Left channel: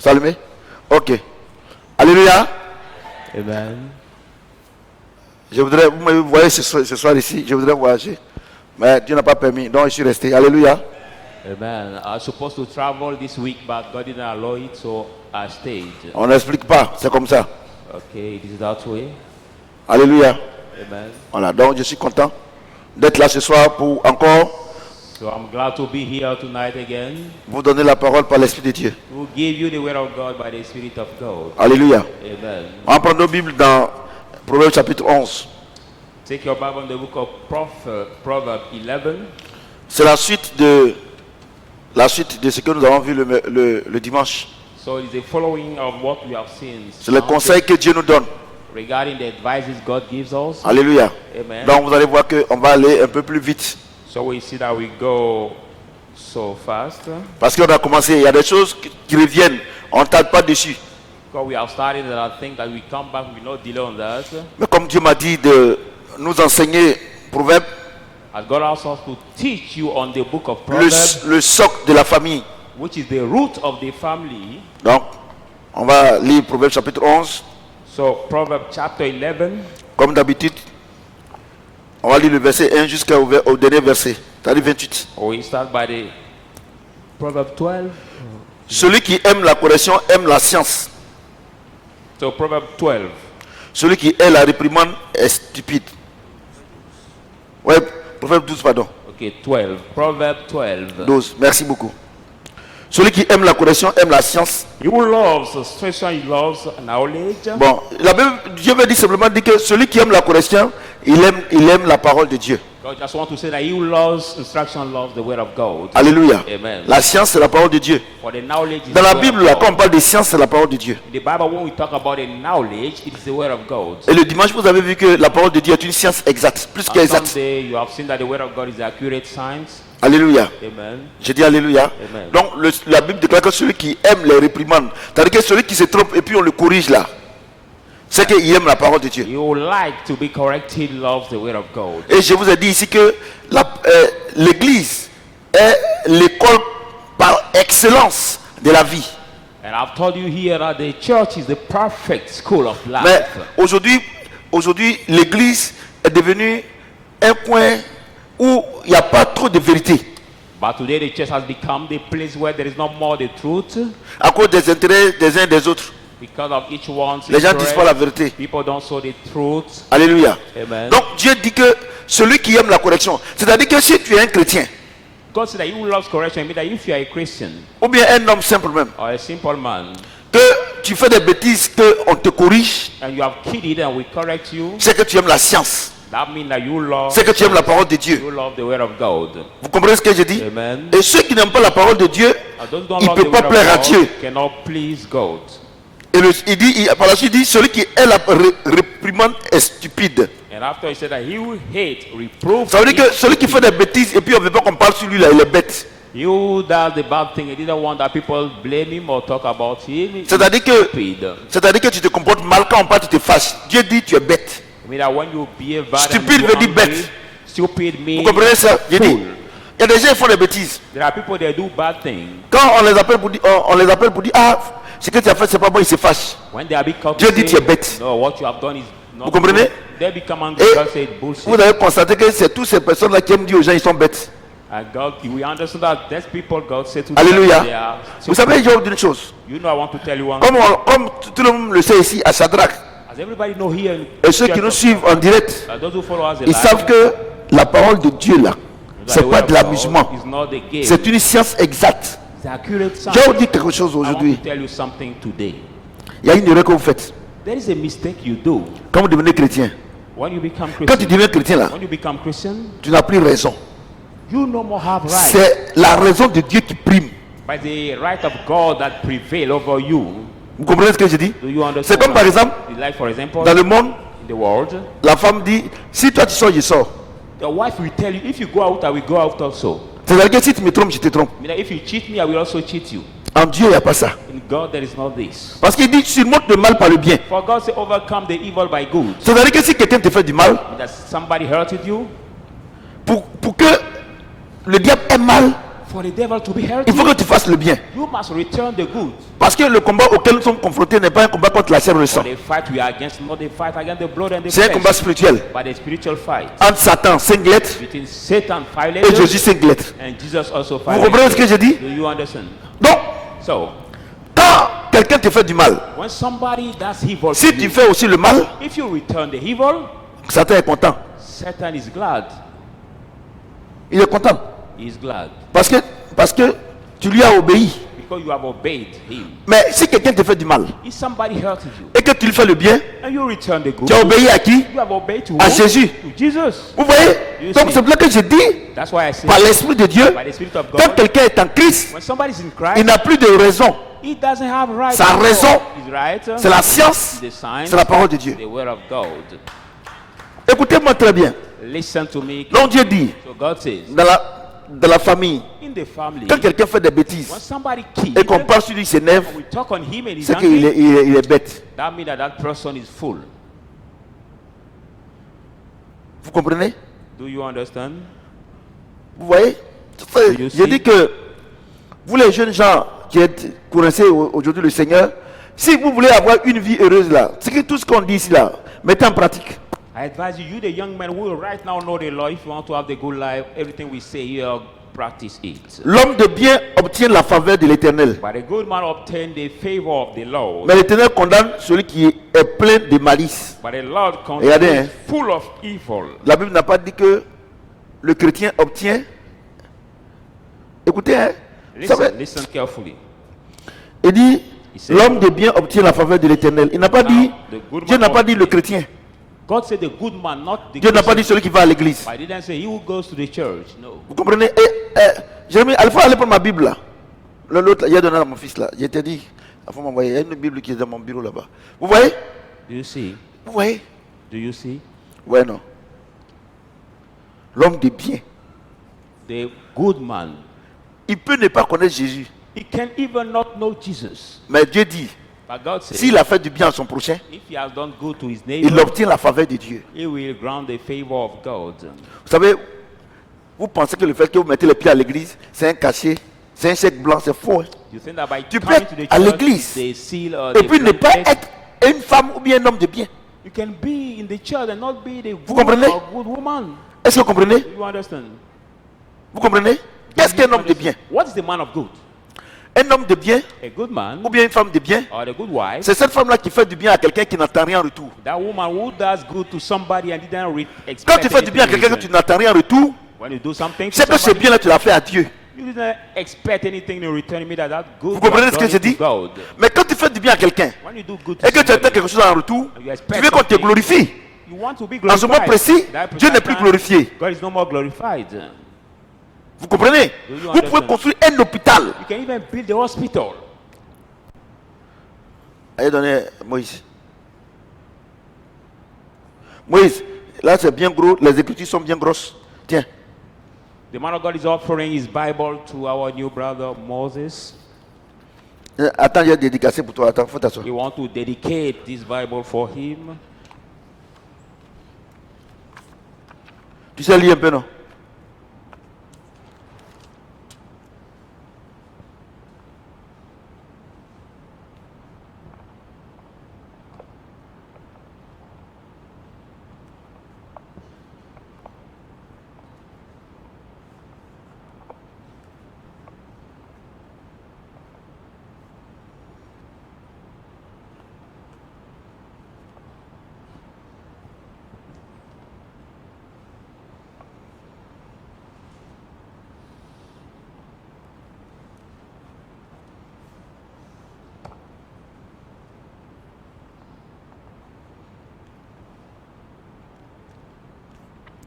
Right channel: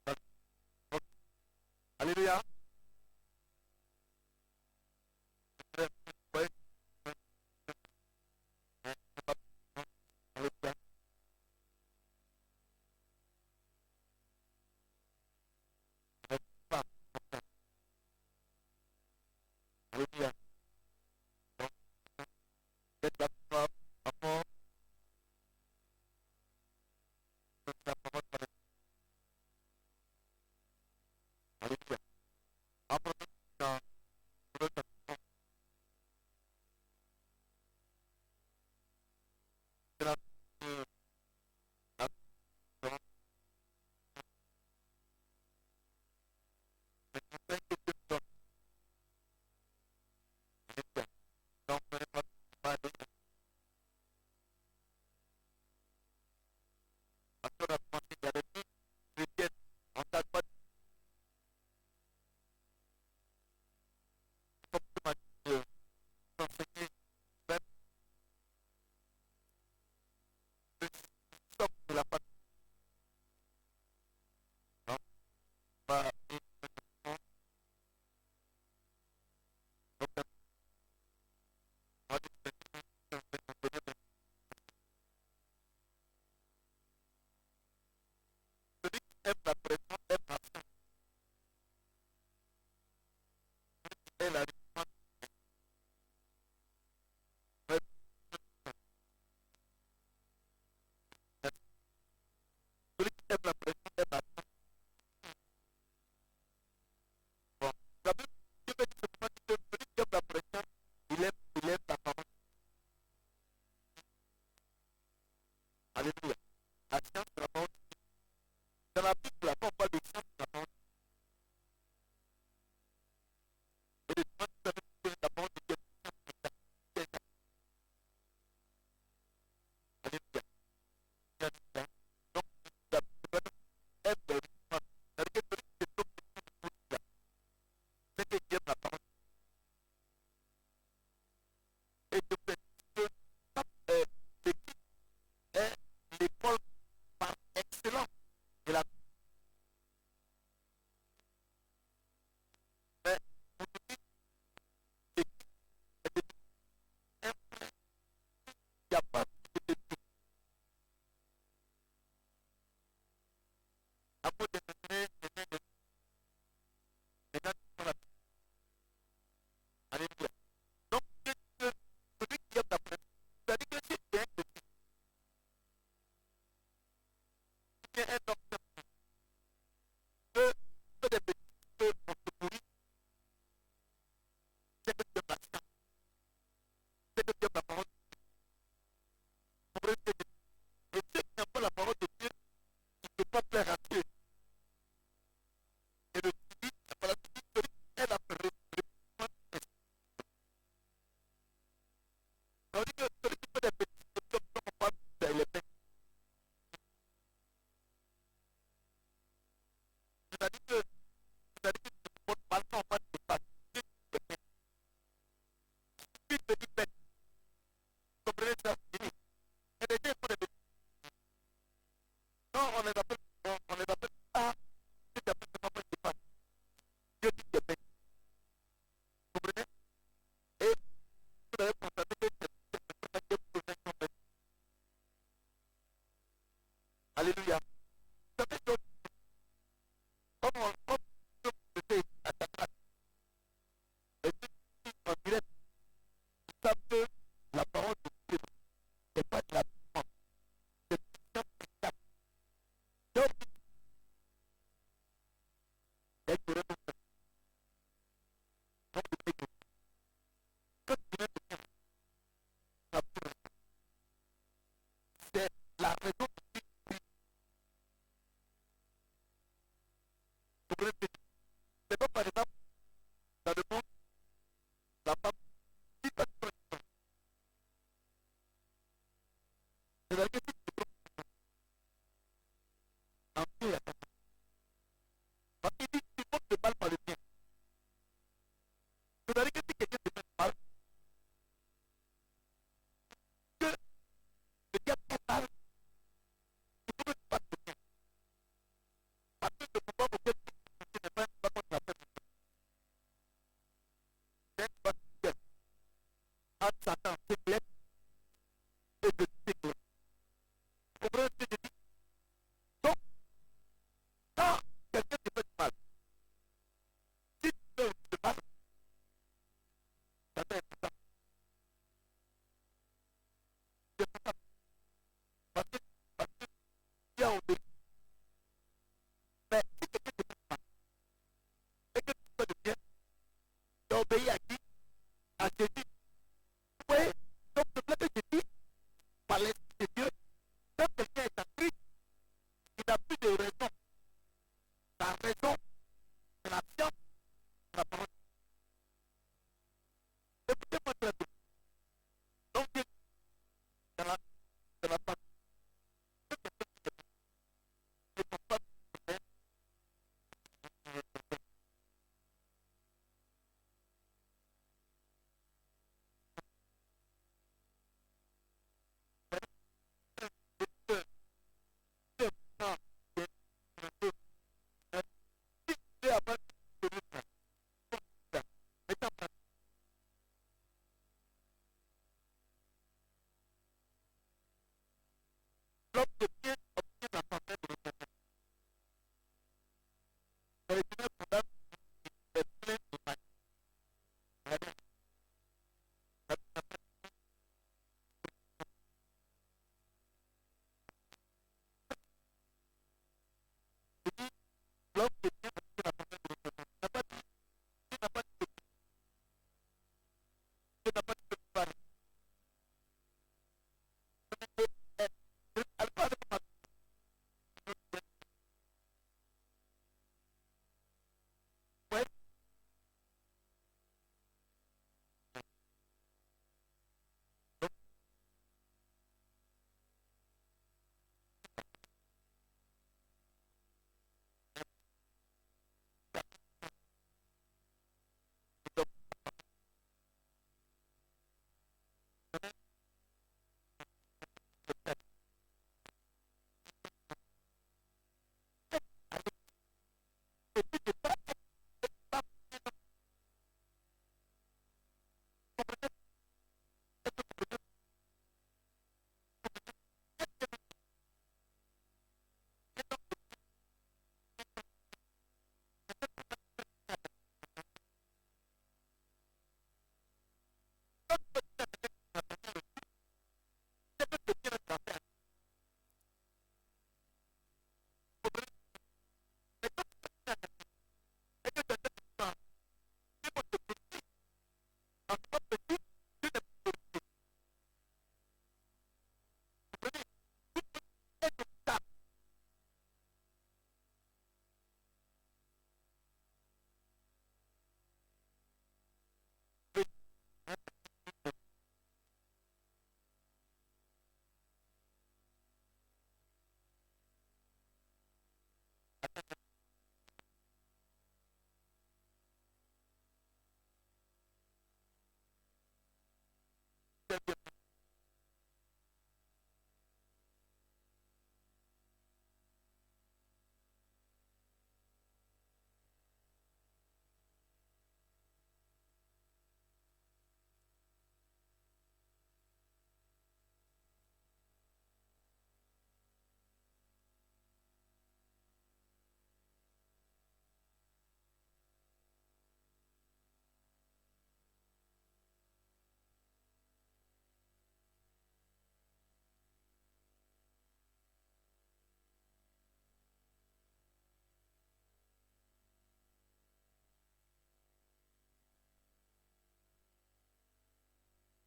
C'est allumé? Ok. Alléluia. Amen. Je voudrais, vous me voyez ce soir ici, je voudrais voyager. Mais Dieu n'a pas permis, donc je suis resté. Alléluia. Amen. I was supposed to travel this week, but God didn't allow it, so I stayed. On n'explique pas, c'est comme ça. Okay, it is that way. Alléluia. Amen. Voilà, donc je suis content d'être là ce soir pour encore So I'm glad to be here tonight again. vous donner la parole par l'Esprit de Dieu. We'll give you the word of God by the Spirit of God. Alléluia. Amen. On va prendre nos Bibles dans Proverbe chapitre 11. Take your Bible in the book of Proverbs 11. C'est la suite de ce que nous avons vu le dimanche. So it is the following of what we have seen. C'est le conseil que Dieu nous donne. Regarding the advices God gives us. Alléluia. Amen. Donc vous allez voir qu'on va aller un peu plus vite. So we see that we go so fast. Parce qu'on a commencé, il y a des choses qui reviennent. On ne tarde pas dessus. Because we have started and I think that we come back, we will not delay on that. Mais comme Dieu m'a dit de nous enseigner Proverbe, As God asks us to teach you on the book of Proverbs, le socle de la famille. which is the root of the family. Donc, on va lire Proverbe chapitre 11. So Proverbs chapter 11, Comme d'habitude, on va lire le verset 1 jusqu'au dernier verset, c'est-à-dire 28. we start by the Proverbs 12. Celui qui aime la correction aime la science. So Proverbs 12. Celui qui hait la réprimande est stupide. Ouais, Proverbe 12, pardon. Okay, 12. Proverbs 12. 12, merci beaucoup. Celui qui aime la correction aime la science. He who loves instruction, he loves knowledge. Bon, Dieu veut dire simplement dire que celui qui aime la correction, il aime la parole de Dieu. God just want to say that he who loves instruction loves the word of God. Alléluia. Amen. La science, c'est la parole de Dieu. For the knowledge is Dans the la word Bible, of là, God. quand on parle de science, c'est la parole de Dieu. In the Bible, when we talk about the knowledge, it is the word of God. Et le dimanche, vous avez vu que la parole de Dieu est une science exacte, plus On qu'exacte. Sunday, you have seen that the word of God is accurate science. Alléluia. Amen. Je dis Alléluia. Amen. Donc la Bible déclare que celui qui aime les réprimandes, c'est-à-dire que celui qui se trompe et puis on le corrige là, c'est qu'il aime la parole de Dieu. You would like to be corrected, loves the word of God. Et je vous ai dit ici que l'Église est l'école par excellence de la vie. And I've told you here that the church is the perfect school of life. Mais aujourd'hui, l'Église est devenue un coin où il n'y a pas trop de vérité. But today the church has become the place where there is no more the truth À cause des intérêts des uns et des autres. because of each one's Les gens ne disent interest. pas la vérité. People don't show the truth. Alléluia. Amen. Donc Dieu dit que celui qui aime la correction, c'est-à-dire que si tu es un chrétien, God said that he who loves correction means that if you are a Christian ou bien un homme simple même, or a simple man que tu fais des bêtises, qu'on te corrige, and you have kidded and we correct you, c'est que tu aimes la science, that means that you love c'est que tu aimes la parole de Dieu. you love the word of God. Vous comprenez ce que je dis? Amen. Et ceux qui n'aiment pas la parole de Dieu, And those who don't ils ne love the peuvent pas word plaire à of Dieu. God cannot please God. Et par la suite, il dit, celui qui est la réprimande est stupide. And after he said that he will hate, reprove. Ça veut dire que celui qui fait des bêtises et puis on ne veut pas qu'on parle sur lui là, il est bête. He who does the bad thing, he didn't want that people blame him or talk about him. C'est-à-dire que tu te comportes mal quand on parle, tu te fâches. Dieu dit tu es bête. I mean that when you behave bad Stupide and veut you dire angry, bête. stupid Vous means comprenez ça? J'ai dit, fool. il y a des gens qui font des bêtises. There are people that do bad things. Quand on les appelle pour dire, ah, ce que tu as fait, c'est pas bon, ils se fâchent. When they are being caught, Dieu dit tu es bête. no, what you have done is not Vous comprenez? good. They become angry. Et God said bullshit. vous avez constaté que c'est toutes ces personnes-là qui aiment dire aux gens, ils sont bêtes. And God, we understand that these people, God said to Alléluia. them, they are Vous savez, je vais vous dire une chose. You know, I want to tell you one. Comme tout le monde le sait ici, à Shadrach, As everybody know here, in et ceux qui nous suivent en direct, those who follow us, ils savent que la parole de Dieu là, the c'est word pas of de God l'amusement. is not the game. C'est une science exacte. It's accurate Je science. vais vous dire quelque chose I want aujourd'hui. to tell you something today. Il y a une erreur que vous faites There is a mistake you do quand vous devenez chrétien. when you become Quand tu Christian. deviens chrétien là, When you become Christian, tu n'as plus raison. you no more have right. C'est la raison de Dieu qui prime. By the right of God that prevail over you. Vous comprenez ce que je dis? Do you understand? C'est comme par exemple, Like for example, dans le monde, in the world, la femme dit, si toi tu sors, je sors. the wife will tell you, if you go out, I will go out also. C'est-à-dire que si tu me trompes, je te trompe. I mean, if you cheat me, I will also cheat you. En Dieu, il n'y a pas ça. In God, there is not this. Parce qu'il dit, surmonte le mal par le bien. For God say, overcome the evil by good. C'est-à-dire que si quelqu'un te fait du mal, That somebody hurted you, pour que le diable ait mal For the devil to be il healthy, faut que tu fasses le bien. you must return the good. Parce que le combat auquel nous sommes confrontés n'est pas un combat contre la chair et le sang. For the fight we are against, not the fight against the blood and the C'est un combat flesh, spirituel. but a spiritual fight Entre Satan, 5 lettres, between Satan, 5 et Jésus, letters, 5 lettres. and Jesus also Vous 5 comprenez ce que letters. je dis? Do you understand? Donc, So, quand quelqu'un te fait du mal, when somebody does evil si to tu you, fais aussi le mal, if you return the evil, Satan est content. Satan is glad. Il est content. He is glad Parce que tu lui as obéi. because you have obeyed him. Mais si quelqu'un te fait du mal If somebody hurts you et que tu lui fais le bien, and you return the good, tu as obéi à qui? you have obeyed to À who? Jésus. To Jesus. Vous voyez? You Donc see. c'est pour ça que je dis, That's why I say, par l'Esprit de Dieu, by the Spirit of quand God, quelqu'un est en Christ, when somebody is in il Christ, n'a plus de raison. he doesn't have right. Sa anymore. raison, His right, C'est la science, the science, c'est la parole de Dieu. the word of God. Écoutez-moi très bien. Listen to me. Donc Dieu dit, So God says, dans la famille, in the family, quand quelqu'un fait des bêtises when somebody kills, et qu'on parle sur lui, il s'énerve, we talk on him and he's c'est qu'il angry, il est bête. that means that that person is full. Vous comprenez? Do you understand? Vous voyez? You Je see? dis que vous les jeunes gens qui êtes coincés aujourd'hui le Seigneur, si vous voulez avoir une vie heureuse là, c'est que tout ce qu'on dit ici là, mettez en pratique. I advise you, you the young men who right now know the law, if you want to have the good life, everything we say here, practice it. L'homme de bien obtient la faveur de l'Éternel. But a good man obtain the favor of the Lord. Mais l'Éternel condamne celui qui est plein de malice. But the Lord Regardez, is hein. full of evil. La Bible n'a pas dit que le chrétien obtient. Écoutez, hein, ça veut- Listen carefully. il dit said- l'homme de bien obtient la faveur de l'Éternel. Il n'a pas dit, the good Dieu man n'a pas dit le chrétien. God said the good man, not the Dieu n'a pas dit Christian. celui qui va à l'église. I didn't say he who goes to the church. No. Vous comprenez? Jérémie, il faut aller prendre ma Bible là. L'autre, il a donné à mon fils là. Je t'ai dit, il faut m'envoyer. Il y a une Bible qui est dans mon bureau là-bas. Vous voyez? Do you see? Vous voyez? Do you see? Ouais, non. L'homme de bien, The good man, il peut ne pas connaître Jésus. he can even not know Jesus. Mais Dieu dit, But God says, s'il a fait du bien à son prochain, if he has done good to his il neighbor, obtient la faveur de Dieu. he will grant the favor of God. Vous savez, vous pensez que le fait que vous mettez les pieds à l'église, c'est un cachet, c'est un chèque blanc, c'est faux. Hein? You think that by Tu peux coming être to the à church, l'église they seal or Et they puis ne pas blanket. être une femme ou bien un homme de bien. You can be in the church and not be the Vous good comprenez? or good woman. Est-ce que vous comprenez? Do you understand? Vous comprenez? Qu'est-ce qu'un homme de bien? What is the man of good? Un homme de bien A good man ou bien une femme de bien, or a good wife? c'est cette femme-là qui fait du bien à quelqu'un qui n'attend rien en retour. That woman who does good to somebody and didn't Quand expect tu fais du bien à anything in quelqu'un que tu return. n'attends rien en retour, When you do something to c'est que ce somebody, bien-là, tu l'as fait à Dieu. you didn't expect anything in return. Me that good. Vous comprenez was ce que done je to dis? God. Mais quand tu fais du bien à quelqu'un When you do good to et que tu attends somebody, quelque chose en retour, you tu expect veux qu'on te something, glorifie. you want to be En ce moment glorified. précis, That Dieu n'est precise plus time, glorifié. God is no more glorified. Vous comprenez? Do you Vous pouvez understand? construire un hôpital. You can even build the hospital. Allez donner Moïse. Moïse, là c'est bien gros, les écritures sont bien grosses. Tiens, The man of God is offering his Bible to our new brother Moses. attends, j'ai dédicacé pour toi. Attends, faut t'asseoir. We want to dedicate this Bible for him. Tu sais lire un peu, non?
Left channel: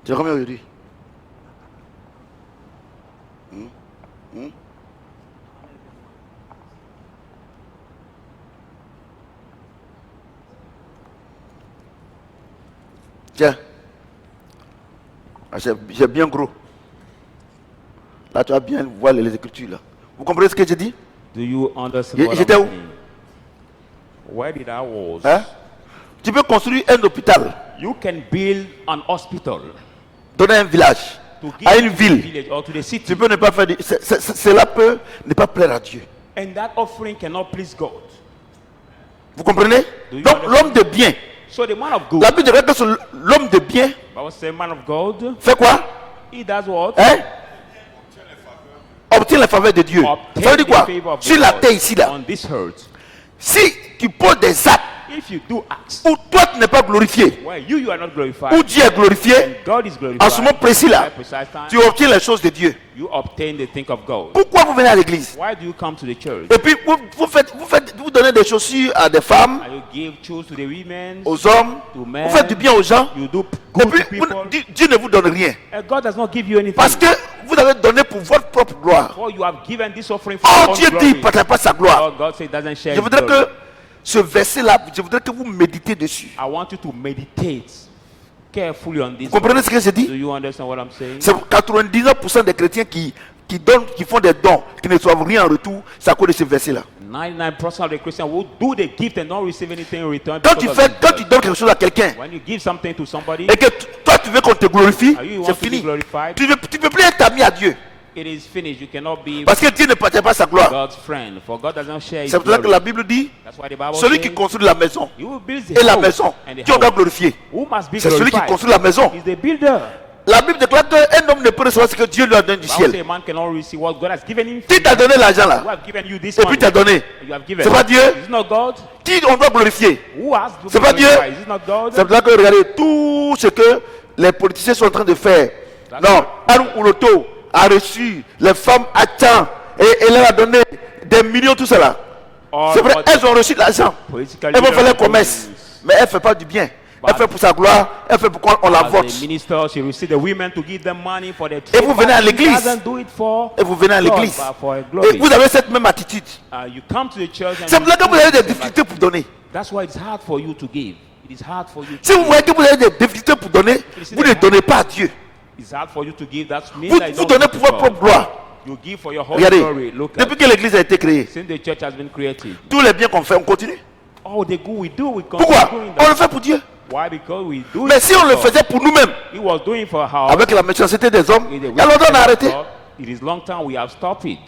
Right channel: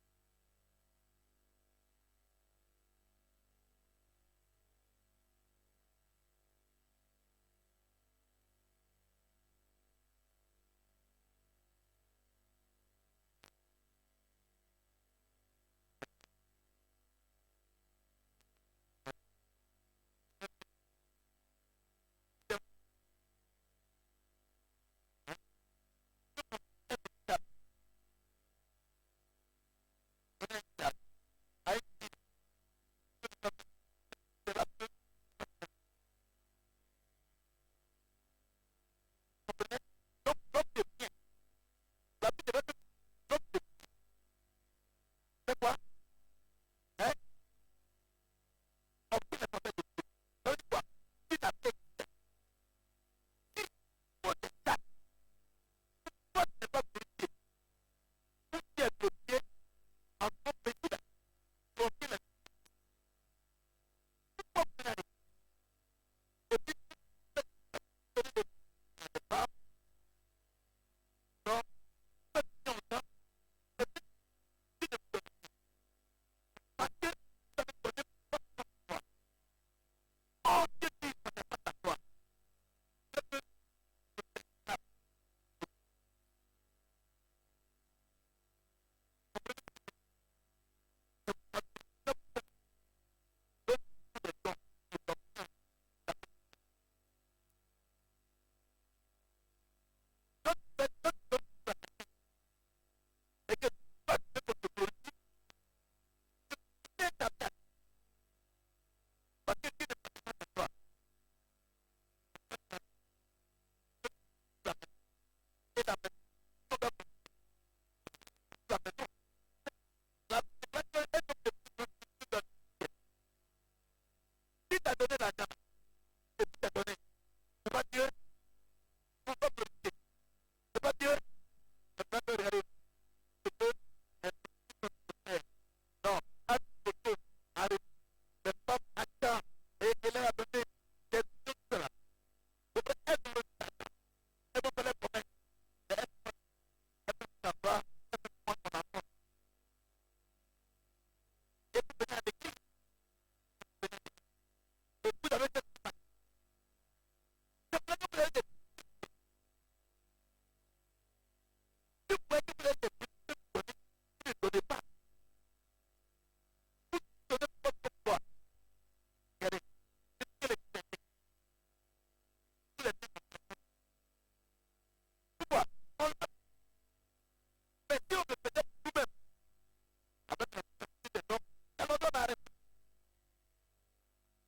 C'est combien aujourd'hui? Tiens. Ah, c'est bien gros. Là, tu vas bien voir les écritures. Là. Vous comprenez ce que je dis? Do you understand Y- what j'étais I'm où? saying? Where did I was? Hein? Tu peux construire un hôpital You can build an hospital dans un village. to give à une to the ville, village or to the city. tu peux ne pas faire. Cela peut ne pas plaire à Dieu. And that offering cannot please God. Vous comprenez? Do you Donc understand? l'homme de bien, So the man of God, la Bible dit que l'homme de bien I was saying man of God, fait quoi? he does what? Hein? Obtient la faveur de Dieu. Ça veut dire quoi? the favor of Sur the la Lord terre ici là. on this earth. Si tu poses des actes If you do acts où toi tu n'es pas glorifié, where you are not glorified, où Dieu est glorifié, and God is glorified, en ce moment précis là, at that precise time, tu obtiens les choses de Dieu. you obtain the thing of God. Pourquoi vous venez à l'église? Why do you come to the church? Et puis vous donnez des chaussures à des femmes, And you give shoes to the women, aux hommes, to men, vous faites du bien aux gens, you do et good to puis people. Dieu ne vous donne rien. And God does not give you anything. Parce que vous avez donné pour votre propre gloire. For you have given this offering for Oh, your own Dieu dit, il ne glory. partage pas sa gloire. Oh, God said doesn't share Je his voudrais glory. que ce verset-là, je voudrais que vous méditez dessus. I want you to meditate carefully on this. Vous comprenez ce que je Do dis? you understand what I'm saying? C'est 99% des chrétiens qui donnent, qui font des dons, qui ne reçoivent rien en retour, c'est à cause de ce verset-là. 99% of the Christians will do the gift and don't receive anything in return. Quand because tu of fais, this quand verse. tu donnes quelque chose à quelqu'un, When you give something to somebody, et que toi tu veux qu'on te glorifie, you c'est want to be fini. glorified, Tu ne peux plus être ami à Dieu. it is finished. You cannot be Parce que Dieu ne partage pas sa gloire. God's friend. For God doesn't share his C'est pour ça que glory. la Bible dit, That's why the Bible celui says, qui construit la maison you will build the et la house maison, and the qui on doit house. glorifier. Who must be C'est celui qui glorified? construit la maison. Is the builder. La Bible déclare qu'un homme ne peut recevoir ce que Dieu lui a donné du The Bible says ciel. a man cannot receive what God has given him. Qui t'a donné l'argent Who là? have given you this Et puis money? t'as donné. You have given. C'est pas Dieu? Is it not God? Qui on doit glorifier? Who has to C'est be pas Dieu? glorified? Is it not God? C'est pour ça que regardez tout ce que les politiciens sont en train de faire. Non, Arun Uloto a reçu les femmes à temps et elle leur a donné des millions, tout cela. C'est vrai, elles ont reçu de l'argent. Political Elles vont faire leaders le commerce. Mais elle ne fait pas du bien. Elle fait pour sa gloire, elle fait pour qu'on la vote. As a minister, she received the women to give them money for their Et vous venez à l'église. She doesn't do it for Et vous venez à God, l'église. but for her Et glory. vous avez cette même attitude. You come to the church and C'est pour ça que you vous avez des give difficultés pour donner. That's why it's hard for you to give. It is hard for you to Si vous give. voyez que vous avez des difficultés pour donner, vous ne donnez pas à Dieu. It's hard for you to give. That means Vous, that you vous don't donnez give pour to votre propre God. gloire. You give for your whole Regardez, glory. Look depuis at que l'église a été créée, since the church has been created. tous les biens qu'on fait, on continue. Oh, the good we do, we continue Pourquoi? doing On le that. fait pour Dieu. Why? Because we do Mais it si for on le God. faisait pour nous-mêmes, He was doing for how? avec la méchanceté des hommes, It il y a longtemps on a arrêté. It is long time we have stopped it.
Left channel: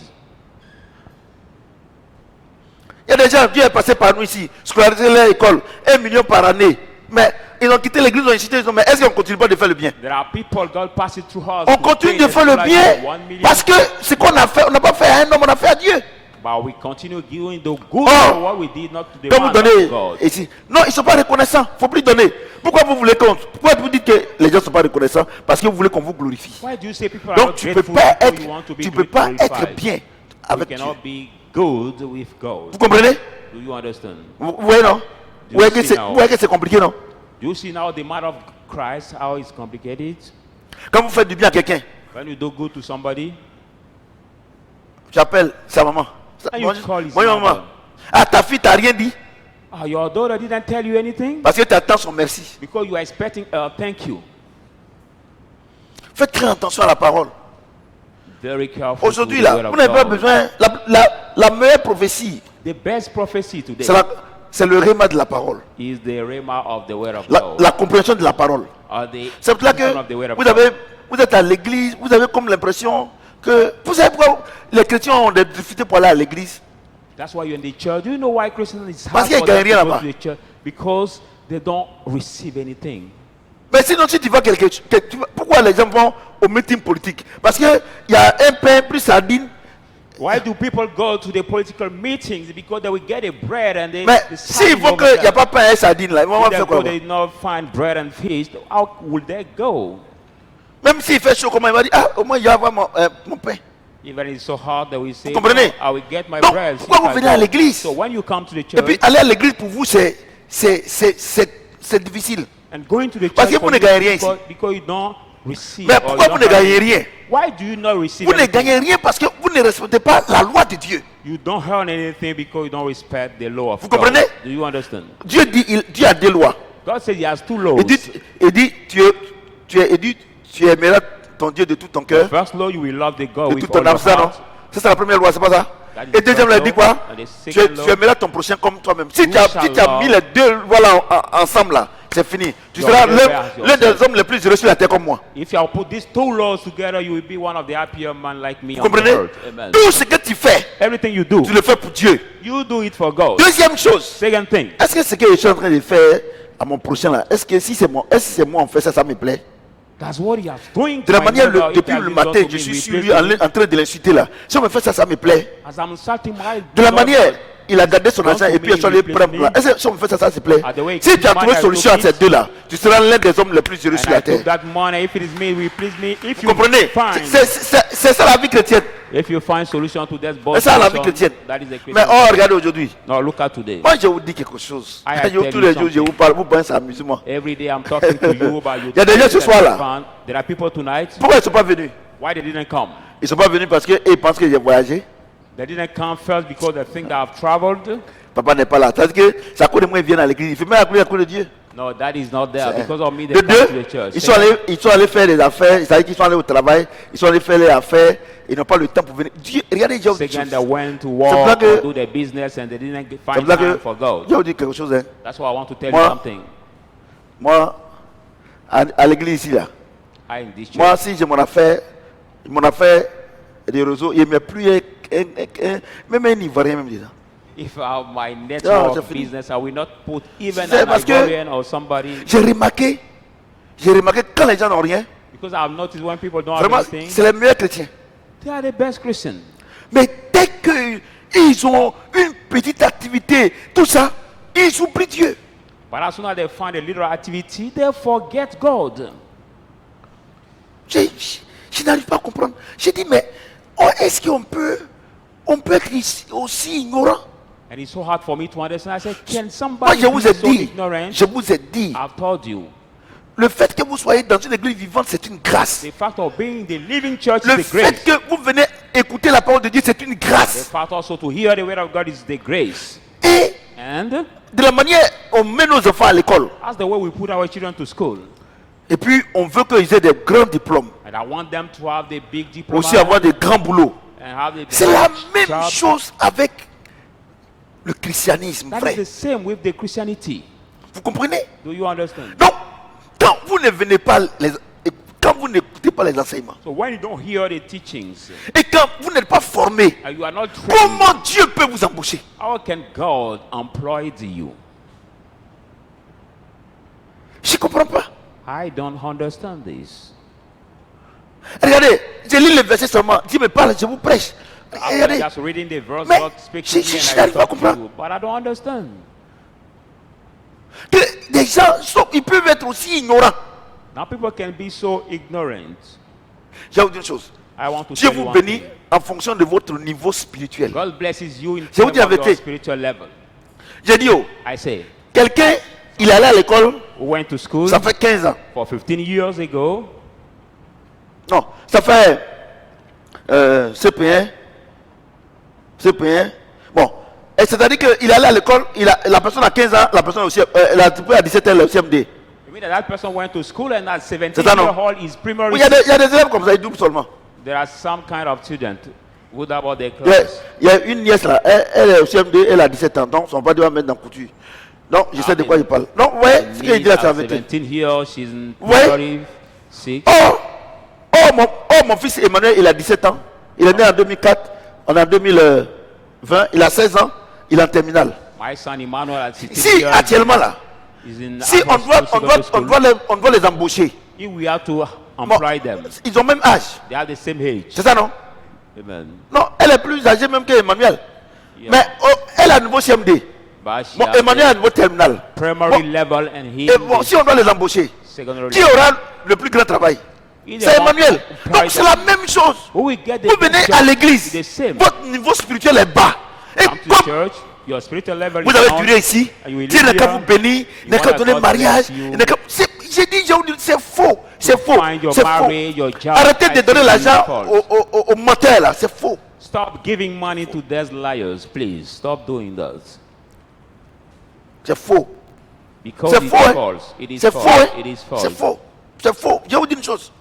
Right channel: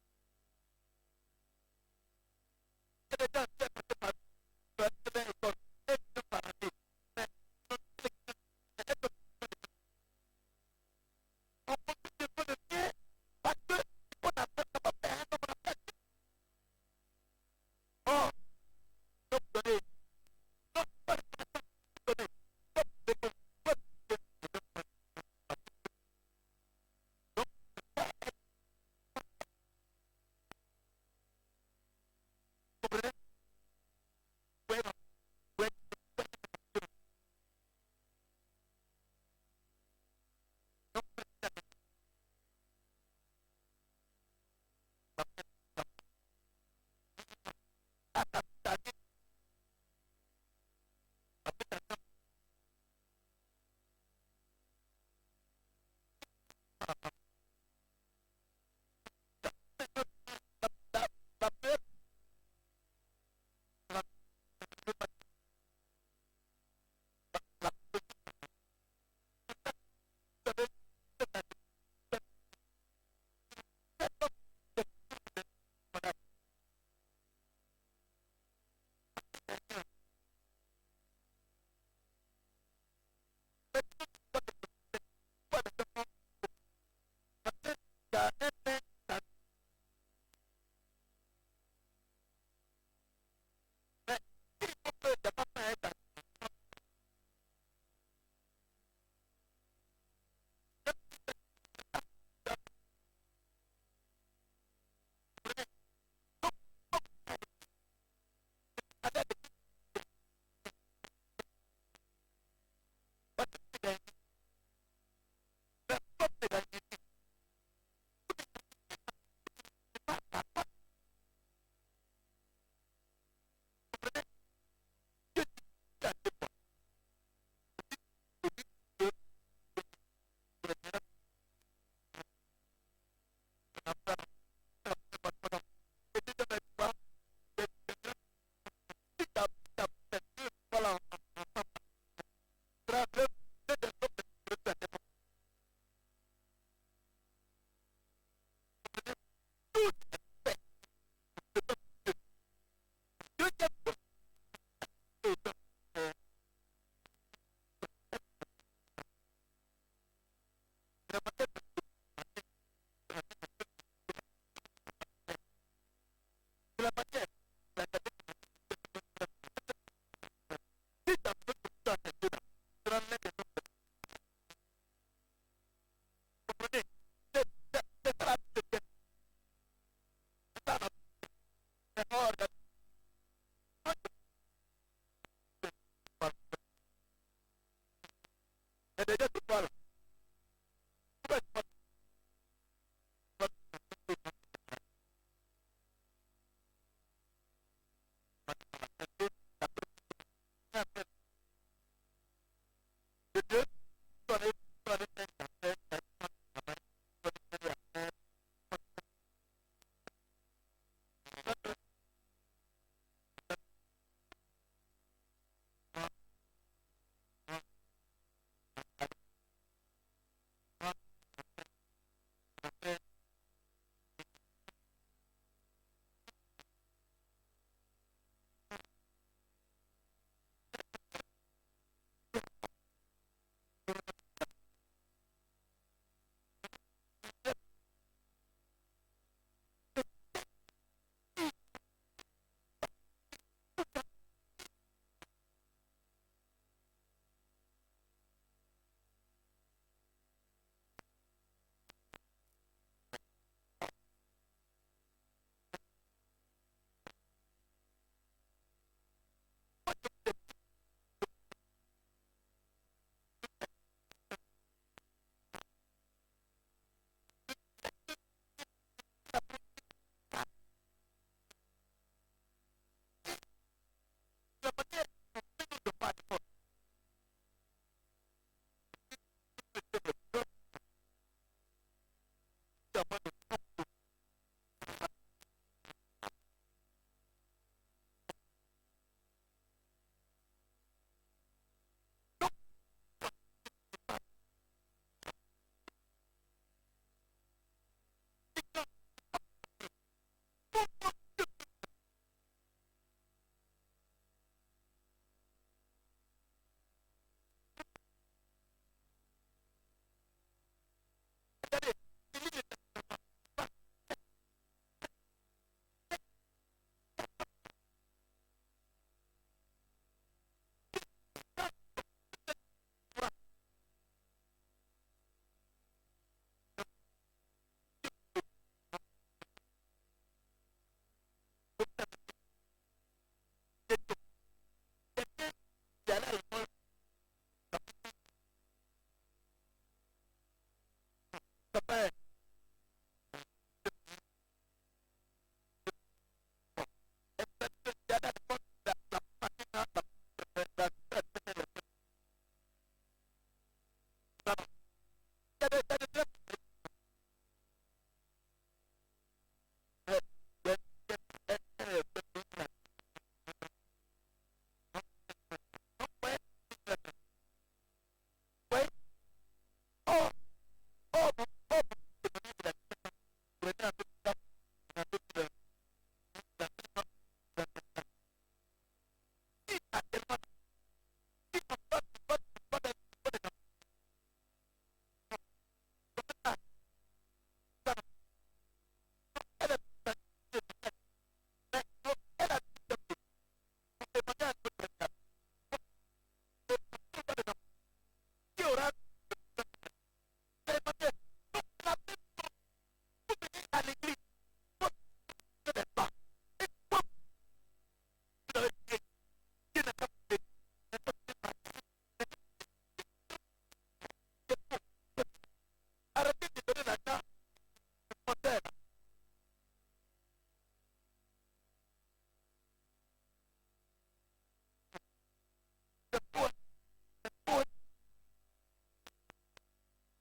Il y a des gens, Dieu est passé par nous ici, scolariser leur école, 1 million par année. Mais ils ont quitté l'église, ils ont incité, ils ont dit, mais est-ce qu'on ne continue pas de faire le bien? There are people God passes through us. On to continue pay de the faire le scholarship bien of 1 million, parce que ce qu'on a fait, on n'a pas fait à un homme, on a fait à Dieu. but we continue giving the good Oh. for what we did not to the Quand vous man donnez of God. ici, non, ils ne sont pas reconnaissants, il ne faut plus donner. Pourquoi vous voulez qu'on. Pourquoi vous dites que les gens ne sont pas reconnaissants? Parce que vous voulez qu'on vous glorifie. Why do you say people are Donc not tu ne peux grateful pas because être, you want to be tu peux pas être glorified? bien You avec Dieu. cannot be good with God. Vous comprenez? Do you understand? Vous voyez, non? Vous voyez que c'est vous voyez que c'est compliqué, non? Do you see now the matter of Christ, how it's complicated? Quand vous faites du bien à quelqu'un, When you do good to somebody, j'appelle sa maman. And you call his Bonjour, maman. mother. Ah, ta fille t'a rien dit your daughter didn't tell you anything parce que tu attends son merci. because you are expecting a thank you. Faites très attention à la parole. Very careful. Aujourd'hui, to the là, word of vous n'avez pas God. besoin. La meilleure prophétie, The best prophecy today c'est le réma de la parole. is the rhema of the word of La God. compréhension de la parole. Or the C'est pour cela understanding of the word of que God. vous êtes à l'église, vous avez comme l'impression que. Vous savez pourquoi les chrétiens ont des difficultés pour aller à l'église? That's why you're in the church. Do you know why Christians is Parce hard qu'ils for them gagnent rien to go là-bas. to the church? Because they don't receive anything. Mais sinon, si tu vas pourquoi les gens vont au meeting politique? Parce qu'il y a un pain plus sardine. Why do people go to the political meetings? Because they will get a bread and they. Mais the s'il sardine faut over qu'il n'y a there. pas pain et sardine là, ils vont If they faire go, quoi? they not find bread and fish. How will they go? Même s'il fait chaud, comment il va dire, ah, au moins il va avoir mon pain. Even it's so hard that we say, Vous comprenez? "Oh, I will get my Donc, bread." pourquoi if vous I venez à go." l'église? So when you come to the Et church puis aller à l'église pour vous, c'est difficile. and going to the Parce church que vous for ne you, gagnez rien because you don't receive. Mais or pourquoi you vous don't ne have gagnez anything. rien? Why do you not receive Vous ne anything? gagnez rien parce que vous ne respectez pas la loi de Dieu. You don't earn anything because you don't respect the law of Vous God. comprenez? Do you understand? Dieu dit, Dieu a deux lois. God says he has two laws. Il dit, tu aimeras ton Dieu de tout ton cœur, First law, you will love the God de with toute all ton âme, your ça non? heart. Ça c'est la première loi, c'est pas ça? That is Et deuxième loi, il dit quoi? and the second law, Tu aimeras ton prochain comme toi-même. Si tu as shall mis les deux lois là ensemble là, c'est fini. Tu Your seras welfare as l'un des yourself. hommes les plus heureux sur la terre comme moi. If you put these two laws together, you will be one of the happier men like me Vous on the comprenez? earth. Amen. Tout ce que tu fais, Everything you do, tu le fais pour Dieu. you do it for God. Deuxième chose, Second thing, est-ce que ce que je suis en train de faire à mon prochain là, est-ce que si c'est moi, on fait ça, ça me plaît? that's what he has doing De to la my manière, neighbor. If depuis he has le been done matin, to je me, suis we sur praise lui him. en train de l'insulter là. Si on me fait ça, ça me plaît. As I'm insulting my De la Lord, manière, il a gardé son Don't argent et to puis me, il est allé replace prendre me. là. Est-ce que si on me fait ça, ça se plaît? the way Si tu as man trouvé has solution à took ces it, deux là, tu seras l'un des hommes les plus heureux sur and I la terre. took that money. If it is me, will please me. If Vous you comprenez? find, C'est ça la vie chrétienne. if you find solution to that C'est ça la vie solution, chrétienne. that is a Mais Christian. oh, regardez aujourd'hui. Now look at today. Moi, je vous dis quelque chose. I Tous tell les you jours, je something. vous parle, vous pensez à amusement. Every day I'm talking to you about you. Il y a des gens ce soir-là. There are people tonight. Pourquoi ils ne sont pas venus? Why they didn't come? Ils ne sont pas venus parce qu'ils pensent que j'ai voyagé. They didn't come first because they think that I've traveled. Papa n'est pas là. C'est-à-dire que c'est à cause de moi qu'ils viennent à l'église. Il fait même à cause de Dieu. No, that is not there. Because of me, they De come deux, to the church. ils sont allés faire des affaires. C'est-à-dire qu'ils sont allés au travail. Ils sont allés faire les affaires. Ils n'ont pas le temps pour venir. Dieu, regardez, Dieu. Second, they went to C'est work que- or do their business and they didn't C'est find là time que for God. je vous dis quelque chose. Hein. That's why I want to tell Moi- you something. Moi, à l'église ici, là. I in this church. Moi, si j'ai mon affaire des réseaux, il ne met plus même un Ivoirien, même disant. If I have my c'est network fini. business, I will not put even C'est an parce que- Ivorian or somebody. J'ai remarqué quand les gens n'ont rien, Because I've noticed when people don't vraiment, have anything, c'est les meilleurs chrétiens. they are the best Christians. Mais dès qu'ils ont une petite activité, tout ça, ils oublient Dieu. But as soon as they find a little activity, they forget God. Je n'arrive pas à comprendre. J'ai dit, mais est-ce qu'on peut être aussi ignorant? And it's so hard for me to understand. I said, can Moi, somebody je vous ai be so dit, ignorant? I've told you. le fait que vous soyez dans une église vivante, c'est une grâce. The fact of being in the living church Le is the fait grace. que vous venez écouter la parole de Dieu, c'est une The grâce. fact also to hear the word of God is the grace. Et And de la manière, on met nos enfants à l'école. that's the way we put our children to school. Et puis, on veut qu'ils aient des grands diplômes. And I want them to have the big diploma Aussi avoir des grands boulots. and have the C'est la big même job. chose avec le christianisme, That is frère. the same with the Christianity. Vous comprenez? Do you understand? Donc, quand vous ne venez pas, quand vous n'écoutez pas les enseignements, So when you don't hear the teachings et quand vous n'êtes pas formé, and you are not trained, comment Dieu peut vous embaucher? how can God employ you? Je ne comprends pas. I don't understand this. Regardez, je lis le verset seulement. Dieu me parle, je vous prêche. I'm Regardez, just reading the verse, Mais God speaks je- to me je and I n'arrive pas à talk to comprendre. you, but I don't understand. que des gens, ils peuvent être aussi ignorants. Now people can be so ignorant. Je vais vous dire une chose. I want to Dieu tell you vous one bénit thing. en fonction de votre niveau spirituel. God blesses you in Je vous dis la terms of your vérité. spiritual level. J'ai dit, oh, I say, quelqu'un, il est allé à l'école, we went to school ça fait 15 ans. for 15 years ago. Non, ça fait CP1. CP1. Bon, et c'est-à-dire qu'il est allé à l'école, la personne a 15 ans, la personne aussi, elle a à 17 ans, le CMD. You mean that person went to school and at 17 C'est ça, non? years old is primary Oui, il y a des élèves comme ça, ils doublent seulement. There are some kind of students who about their Il y a- class. il y a une nièce là, elle est au CMD, elle a 17 ans, donc son père doit mettre dans la couture. Donc, je sais de quoi il parle. Donc, vous voyez ce qu'il dit là, c'est la At vérité. 17 here, she's in Ouais. primary 6. Mon fils Emmanuel, il a 17 ans. Il est né en 2004. On est en 2020. Il a 16 ans. Il est en terminale. My son Emmanuel at 16 Si years actuellement là, is in si on doit les embaucher, If we have to employ them, ils ont même âge. they have the same age. C'est ça, non? Amen. Non, elle est plus âgée même qu'Emmanuel. Yeah. Mais elle a un nouveau CMD. But she Bon, has Emmanuel a un the nouveau terminal. primary Bon, level and he et bon, si on doit les embaucher, secondary qui level. aura le plus grand travail? Either C'est one Emmanuel. employ Donc c'est them. la même chose. Who will get the Vous venez best à job? l'église, The same. votre niveau spirituel est bas. Et Come to comme church, your spiritual level vous is avez down, duré ici, and you will Dieu live n'a qu'à here. vous bénir, n'a You qu'à want donner God mariage. bless you. J'ai dit, c'est faux. C'est faux. find your C'est faux. marriage, your job. Arrêtez de I donner think l'argent it's false. aux menteurs là, c'est faux. Stop giving money to these liars, please. Stop doing that. C'est faux. Because C'est it faux. is Hein? false. It is C'est faux. false. Hein? It is false. C'est faux. C'est faux. Je vous dis une chose.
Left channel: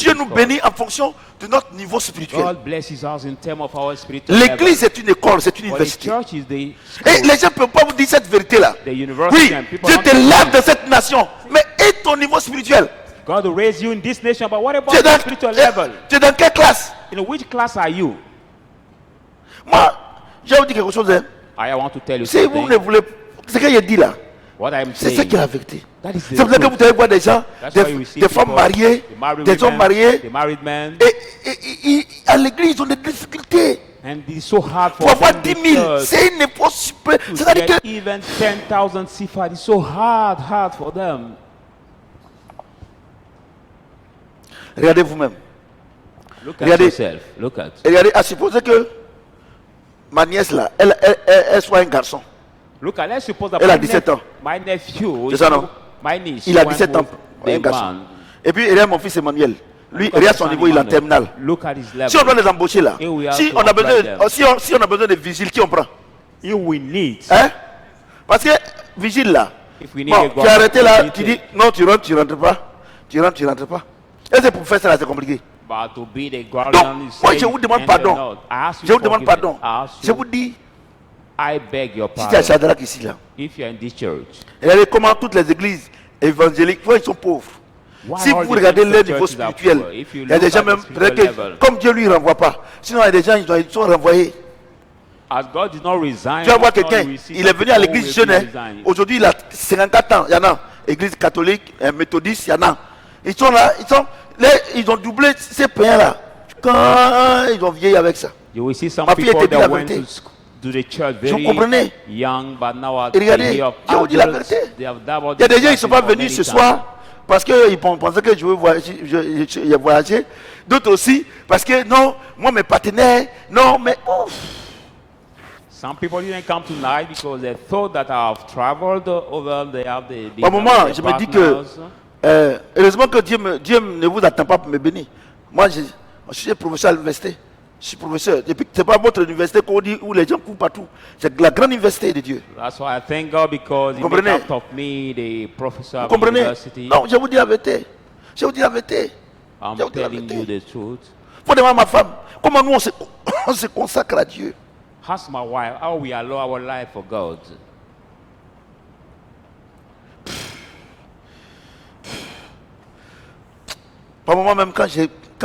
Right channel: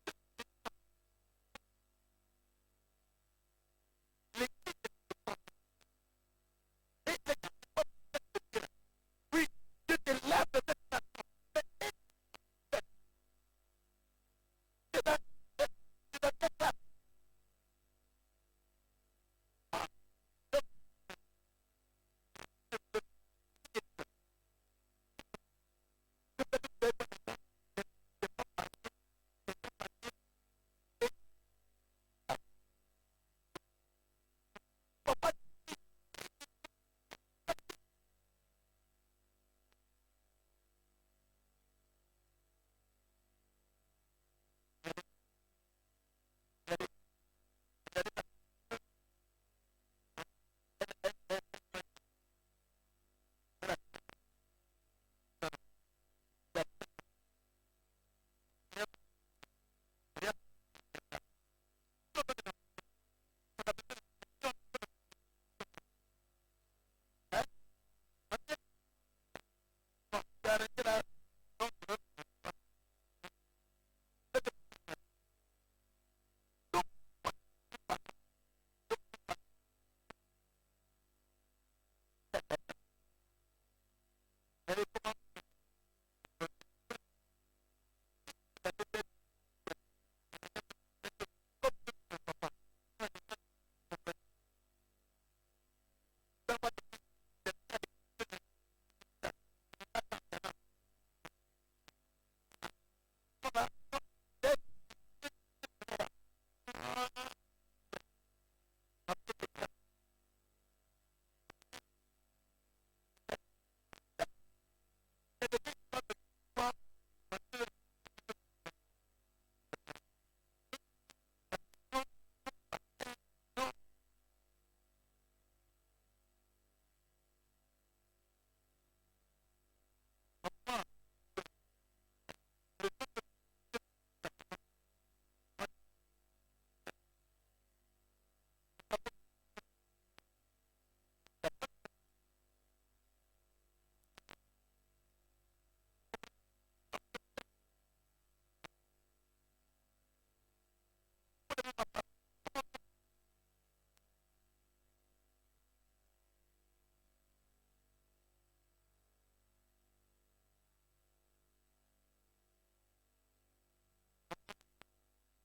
Dieu nous bénit en fonction de notre niveau spirituel. God blesses us in terms of our spiritual level. L'église est une école, c'est une But the université. church is the Et school, les gens ne peuvent pas vous dire cette vérité-là. the university, Oui, and people Dieu don't te think lève de cette nation. Mais et ton niveau spirituel? God will raise you in this nation, but what about Tu es the dans, spiritual level? tu es dans quelle classe? In which class are you? Moi, je vais vous dire quelque chose. Hein. I want to tell you Si vous ne something. voulez... Ce que j'ai dit là, What I'm c'est ça saying, qui est la vérité. that is C'est the pour ça que truth. vous allez voir des gens, That's why we see des femmes people, mariées, the married des hommes women, mariés, the married men, et à l'église, ils ont des difficultés. and it's so hard Pour for avoir them 10 in 000, church c'est une épreuve super. to C'est-à-dire get que even 10,000 sifat. It's so hard for them. regardez vous-même. Look at Regardez. yourself. Look at. Regardez, à supposer que ma nièce là, elle soit un garçon. Look at. Let's suppose that Elle a 17 ans. my nephew, C'est ça, non? my niece, Il a went 17 ans, with un a garçon. man. Et puis, regarde mon fils Emmanuel. Lui, Look at regarde the son son niveau, il est en Emmanuel. terminale. Look at his level. Si on doit les embaucher là, Et we have si to on a besoin, apply them. si on a besoin de vigiles, qui on prend? You will need. Hein? Parce que vigile là, If we need a bon, tu as government arrêté là, meeting. tu dis non, tu rentres pas. Tu rentres pas. Et c'est pour faire ça là, c'est compliqué. But to be the Donc, guardian, you moi say, je vous demande enter pardon. not. I ask you Je vous demande forgiveness. pardon. I ask Je you, vous dis, I beg your si tu es à pardon. Shadrach ici là, If you are in this church, regardez comment toutes les églises évangéliques, ils sont pauvres. why Si all vous the regardez Pentecostal leur niveau churches are spirituel, poor? If you il y a des look gens at même, the spiritual peut-être que, level, comme Dieu lui renvoie pas, sinon il y a des gens, ils sont renvoyés. as God did not resign, Tu vas voir as God quelqu'un, will see il est some venu à people l'église will jeune, be hein. resigning. Aujourd'hui il a 54 ans, il y en a, église catholique, méthodiste, il y en a. Ils sont là, ils ont doublé ces païens là. Quand ils ont vieilli avec ça. You will see some Ma fille people était dit la that went vérité. to the church Vous very comprenez? young, but now are Et regardez, they are je vous dis la adults. vérité. They have dabbled Il y a des in gens qui ne sont pas practice for venus many ce times. soir parce qu'ils pensaient que je veux voyager, j'ai voyagé. D'autres aussi parce que non, moi mes partenaires, non, mais ouf. Some people didn't come tonight because they thought that I have traveled over. They have the Au moment, the je me dis que partners. heureusement que Dieu ne vous attend pas pour me bénir. Moi, je suis professeur à l'université. Je suis professeur. Et puis, ce n'est pas votre université qu'on dit où les gens courent partout. C'est la grande université de Dieu. That's why I thank God because He Comprenez? made out of me the professor Vous of comprenez? university. Non, je vous dis la vérité. Je vous dis la vérité. I'm je vous dis la telling vérité. you the truth. Faut demander à ma femme, comment nous on se consacre à Dieu. Ask my wife how we allow our life for God. Par moment même, quand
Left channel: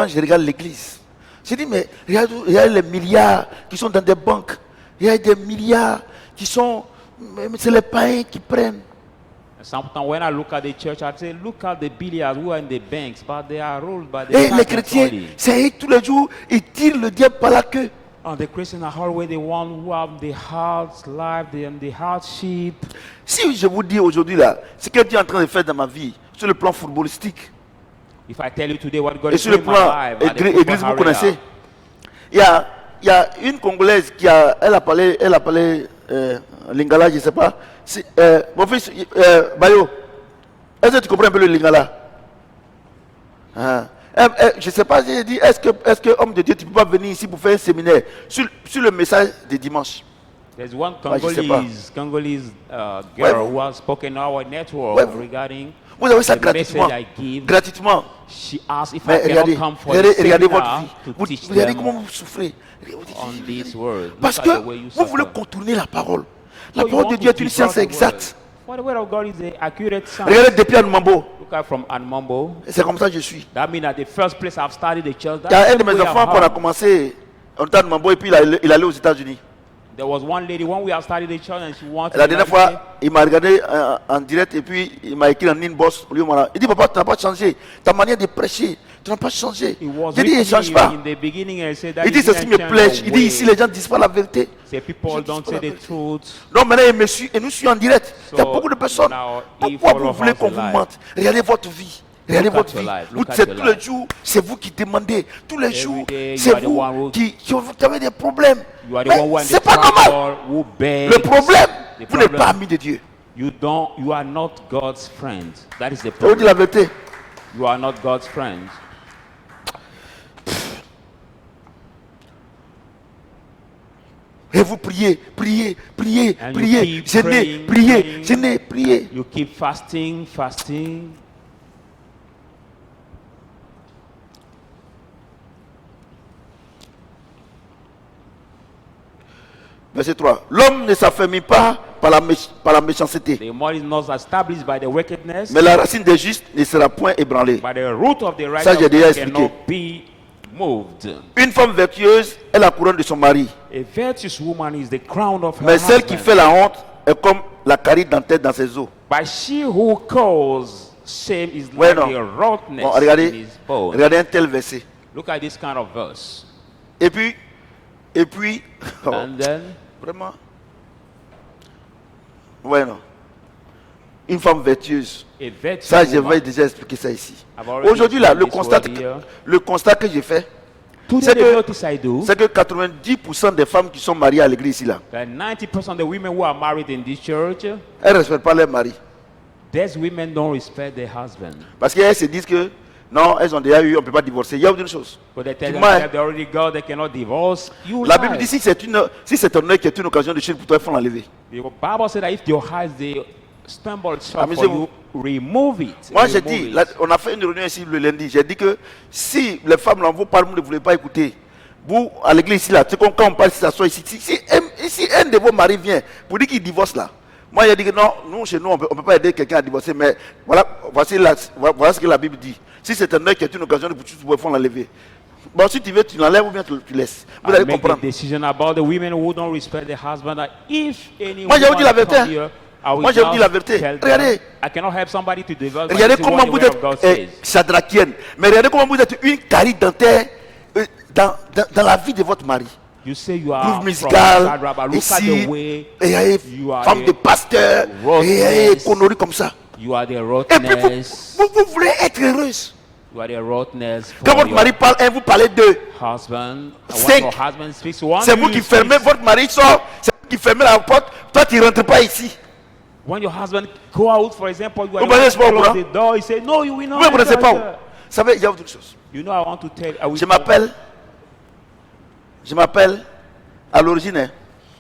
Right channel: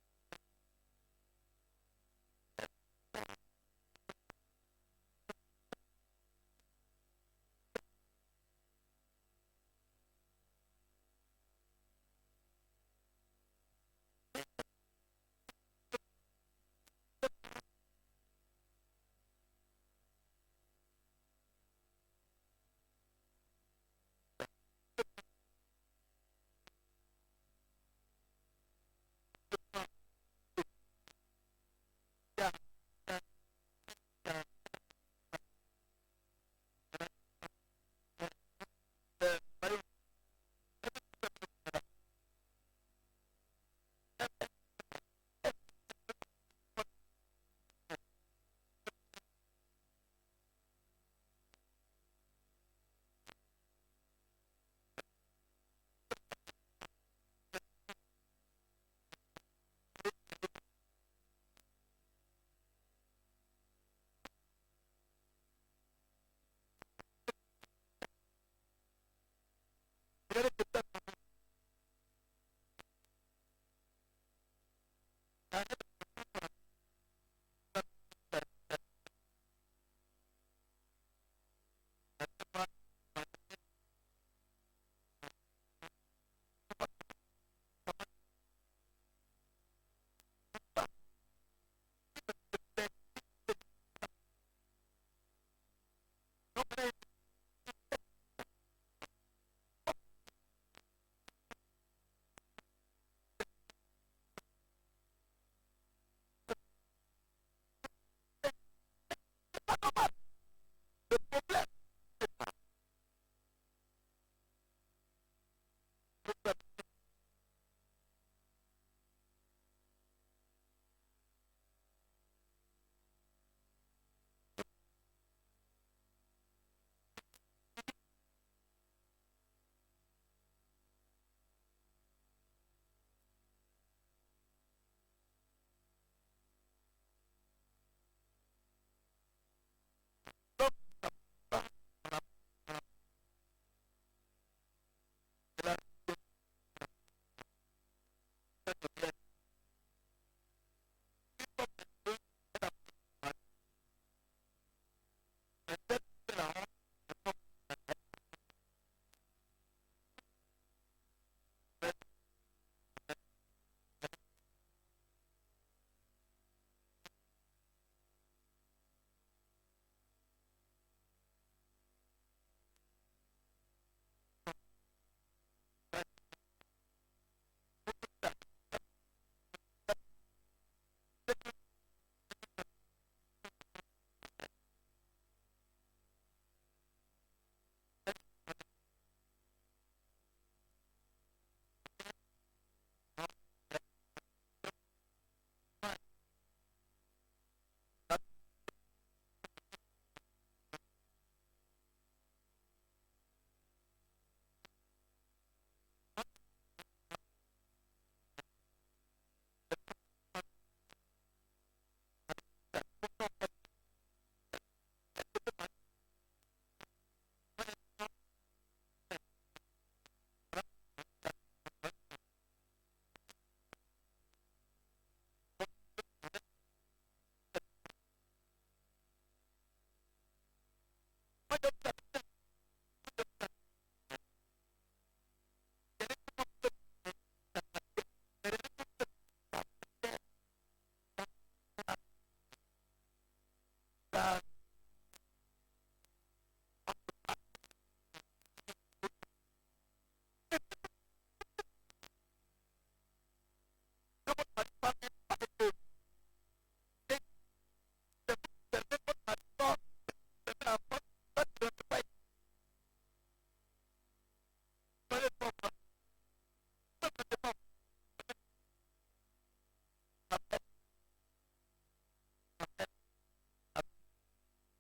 je regarde l'église, je dis, mais regarde les milliards qui sont dans des banques. Il y a des milliards qui sont... mais c'est les païens qui prennent. Sometimes when I look at the church, I say, look at the billiards who are in the banks, but they are ruled by the Et les pagans chrétiens, only. c'est eux tous les jours, ils tirent le diable par la queue. And the Christians are always the one who have the hard life and the hardship. Si je vous dis aujourd'hui là, ce que Dieu est en train de faire dans ma vie, sur le plan footballistique, If I tell you today what God et is sur le doing in my plan life, at the église, football vous arena, connaissez, il y a une Congolaise qui a, elle a parlé lingala, je ne sais pas. Mon fils, Bayo, est-ce que tu comprends un peu le lingala? Je ne sais pas, j'ai dit, est-ce que homme de Dieu, tu ne peux pas venir ici pour faire un séminaire sur le message de dimanche? There's one je sais pas. Congolese Ouais, girl who has spoken on our network Ouais, regarding Vous avez ça the gratuitement. message I give. Gratuitement. She asked if Mais I cannot regardez, come for a regardez votre seminar vie. to Vous teach regardez them comment vous souffrez. on this word. Parce Look que at the way you vous voulez suffer. contourner la parole. La So you parole want de to Dieu est une distort science the word. exacte. For the word of God is the accurate science. Regardez depuis Anumambo. Look at from Anmambo. C'est comme ça que je suis. That means at the first place I've studied the church. Il y a That's un de the mes way I've enfants qu'on a heard. commencé en temps de Mambo et puis il allait aux États-Unis. There was one lady when we have studied the church and she wanted La to dernière fois, il m'a regardé en direct et puis il m'a écrit en inbox. Il dit, papa, tu n'as pas changé. Ta manière de prêcher, tu n'as pas changé. It was J'ai dit, il ne written change pas. in the beginning and said that Il dit, c'est ce qui me plaît. Il dit, ici, les gens ne disent pas la vérité. say people don't say the truth. Non, maintenant, il me suit et nous suivons en direct. Il y a So, beaucoup de personnes. now, Pourquoi if all vous of voulez us qu'on vous alive. mente? Regardez votre vie. Regardez Look at votre your vie. life. Vous, Look at c'est your tous les life. jours, c'est vous qui demandez. Tous les jours, day, c'est you are the vous one who- qui avez des problèmes. You are the Mais one who c'est pas normal. who begs. Le problème, The vous n'êtes problem, pas ami de Dieu. You are not God's friend. That is the Je vous dis problem. la vérité. You are not God's friend. Et vous priez, priez, priez, And you priez, keep jeûnez, praying, priez, praying. jeûnez, priez. You keep fasting. Verset 3. L'homme ne s'affermit pas par la méchanceté, The man is not established by the wickedness, mais la racine des justes ne sera point ébranlée. but the root of the Ça, j'ai déjà righteous expliqué. cannot be moved. Une femme vertueuse est la couronne de son mari, A virtuous woman is the crown of her mais celle qui husband. fait la honte est comme la carie dentaire dans ses os. But she who cause shame is Ouais, like non. the rottenness Bon, in regardez, his bone. regardez un tel verset. Look at this kind of verse. Et puis, oh, And then, vraiment, ouais, non. Une femme vertueuse. a virtuous Ça, je woman. vais déjà expliquer ça ici. I've already Aujourd'hui, là, explained this word here. le constat que j'ai fait, Today, c'est the que, notice I do, c'est que 90% des femmes qui sont mariées à l'église ici, là, that 90% of the women who are married in this church, elles ne respectent pas leur mari. these women don't respect their husband. Parce qu'elles se disent que, non, elles ont déjà eu, on ne peut pas divorcer. Il y a une chose. But they tell Tu themselves m'as- they already got, they cannot divorce. You La lie. Bible dit, si c'est un œil qui est une occasion de chute pour toi, il faut l'enlever. The Bible said that if your eyes they stumble short for Amusez-vous. you, remove it. Moi, j'ai Remove dit, it. on a fait une réunion ici le lundi. J'ai dit que si les femmes, là, vous parlez, vous ne voulez pas écouter. Vous, à l'église ici, là, c'est comme quand on parle, si ça soit ici. Si un de vos maris vient pour dire qu'il divorce là, moi, j'ai dit que non, nous, chez nous, on peut pas aider quelqu'un à divorcer. Mais voilà, voilà ce que la Bible dit. Si c'est un œil qui est une occasion de pour faut l'enlever. Bon, si tu veux, tu l'enlèves ou bien tu laisses. Vous I allez make a comprendre. decision about the women who don't respect their husband. That if any Moi, je vous dis la woman vérité, come hein. here, I will Moi, je vous dis just la vérité. tell them, Regardez. I cannot help somebody to divorce. but Regardez this is what comment the vous word of God êtes says. chadrakienne. Mais regardez comment vous êtes une carie dentaire dans la vie de votre mari. You say you are Groupe from musical, Shadrach, but look at ici, the way et you are femme de pasteur, et conneries comme ça. you are the Et puis rottenness. vous voulez être heureuse. You are the rottenness Quand for votre your mari parle, vous parlez d'eux. husband. And Cinq. when your husband speaks one, C'est vous you qui speak. fermez, votre mari sort, c'est vous qui fermez la porte, toi tu ne rentres pas ici. When your husband go out, for example, you are Vous connaissez the pas au one to courant? close the door. He say, "No, you will not." Vous ne connaissez enter pas où. here." Vous savez, il y a autre chose. You know, I want to tell. I will Je m'appelle, à l'origine, hein,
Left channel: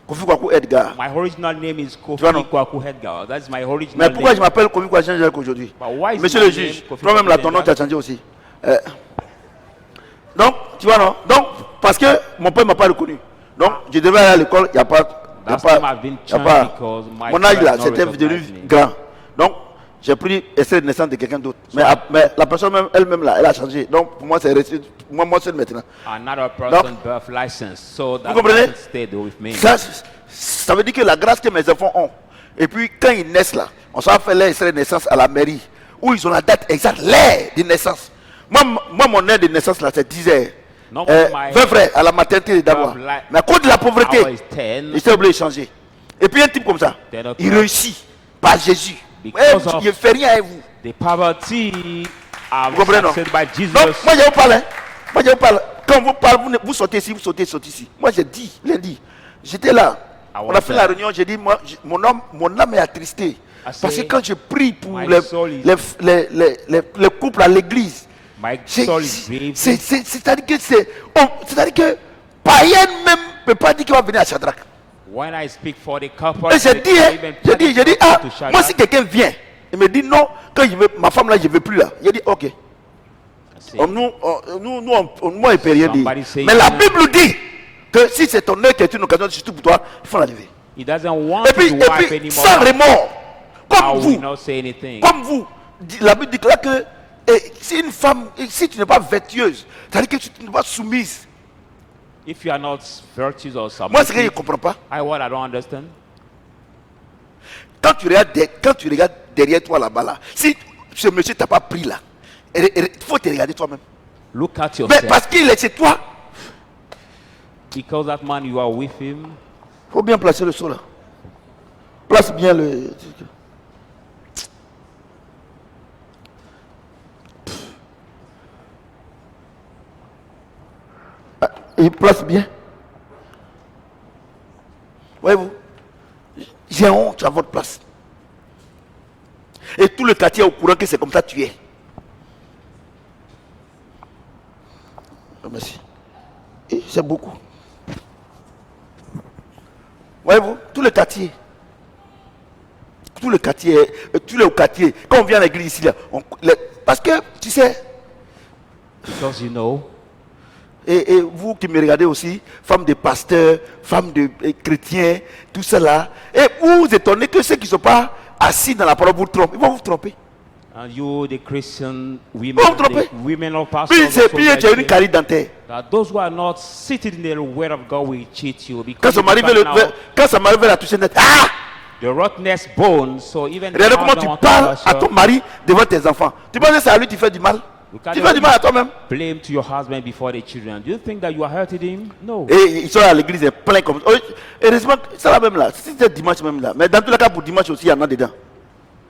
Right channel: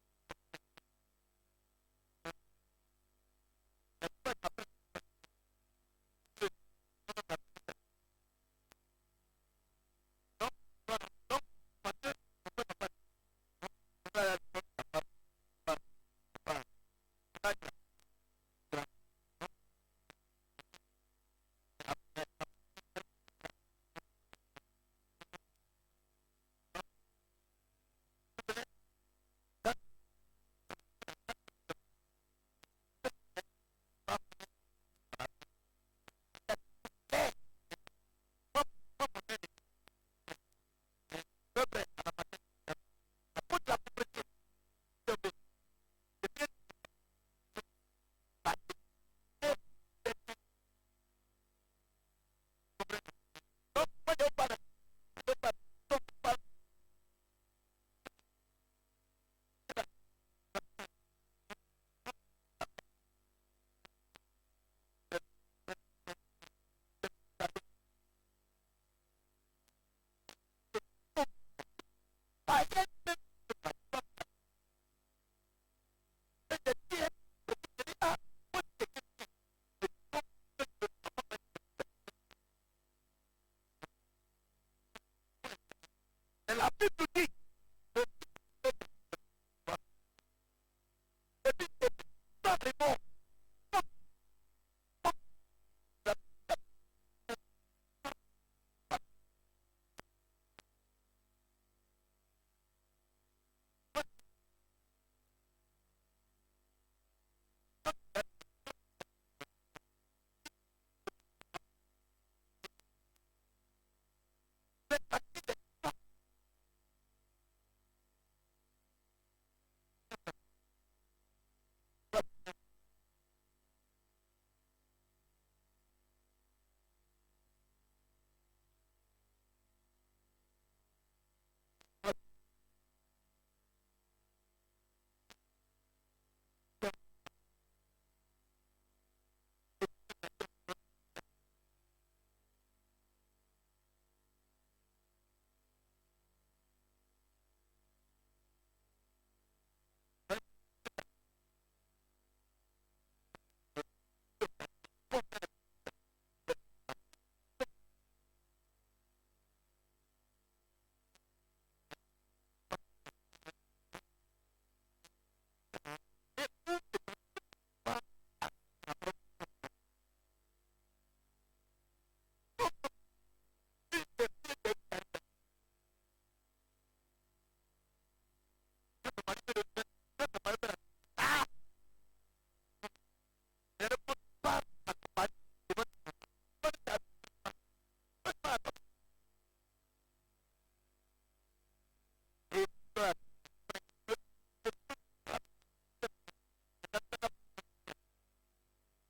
Kofi Kwaku Edgar. My original name is Kofi vois, non? Kwaku Edgar. That's my original Mais pourquoi je name. m'appelle Kofi Kwaku Edgar aujourd'hui? But why is Monsieur my le name juge, Kofi toi-même là, Kwaku ton nom Edgar? tu as changé aussi. Donc, tu vois, non? Donc, parce que mon père ne m'a pas reconnu. Donc, je devais aller à l'école, il n'y a pas. Last time I've been y a changed pas because my mon âge parents là, not c'était recognize devenu me. grand. Donc, j'ai pris extrait de naissance de quelqu'un d'autre. Mais la personne même, elle-même là, elle a changé. Donc, pour moi, c'est resté. Moi seul maintenant. Another person birth license, so that comprenez? person stayed with me. Ça veut dire que la grâce que mes enfants ont. Et puis, quand ils naissent là, on s'en fait leur extrait de naissance à la mairie, où ils ont la date exacte, l'heure de naissance. Moi, mon heure de naissance là, c'est 10 heures. Non, my 20 frères à la maternité d'abord. birth li- Mais à cause de la pauvreté, hour is 10. il s'est obligé de changer. Et puis un type comme ça, Ten o'clock. il réussit par Jésus. Because of- Il ne fait rien à vous. The poverty Vous comprenez, non? accepted by Jesus. Donc, moi je vous parle. Hein. Moi je vous parle. Quand vous parlez, vous sautez ici, vous sautez ici. Moi j'ai dit, lundi, j'étais là. I On was a fait la there. réunion, j'ai dit, moi, mon âme est attristé. Parce que say, quand je prie pour my les soul is- couples à l'église, My soul is grieved. c'est-à-dire que païen même ne peut pas dire qu'il va venir à Shadrach. When I speak for the couple, Et j'ai dit, ah, to Shadrach, moi si quelqu'un vient, il me dit non, quand je veux, ma femme là, je ne veux plus là. J'ai dit, ok. I say, Moi, on ne peut rien dire. Somebody say Mais la no. Bible dit que si c'est ton œil qui est une occasion, surtout pour toi, il faut l'enlever. he doesn't want Et puis, to wipe anymore. sans remords, I comme will vous, not say anything. la Bible déclare que si une femme, si tu n'es pas vertueuse, c'est-à-dire que tu n'es pas soumise. If you are not virtuous or Moi, ce que je ne submissive, comprends pas, what I don't understand. quand tu regardes derrière toi là-bas, là, si ce monsieur t'a pas pris là, il faut te regarder toi-même. Look at Mais yourself. parce qu'il est chez toi, Because that man, you are with him. il faut bien placer le seau là. Place bien le. Ah, il place bien. Voyez-vous, j'ai honte à votre place. Et tout le quartier est au courant que c'est comme ça que tu es. Merci. Et c'est beaucoup. Voyez-vous, tout le quartier. Tout le quartier, quand on vient à l'église ici, là, parce que, tu sais, Because you know, Et vous qui me regardez aussi, femmes de pasteurs, femmes de chrétiens, tout cela, et vous vous étonnez que ceux qui ne sont pas assis dans la parole vous trompent. Ils vont vous tromper. And you, the Christian women, Vous vous trompez. the women of pastors, Puis also tu as une like carie dentaire. that those who are not seated in the word of God will cheat you. Quand Because ça m'arrive à la toucher net, ah! the rottenness bones, so even the Regardez comment husband tu want to parles touch à her, ton mari devant tes enfants. Tu penses que c'est à lui que tu fais du mal? Tu fais du mal à toi-même. blame to your husband before the children. Do you think that you are hurting him? No. Et ils sont à l'église, ils sont pleins comme ça. Heureusement, c'est la même là. C'était dimanche même là. Mais dans tous les cas, pour dimanche aussi, il y en a dedans.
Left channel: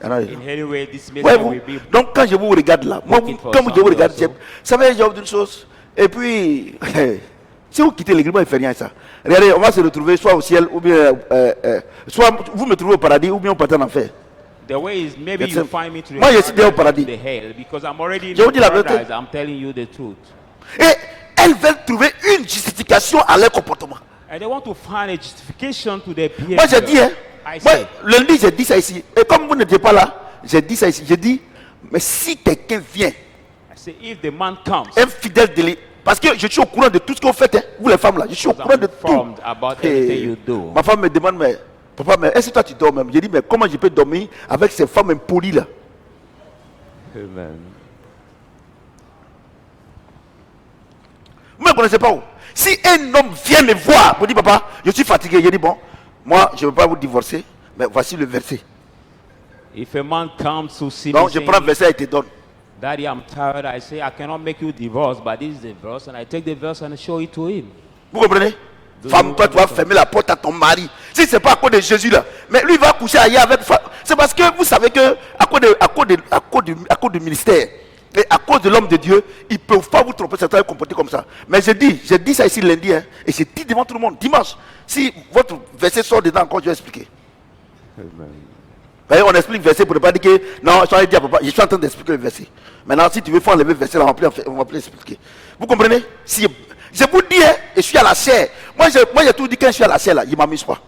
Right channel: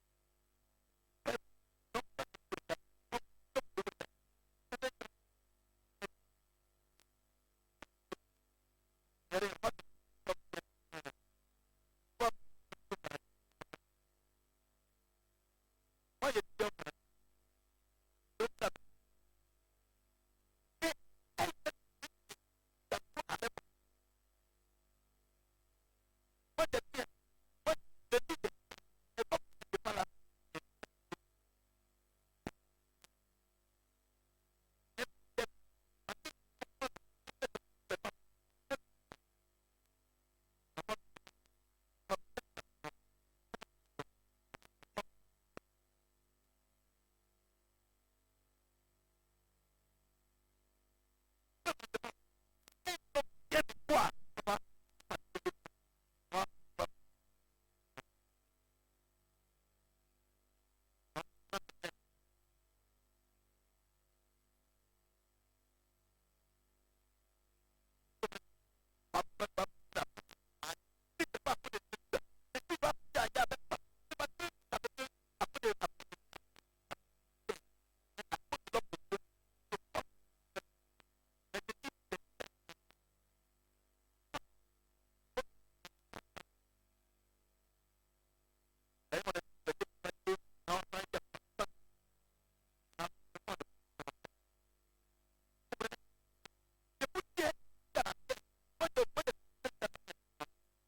Il y en a dedans. In any way, this message Ouais, vous. will be Donc quand je vous regarde là, moi, comme je vous regarde, also. ça va être d'une chose. Et puis, si vous quittez l'église, moi, il ne fait rien ça. Regardez, on va se retrouver soit au ciel, ou bien, soit vous me trouvez au paradis, ou bien on part en enfer. The way is maybe That's you it. find me to the Moi, je suis déjà au paradis. the hell because I'm already in Je vous the dis la vérité. paradise. I'm telling you the truth. Et elles veulent trouver une justification à leur comportement. And they want to find a justification to their behavior. Moi, j'ai dit, hein, I moi, said, lundi, j'ai dit ça ici. Et comme vous n'étiez pas là, j'ai dit ça ici. J'ai dit, mais si quelqu'un vient, I said, if the man comes, un fidèle délit, parce que je suis au courant de tout ce que vous faites, hein, vous les femmes là, je suis au courant de tout. informed about everything you do. Ma femme me demande, mais papa, mais est-ce que toi tu dors même? J'ai dit, mais comment je peux dormir avec ces femmes impolies là? Amen. Vous ne me connaissez pas où? Si un homme vient me voir pour dire, papa, je suis fatigué, je dis, bon, moi je ne veux pas vous divorcer, mais voici le verset. If a man comes to see Donc me je prends le saying, verset et te donne. Daddy, I'm tired, I say, I cannot make you divorce, but this is the verse, and I take the verse and show it to him. Vous comprenez? Femme, toi tu vas fermer la porte à ton mari. Si ce n'est pas à cause de Jésus là, mais lui il va coucher ailleurs avec femme. C'est parce que vous savez que à cause du ministère et à cause de l'homme de Dieu, ils ne peuvent pas vous tromper, certains comporter comme ça. Mais j'ai dit ça ici lundi, hein, et j'ai dit devant tout le monde, dimanche, si votre verset sort dedans encore, je vais expliquer. Amen. Vous voyez, on explique le verset pour ne pas dire que non, je suis en train d'expliquer le verset. Maintenant, si tu veux faire enlever le verset, là, on va plus expliquer. Vous comprenez? Si je vous dis, hein, je suis à la chair. Moi, j'ai tout dit quand je suis à la chair, là, il ne m'amuse pas.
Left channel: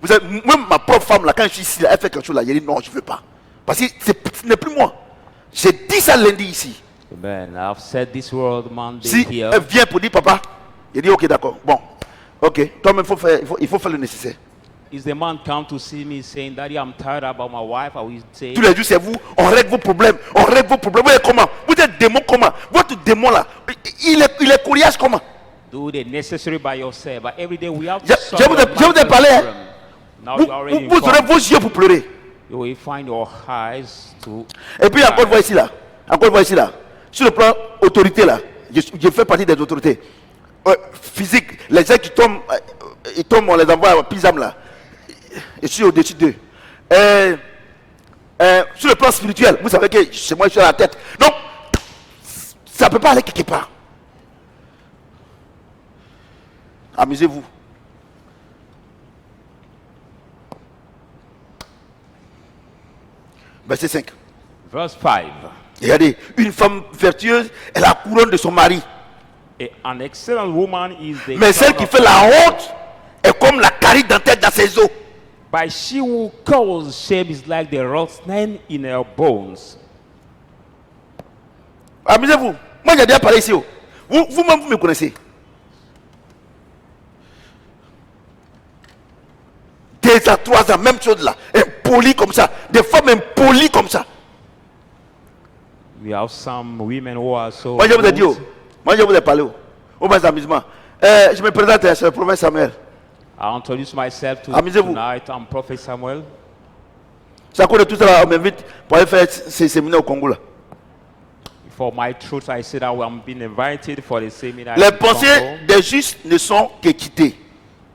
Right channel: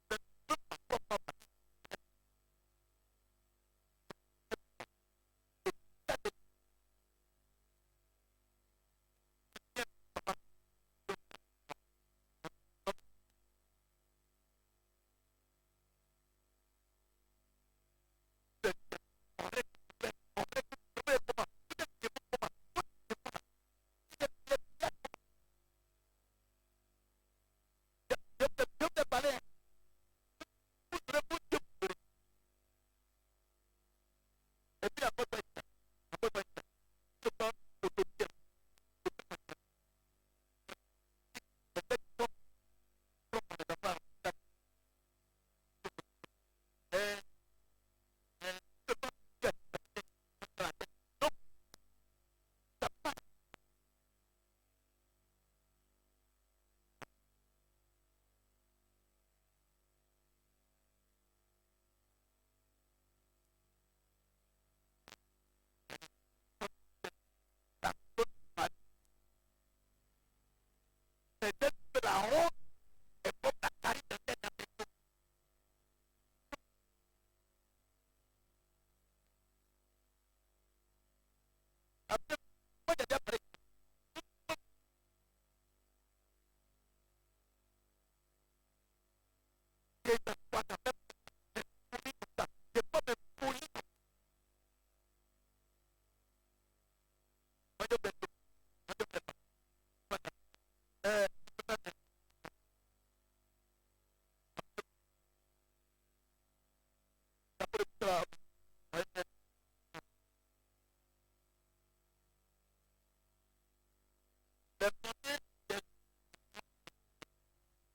Vous savez, même ma propre femme, là, quand je suis ici, là, elle fait quelque chose, là, elle dit non, je ne veux pas. Parce que ce n'est plus moi. J'ai dit ça lundi ici. Amen. I've said this word Monday Si here. elle vient pour dire papa, il dit ok, d'accord. Bon, ok, toi-même, il faut faire le nécessaire. Is the man come to see me saying, Daddy, I'm tired about my wife? I will say, Tous les jours, c'est vous, on règle vos problèmes, on règle vos problèmes. Vous êtes comment? Vous êtes démon comment? Votre démon là, il est coriace comment? do the necessary by yourself. But every day we have Je- to solve je vous ai- your je vous ai mental parlé, hein. problem. Now Vous, you are already vous aurez informed. vos yeux pour pleurer. You will find your eyes to. Et puis encore une fois ici là, encore une fois ici là, sur le plan autorité là, je fais partie des autorités. Physique, les gens qui tombent, ils tombent, on les envoie à Pisam là. Je suis au-dessus d'eux. Sur le plan spirituel, vous savez que chez moi je suis à la tête. Donc, ça ne peut pas aller quelque part. Amusez-vous. Verset 5. Verse 5. Regardez, une femme vertueuse est la couronne de son mari. An excellent woman is the Mais celle crown qui of fait la honte est comme la carie dentaire dans ses os. But she who causes shame is like the rottenness in her bones. Amusez-vous. Moi, j'ai déjà parlé ici. Vous-même, vous me connaissez. 2 ans, 3 ans, même chose là. Impolis comme ça. Des femmes impolies comme ça. We have some women who are so. Moi, je vous ai dit. rude. Moi, je vous ai parlé. Au moins amusement. Je me présente, c'est le prophète Samuel. I introduce myself to Amusez-vous. tonight. I'm Prophet Samuel. C'est à cause de tout ça, on m'invite pour aller faire ces séminaires au Congo là. For my truth, I said I'm being invited for the seminar. Les in pensées Congo. des justes ne sont qu'équité.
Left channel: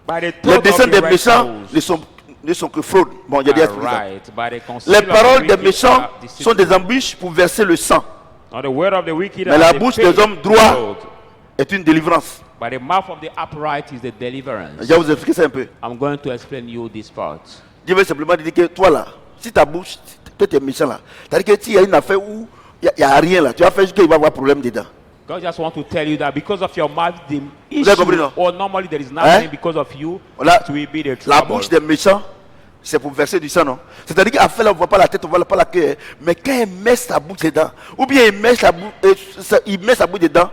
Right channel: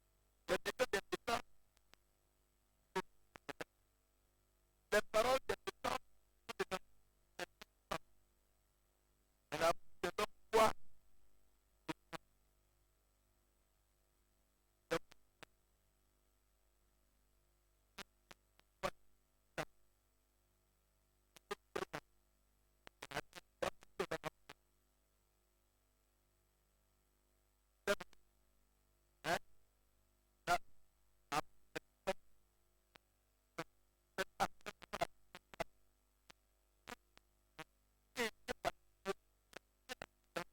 By the Les thought desseins of des the méchants righteous ne sont que fraude. Bon, j'ai dit are expliqué ça. right. By the conceal Les of the paroles des wicked méchants are deceitful. sont des embûches pour verser le sang. Now the word of the wicked Mais are la the bouche faith des hommes of droits God. est une délivrance. By the mouth of the upright is the deliverance. Je vais vous expliquer ça un peu. I'm going to explain you this part. Je vais simplement dire que toi là, si ta bouche, toi tu es méchant là, c'est-à-dire que s'il y a une affaire où il n'y a rien là, tu vas faire juste qu'il va y avoir problème dedans. God just want to tell you that because of your mouth, the avez compris, issue, non? or normally there is nothing because of you, Voilà. it will be the La trouble. bouche des méchants, c'est pour verser du sang, non? C'est-à-dire qu'à faire là, on ne voit pas la tête, on ne voit pas la queue. Mais quand il met sa bouche dedans, ou bien il met sa bouche dedans,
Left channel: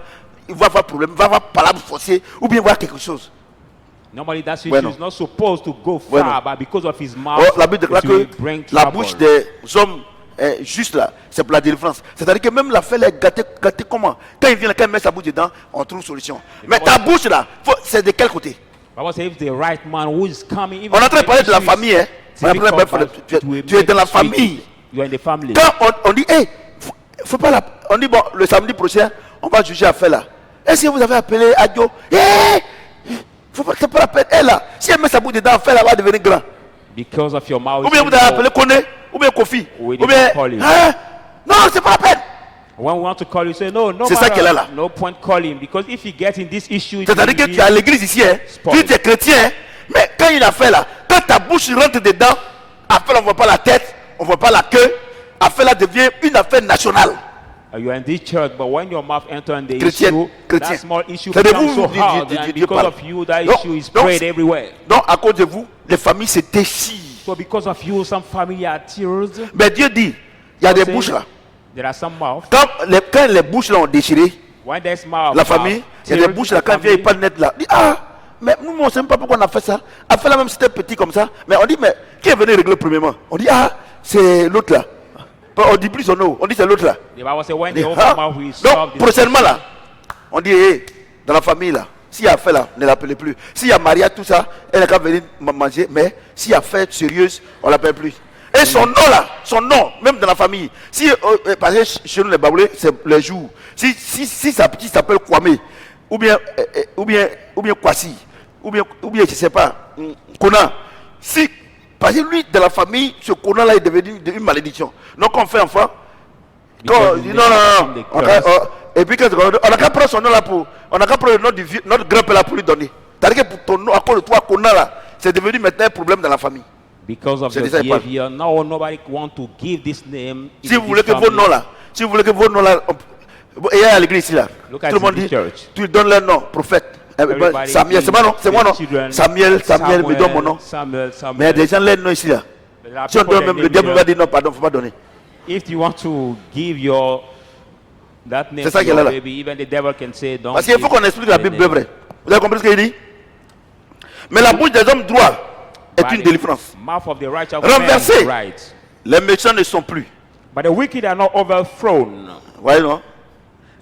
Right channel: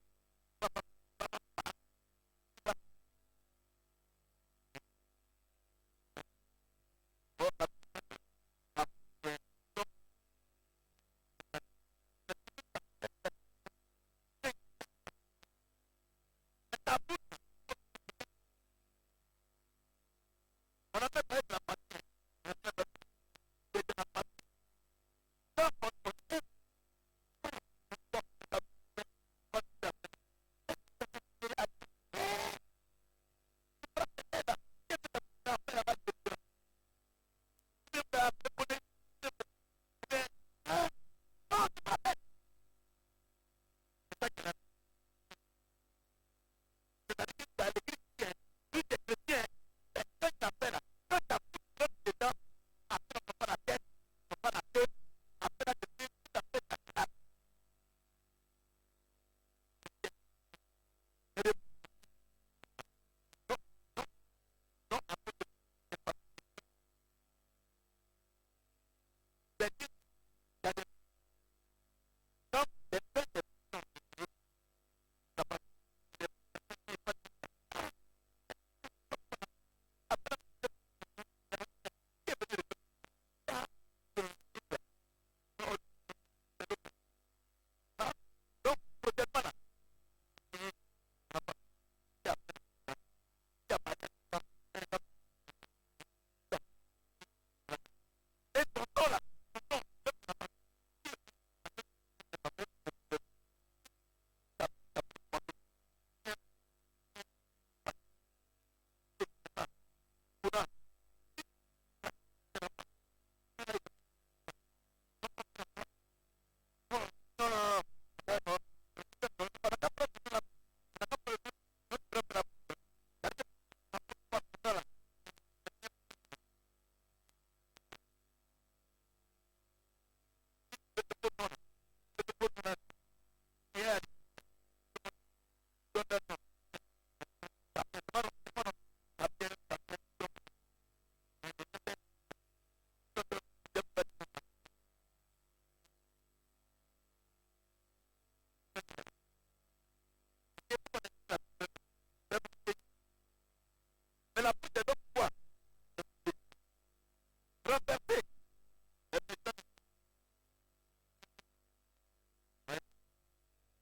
il va avoir problème, il va avoir palabre forcée, ou bien voir quelque chose. Normally, that issue Bueno. is not supposed to go far, Bueno. but because of his mouth, La Bible déclare it will que bring la trouble. bouche des hommes juste là, c'est pour la délivrance. C'est-à-dire que même la fête est gâtée comment? Quand il vient, quand il met sa bouche dedans, on trouve solution. Mais ta bouche là, c'est de quel côté? Bible says if the right man who is coming, even On est en train de if parler de la issue is famille. Hein? On est en train de difficult, parler but de- it will tu es dans la make tricky. famille. You are in the family. Quand on dit, hey, faut pas la. On dit, bon, le samedi prochain, on va juger affaire là. Est-ce que vous avez appelé Adio? Hey, c'est pas la peine. Elle là, si elle met sa bouche dedans, affaire là va devenir grand. Because of your mouth. Ou bien vous avez appelé Kone, ou bien Kofi. We Ou did bien. not call him. Hein? Non, c'est pas la peine. When we want to call you, say no, no C'est ça matter, qu'elle a là. no point calling, because if you get in this issue, it C'est-à-dire will que be- tu es à l'église ici, hein? Spoil. Tu es chrétien, hein? Mais quand il a fait là, quand ta bouche rentre dedans, affaire on ne voit pas la tête, on ne voit pas la queue, affaire là devient une affaire nationale. You are in this church, but when your mouth enters in the Chrétienne, issue, chrétien. that small issue C'est de becomes vous, so dit- hard, dit- and Dieu because parle. of you, that Donc- issue is donc- spread everywhere. Donc à cause de vous, les familles se déchirent. So because of you, some family are tears. Mais Dieu dit, il y a des Say, bouches là. There are some mouths. Quand les bouches là ont déchiré, When there's mouth, la famille, il y a des tears, bouches là, the quand il vient, il family, parle net là. Il dit, ah, mais nous, on ne sait même pas pourquoi on a fait ça. On a fait là même si c'était petit comme ça. Mais on dit, mais qui est venu régler premièrement? On dit, ah, c'est l'autre là. On dit plus son nom, on dit c'est l'autre là. the Bible says when On dit, the open ah. mouth will solve Donc, this prochainement issue. là, on dit, hey, dans la famille là, s'il y a affaire là, ne l'appelez plus. S'il y a mariage, tout ça, elle n'a qu'à venir manger. Mais s'il y a affaire sérieuse, on ne l'appelle plus. Et son nom là, son nom, même dans la famille. Si, parce que chez nous les Baboulés, c'est les jours. Si sa petite s'appelle Kwame, ou bien Kwasi, ou bien je ne sais pas, Kona. Si, parce que lui, dans la famille, ce Kona là est devenu une malédiction. Donc on fait enfant. Quand on Because dit it non, makes non, the non. curse. Et puis on n'a qu'à prendre son nom là pour. On n'a qu'à prendre le nom du notre grand-père là pour lui donner. C'est-à-dire que pour ton nom, à cause de toi, Kona là, c'est devenu maintenant un problème dans la famille. Because of C'est your déjà pas- behavior, now nobody want to give this name. Si vous voulez que vos noms là, et à l'église ici là, Look at tout le monde the dit, church. tu donnes leur nom, prophète. Everybody Samuel, c'est moi non, c'est moi non. children, Samuel, me donne mon nom. Samuel, Mais il y a des gens leur nom ici là. There are Si on people donne that même, le name diable you va dire non, pardon, faut pas donner. If you want to give your that name C'est ça to qu'elle your a là. baby, even the devil can say don't. Parce qu'il faut give qu'on explique la the Bible name. vrai. Vous avez compris ce qu'il dit? Mais la bouche des hommes droits est By une the délivrance. Mouth of the righteous Renversé. man is right. Les méchants ne sont plus. But the wicked are not overthrown. Vous voyez non?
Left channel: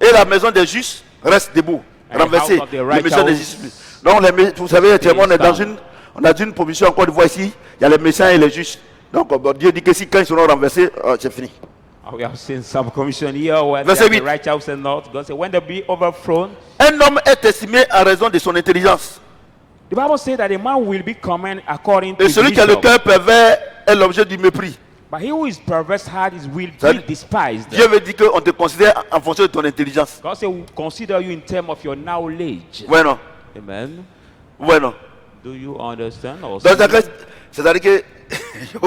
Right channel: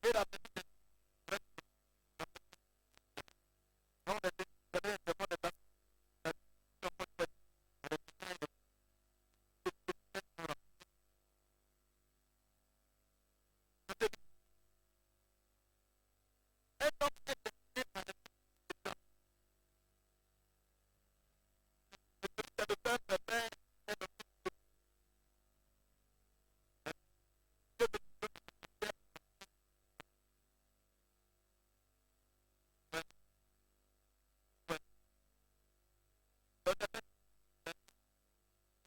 Et la maison des justes reste debout, And the renversée. house of the Les righteous méchants n'existent plus. Donc vous savez, actuellement, on est dans stand. on a une position encore de voix ici. Il y a les méchants et les justes. Donc Dieu dit que si quand ils seront renversés, c'est fini. We have seen some commission here where Verset the 8. righteous and not. God said, when they be overthrown, Un homme est estimé en raison de son intelligence. the Bible says that a man will be common according to Et his celui qui a le wisdom. cœur pervers est l'objet du mépris. But he who is perverse heart is will Ça be dit- despised. Dieu veut dire qu'on te considère en fonction de ton intelligence. God said, we consider you in terms of your knowledge. Ouais, non? Amen. Ouais, non? Do you understand? Or Donc, c'est-à-dire que,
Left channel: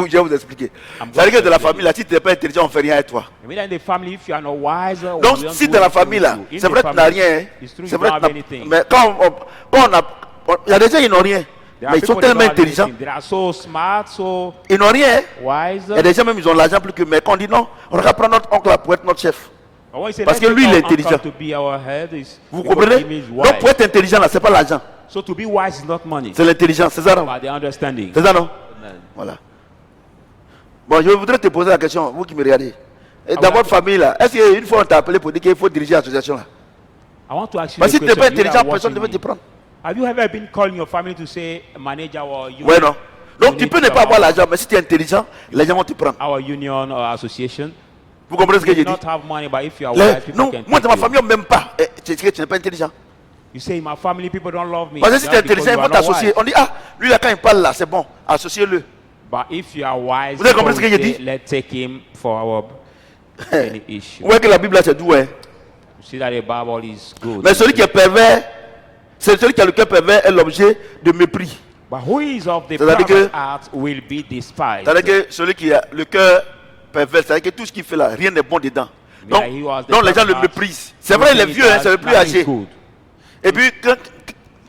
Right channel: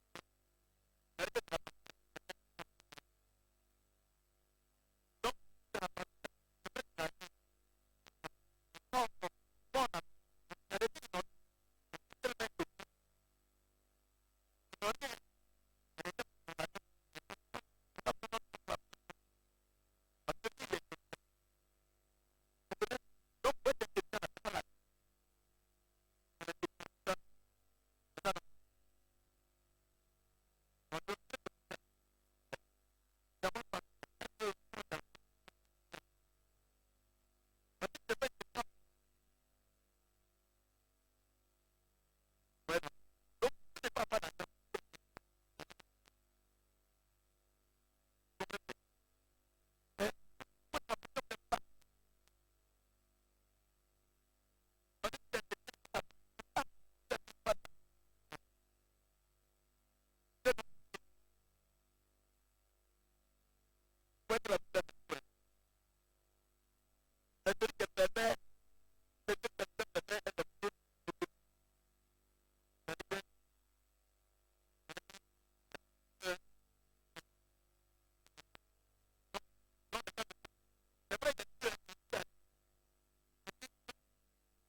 je vais vous expliquer. C'est-à-dire que de la famille, là, si tu n'es pas intelligent, on ne fait rien avec toi. I mean, in the family, if you are not wise, Donc, si dans la famille, là, c'est vrai que tu n'as rien, hein. C'est vrai que tu n'as- mais quand on a. Il y a des gens qui n'ont rien, mais ils sont tellement intelligents, They are so smart, so ils n'ont rien. wise. Il y a des gens même, ils ont l'argent plus que. Mais quand on dit non, on va prendre notre oncle là pour être notre chef. But when you say, Parce let's que lui, take il est our uncle intelligent. to be our head, is Vous because comprenez? he means Donc, wise. pour être intelligent, là, c'est pas l'argent, So to be wise is not money, c'est l'intelligence, c'est ça, non? but the understanding. C'est ça, non? Amen. Voilà. Bon, je voudrais te poser la question, vous qui me regardez. Et dans votre famille, là, est-ce qu'une fois on t'a appelé pour dire qu'il faut diriger l'association là? I want to ask you Parce a que si tu n'es pas question. You intelligent, that are personne ne watching veut te me. prendre. Have you ever been calling your family to say manager or union? Ouais, non. Donc tu Unit peux ne pas or- avoir l'argent, mais si tu es intelligent, les gens vont te prendre. Our union or association. Vous comprenez ce que You j'ai may dit? not have money, but if you are Les- wise, people non, can moi take dans ma you. famille, on ne m'aime pas. Tu sais que tu n'es pas intelligent. You say, my family people don't love me. Parce que si tu es just because intelligent, ils you vont are not t'associer. wise. On dit, ah, lui là, quand il parle là, c'est bon, associez-le. But if you are wise, Vous avez people compris ce que will j'ai say, dit? let's take him for our any issue. Vous voyez que la Bible là, c'est doux, hein. You see that the Bible is good. Mais celui qui est pervers, c'est celui qui a le cœur pervers est l'objet de mépris. But who is of the C'est-à-dire perverse que- heart will be despised. C'est-à-dire que celui qui a le cœur pervers, c'est-à-dire que tout ce qu'il fait là, rien n'est bon dedans. Donc, he was the donc les gens le pervers. méprisent. C'est vrai, il est vieux, hein, c'est le plus Nothing is âgé. good. Et puis, quand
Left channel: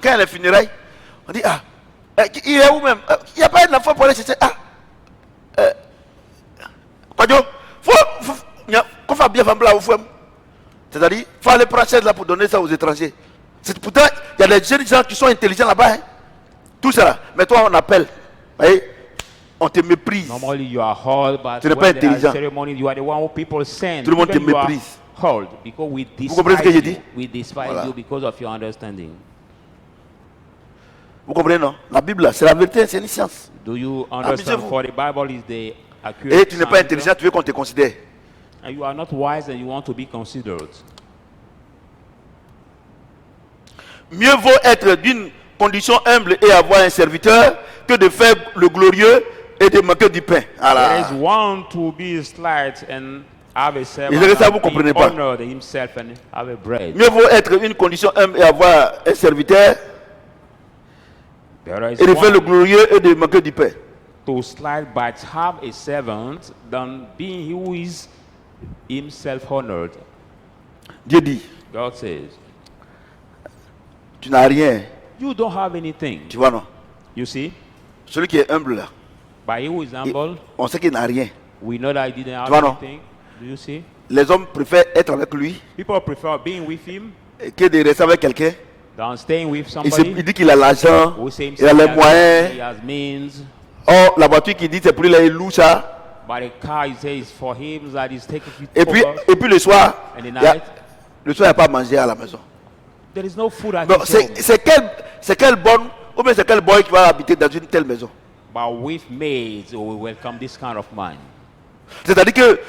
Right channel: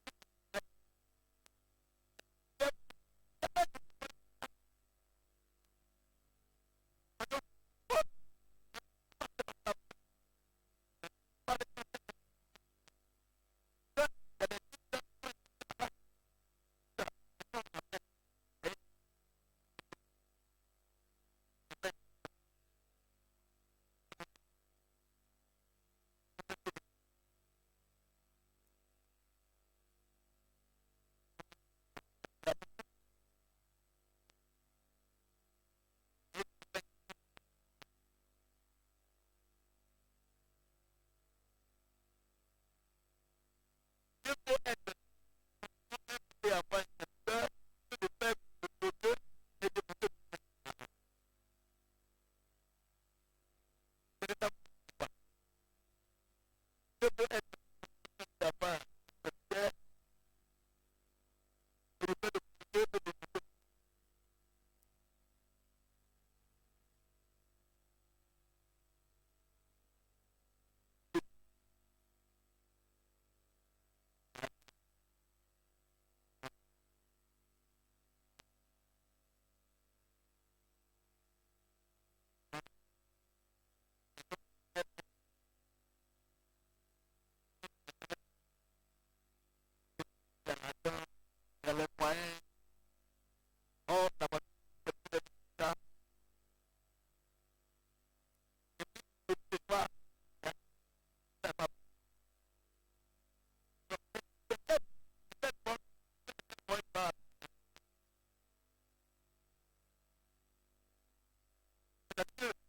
il y a les funérailles, on dit, ah, il est où même? Il n'y a pas une enfant pour aller chercher. Ah, quoi, faut faire bien femme là au fond. C'est-à-dire, il faut aller prendre chaise là pour donner ça aux étrangers. Pourtant, il y a des jeunes gens qui sont intelligents là-bas. Hein. Tout ça là. Mais toi, on appelle. Vous voyez, on te méprise. Normally you are held, but Tu n'es pas when there are intelligent. ceremony, you are the one who people send. Tout le monde te Even you are méprise. held because we Vous comprenez ce que j'ai despise dit? you. We despise Voilà. you because of your understanding. Vous comprenez, non? La Bible, là, c'est la vérité, c'est une science. Do you understand? Amusez-vous. For the Bible is the Et accurate tu n'es pas science, intelligent, tu veux qu'on te considère. and you are not wise and you want to be considered. Mieux vaut être d'une condition humble et avoir un serviteur que de faire le glorieux et de manquer du pain. Voilà. There is one to be slight and have a servant, Et c'est ça, vous and comprenez be pas. honored himself and have a bread. Mieux vaut être une condition humble et avoir un serviteur There is et de faire le one glorieux et de manquer du pain. to slide but have a servant than being he who is himself honored. Dieu dit, God says, tu n'as rien. you don't have anything. Tu vois, non? You see, Celui qui est humble, là, but he who is humble, on sait qu'il n'a rien. we know that he didn't have Tu vois, non? anything. Do you see? Les hommes préfèrent être avec lui People prefer being with him que de rester avec quelqu'un. than staying with Il somebody dit qu'il a l'argent, who say il a les moyens. he has means. Or, la voiture qui dit c'est pour lui, il loue ça. But the car, he says, for him that is taking it Et puis, over. et puis le soir, And the il y a- night, le soir, il n'y a pas à manger à la maison. there is no food at Donc, his home. c'est quel bonne, ou bien c'est quel boy qui va habiter dans une telle maison. But with maids, we welcome this kind of man. C'est-à-dire que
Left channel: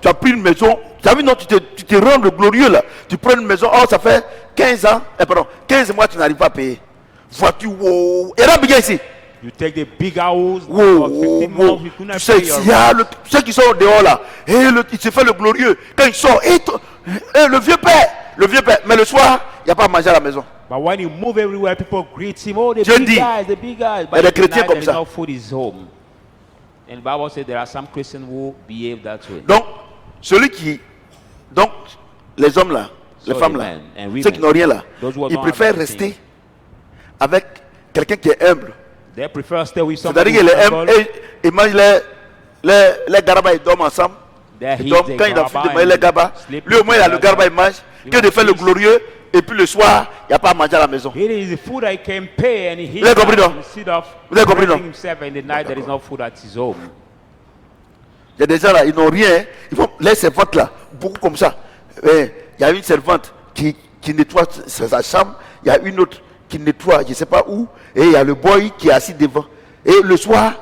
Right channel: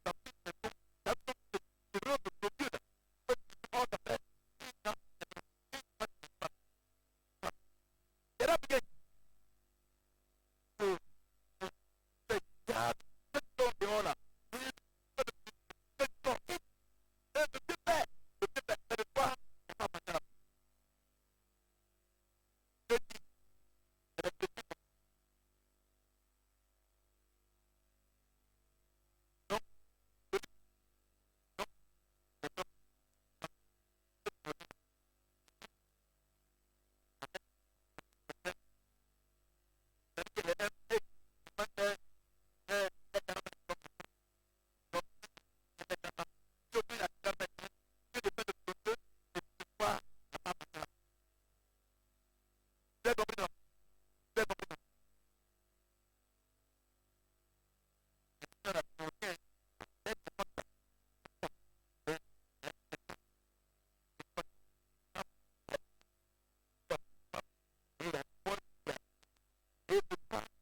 tu as pris une maison, tu as vu, non, tu te rends le glorieux là. Tu prends une maison, oh, ça fait 15 ans, pardon, 15 mois, tu n'arrives pas à payer. Voiture, wow. Et là, bien ici. You take the big house Wow, for 15 wow. months, you could not Tu sais, pay your il y a rent. ceux qui sont dehors là, et il se fait le glorieux. Quand il sort, le vieux père, mais le soir, il n'y a pas à manger à la maison. But when you move everywhere, people greet him. Oh, the Dieu big dit, guys, the big guys. y a But des at chrétiens night, comme there is ça. no food in his home. And the Bible says there are some Christians who behave that way. Donc, donc, les hommes là, les So femmes the là, men and women, ceux qui n'ont rien là, those who ils don't have préfèrent anything, rester avec quelqu'un qui est humble. they prefer stay with somebody C'est-à-dire who's qu'ils aiment, humble. ils mangent les garabas, ils dorment ensemble. They Ils eat dorment, the quand il a fini de garba manger les and garabas, sleep lui au moins il a le together. garaba, il mange, que de faire le glorieux, et puis le soir, il n'y a pas à manger à la maison. It is the food I can pay, and he Vous avez compris, non? instead of Vous avez compris, non? breaking himself in the night, there is no food at his home. Il y a des gens là, ils n'ont rien. Hein. Ils font les servantes là, beaucoup comme ça. Il y a une servante qui nettoie sa chambre, il y a une autre qui nettoie, je ne sais pas où, et il y a le boy qui est assis devant. Et le soir,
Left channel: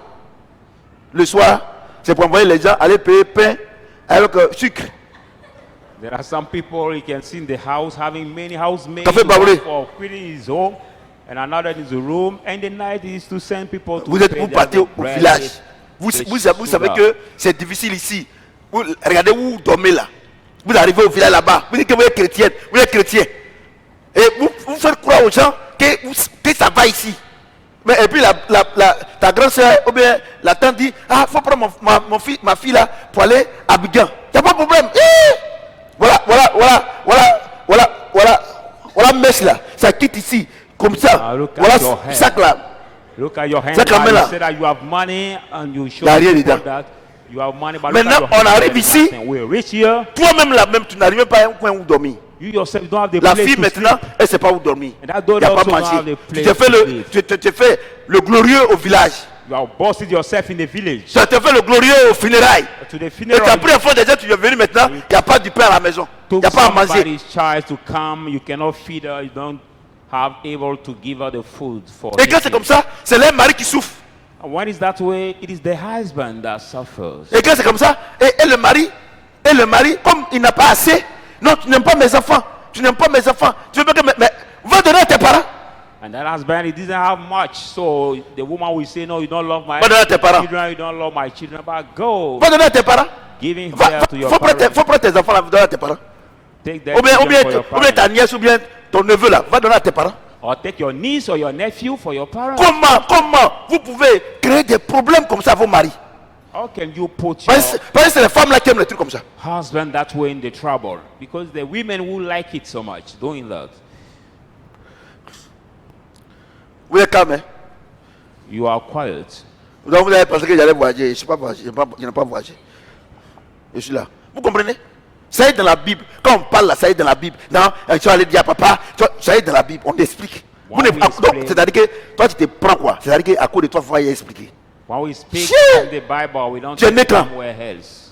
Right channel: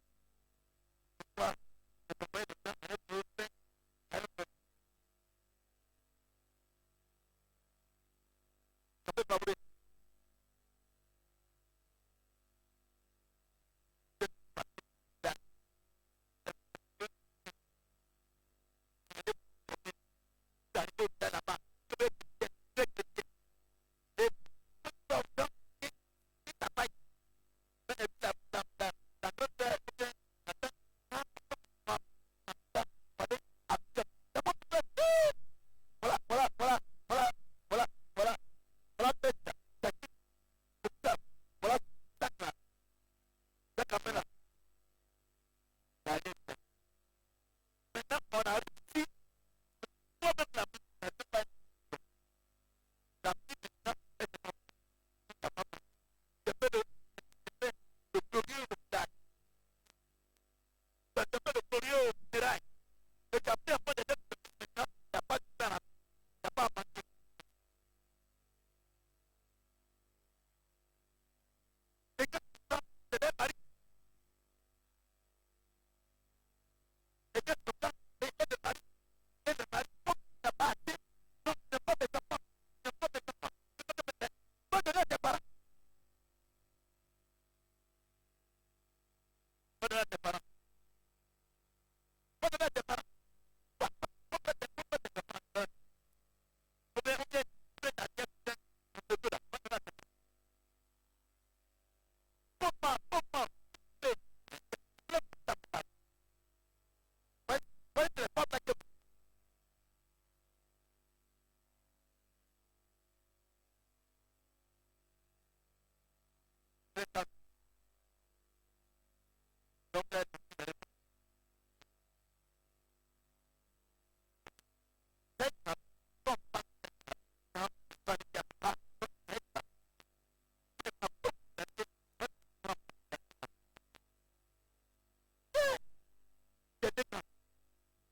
c'est pour envoyer les gens aller payer pain avec sucre. There are some people you can see in the house having many housemaids Café Baoulé. for cleaning his home, and another in the room, and the night is to send people to Vous pay partez them au the bread, village. Vous the savez sugar. que c'est difficile ici. Regardez où vous dormez là. Vous arrivez au village là-bas. Vous dites que vous êtes chrétienne. Vous êtes chrétien. Et vous faites croire aux gens que ça va ici. Mais, et puis ta grande soeur ou bien la tante dit, ah, il faut prendre ma fille là pour aller à Abidjan. Il n'y a pas de problème. Voilà, mèche là. Ça quitte ici. Comme ça. Ah, look at Voilà, your hair. sac là. Look at your hand. Ça, quand même, là. You say that you have money and you show Y a rien people dedans. that you have money. But Maintenant, look at your on hand. arrive ici. We reach here. Toi-même là-même, tu n'arrives même pas à un coin où dormir. You yourself don't have the La place fille to maintenant, sleep. elle ne sait pas où dormir. And that Il daughter n'y a pas also don't have manger. the Tu place te fais to sleep. tu fais le glorieux au village. You have busted yourself in the village. Tu te fais le glorieux au funérailles. To the Et funeral. tu as pris un fond déjà, tu es venu maintenant, il n'y a pas du pain à la maison. Il n'y Took a pas à manger. somebody's child to come. You cannot feed her. You don't have able to give her the food for. Et quand c'est eating. comme ça, c'est les maris qui souffrent. And when it's that way, it is the husband that suffers. Et quand c'est comme ça, et le mari, comme il n'a pas assez, non, tu n'aimes pas mes enfants. Tu n'aimes pas mes enfants. Tu veux pas que mais va donner à tes parents. And that husband, he doesn't have much. So the woman will say, no, you don't love my Va donner à tes parents. children, you don't love my children, but go. Va donner à tes parents. Giving care to your Faut parents. prendre tes enfants là, va donner à tes parents. Take their Ou bien children for your ta parents. nièce ou bien ton neveu là, va donner à tes parents. Or take your niece or your nephew for your parents. Comment vous pouvez créer des problèmes comme ça à vos maris? How can you put your Parce que c'est les femmes là qui aiment les trucs comme ça. husband that way in the trouble? Because the women will like it so much doing that. Vous êtes calme, hein? You are quiet. Donc vous avez pensé que j'allais voyager. Je n'ai pas voyagé. Je suis là. Vous comprenez? Ça est dans la Bible. Quand on parle là, ça est dans la Bible. Non, tu vas aller dire à papa, ça est dans la Bible. On t'explique. When we Donc, explain- c'est-à-dire que toi, tu te prends quoi? C'est-à-dire qu'à cause de toi, il faut y expliquer. When we speak Shit. from the Bible, we don't Tu es take né quand? somewhere else.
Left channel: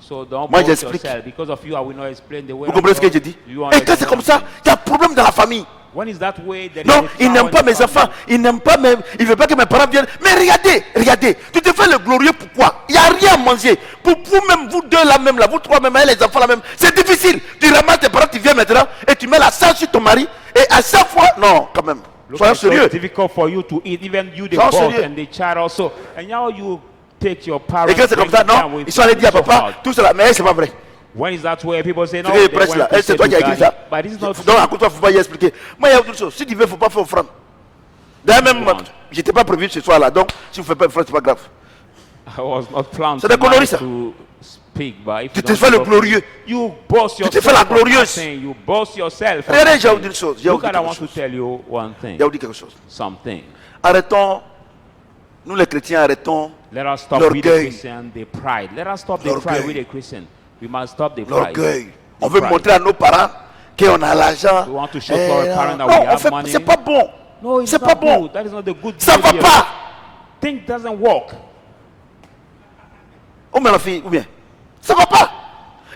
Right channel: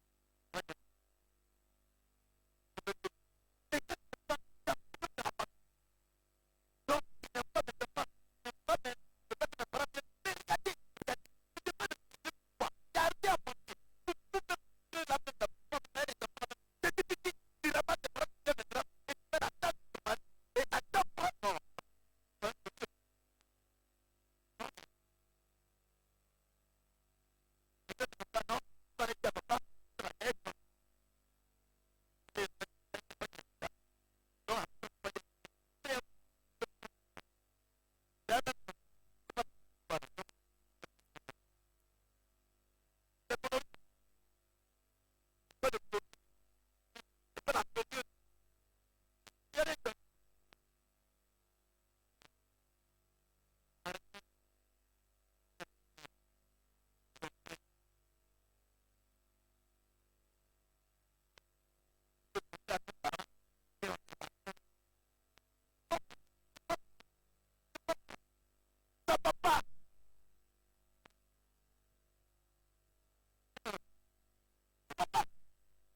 So don't Moi, boast j'explique. yourself. Because of you, I will not explain the way. Vous comprenez ce que je dis? Et quand c'est comme ça, il y a un problème dans la famille. When is that way? There is Non, a il power n'aime in pas the mes family. enfants. Il n'aime pas mes... Il veut pas que mes parents viennent. Mais regardez, regardez. Tu te fais le glorieux pourquoi? Il n'y a rien à manger. Pour vous-même, vous deux là même, là, vous trois même, et les enfants là même. C'est difficile. Tu ramasses tes parents, tu viens maintenant et tu mets la charge sur ton mari. Et à chaque fois, non, quand même. Look, Soyons it's so sérieux. difficult for you to eat, even you the Soyons boss sérieux. and the child also. And now you take your parents. Et quand c'est comme ça, bring them non, with ils sont allés dire à so papa, hard. tout cela. Mais c'est pas vrai. When is that where people say no? Ce que They presse went là, to c'est say toi to qui as écrit daddy. ça. But it's not Donc true. à cause de toi, il ne faut pas y expliquer. Moi, il y a autre chose. Si tu veux, il ne faut pas faire offrande. D'ailleurs, même, je n'étais pas prévu ce soir là. Donc, si vous ne faites pas offrande, ce n'est pas grave. I was not planned C'est des conneries, ça. to speak, but if Tu you te don't fais le speak, glorieux. You boast te yourself. fais la for glorieuse. nothing. You boast yourself. for Regardez, j'ai nothing. oublié une chose. J'ai Look, oublié I want quelque to chose. tell you one thing. J'ai oublié quelque chose. Something. Arrêtons, nous les chrétiens, arrêtons Let us stop with the l'orgueil. Christian, the pride. Let us stop the pride L'orgueil. with the Christian. We must stop the pride. L'orgueil. The On veut pride. montrer à nos parents qu'on a l'argent. We want to show to our parents that Non, we on have fait, money. c'est pas bon. No, it's C'est not pas bon. good. That is not the good Ça va behavior. pas. Thing doesn't work. Ou bien la fille, ou bien. Ça va pas.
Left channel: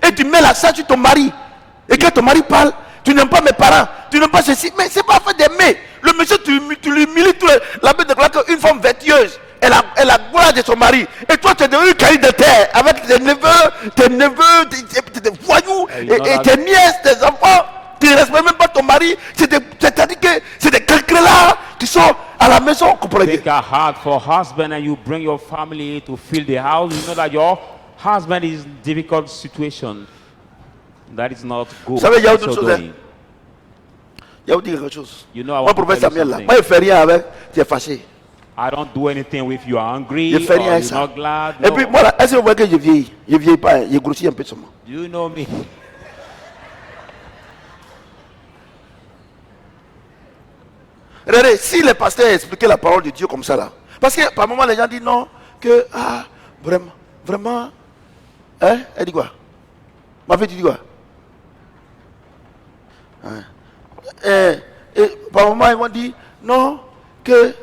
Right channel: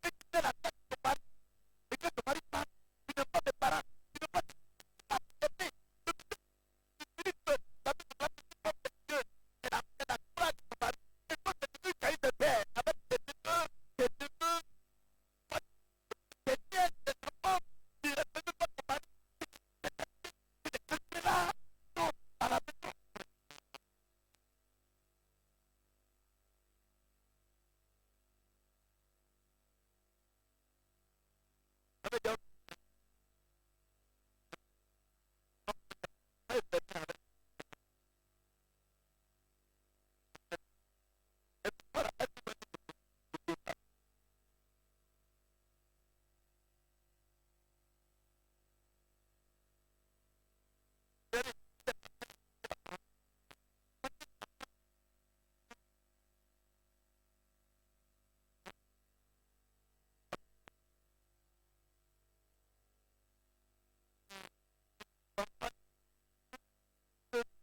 Et tu mets la charge sur ton mari. Et quand ton mari parle, tu n'aimes pas mes parents, tu n'aimes pas ceci. Mais c'est pas fait d'aimer. Le monsieur, tu l'humilies tout le. La Bible déclare qu'une femme vertueuse, elle a gloire de son mari. Et toi, tu es devenu cahier de terre avec tes neveux, tes voyous, et tes nièces, tes enfants. Tu ne respectes même pas ton mari. C'est-à-dire que c'est des cancres là qui sont à la maison. Comprenez? Take a heart for husband and you bring your family to fill the house. You know that your husband is in difficult situation. That is not good. Vous savez, il y a So autre chose. Hein? doing. Il y a autre chose. You know, I Moi, want to prophète tell you Samuel là, something. moi, il ne fait rien avec, tu es fâché. I don't do anything with you are angry Je fais or rien avec you're ça. not glad. Et No. puis, moi, là, est-ce que vous voyez que je vieillis? Je ne vieillis pas, hein. Je grossis un peu seulement. You know me. Regardez, si les pasteurs expliquaient la parole de Dieu comme ça là, parce que par moment les gens disent non, que vraiment, hein, elle dit quoi? Ma fille, tu dis quoi? Hein? Et par moment ils vont dire non, que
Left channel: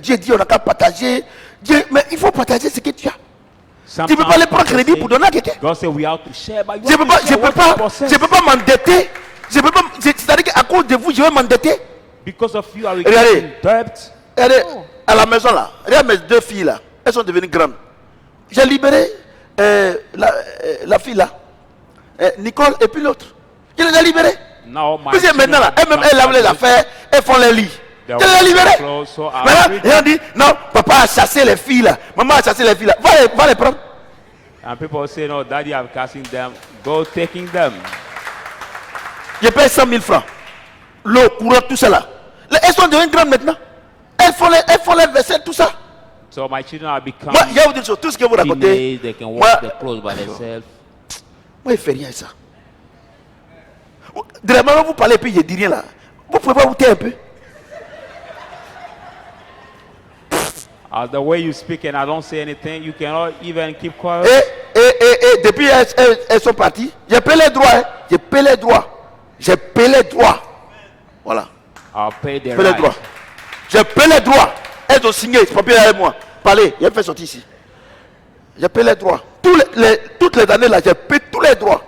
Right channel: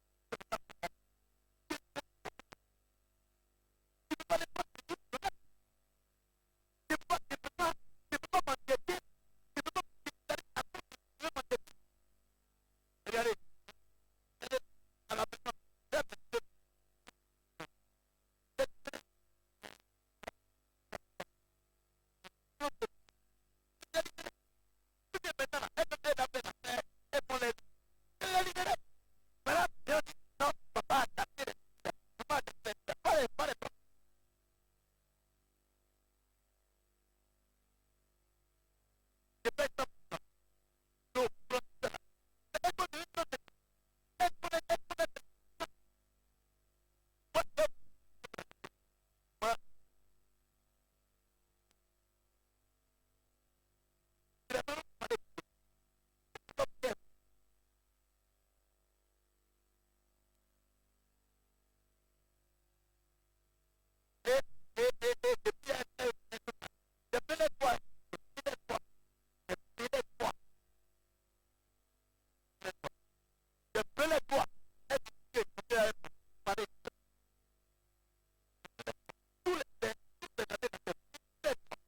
Dieu dit on n'a qu'à partager, Dieu, mais il faut partager ce que tu as. Tu ne peux pas aller prendre crédit pour donner à quelqu'un. God said we have to share, but you Je have to share what you possess. peux pas m'endetter. C'est-à-dire qu'à cause de vous, je vais m'endetter. Because of you, are we Regardez. getting debt? Regardez, à la maison là, regarde mes deux filles là, elles sont devenues grandes. J'ai libéré la fille là, Nicole et puis l'autre. Je les ai libérées. Now my Puis maintenant là, children elles-mêmes, elles lavent les affaires, elles font les lits. Je les ai libérées. So I Maintenant, ils ont dit, non, papa a chassé les filles là, maman a chassé les filles là, va les prendre. and people say, no, daddy, I'm casting them. Go taking them. Je paye 100 000 francs. L'eau, courant, tout ça là. Elles sont devenues grandes maintenant. Elles font les vaisselles, tout ça. So my children are becoming Moi, il y a une chose, tout ce que vous racontez. teenage. They can Moi, wash their clothes by themselves. moi, il ne fait rien ça. Directement, vous parlez et puis je dis rien là. Vous pouvez pas vous taire un peu. The way you speak and I don't say anything, you cannot even keep quiet. Et depuis elles sont parties, j'ai payé les droits. Hein. J'ai payé les droits. J'ai payé les droits. Voilà. I'll pay the J'ai payé les droits. right. J'ai payé les droits. Elles ont signé, ce papier avec moi. Parlez, il a fait sortir ici. J'ai payé les droits. Toutes les années là, j'ai payé tous les droits.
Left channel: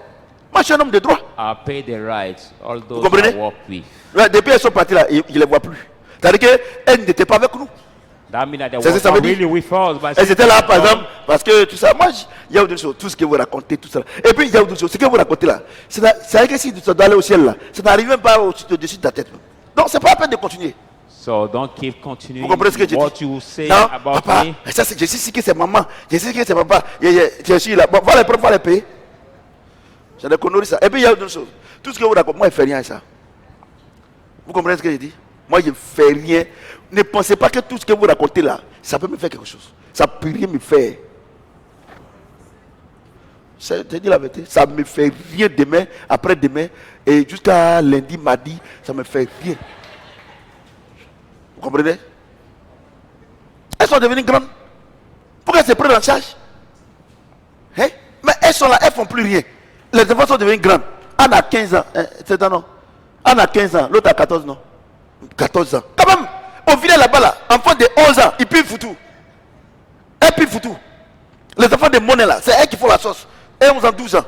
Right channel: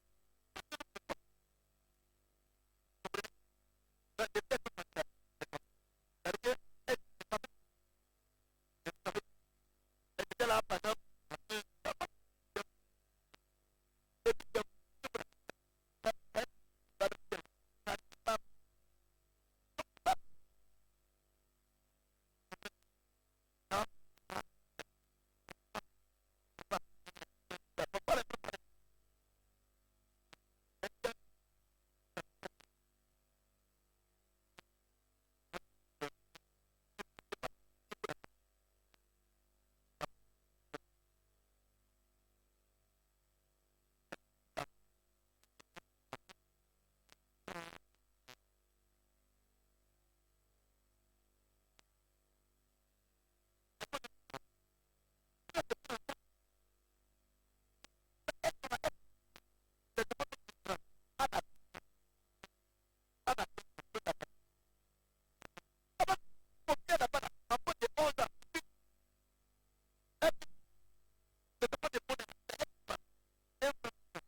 Moi, je suis un homme de droit. I'll pay the rights. All those comprenez? I work with. Ouais, depuis elles sont parties là, je ne les vois plus. C'est-à-dire qu'elles n'étaient pas avec nous. That means that they C'est ce que were ça veut not dire. really with us. But Elles étaient là, par exemple, parce que tout ça. Moi, il y a autre chose, tout ce que vous racontez, tout ça. Et puis, il y a autre chose, ce que vous racontez là. C'est vrai que si tu dois aller au ciel là, ça n'arrive même pas au-dessus de ta tête. Donc, c'est pas la peine de continuer. So don't keep continuing Vous comprenez ce que je dis? what you say Non, about papa, me. ça, je sais que c'est maman, je sais que c'est papa. Je suis là. Bon, va les prendre, va les payer. J'ai des conneries ça. Et puis, il y a autre chose. Tout ce que vous racontez, moi, je ne fais rien à ça. Vous comprenez ce que je dis? Moi, je ne fais rien. Ne pensez pas que tout ce que vous racontez là, ça peut me faire quelque chose. Ça ne peut rien me faire. Je te dis la vérité. Ça ne me fait rien demain, après-demain, et jusqu'à lundi, mardi, ça ne me fait rien. Vous comprenez? Elles sont devenues grandes. Pourquoi elles se prennent en charge? elles sont là, elles font plus rien. Les enfants sont devenus grands. Anne a 15 ans. C'est un non. Anne a 15 ans. L'autre a 14 non. 14 ans. Quand même, au village là-bas, là, enfant de 11 ans, ils pillent foutu. Elle pille foutu. Les enfants de monnaie là, c'est elles qui font la sauce. Et 11 ans, 12 ans.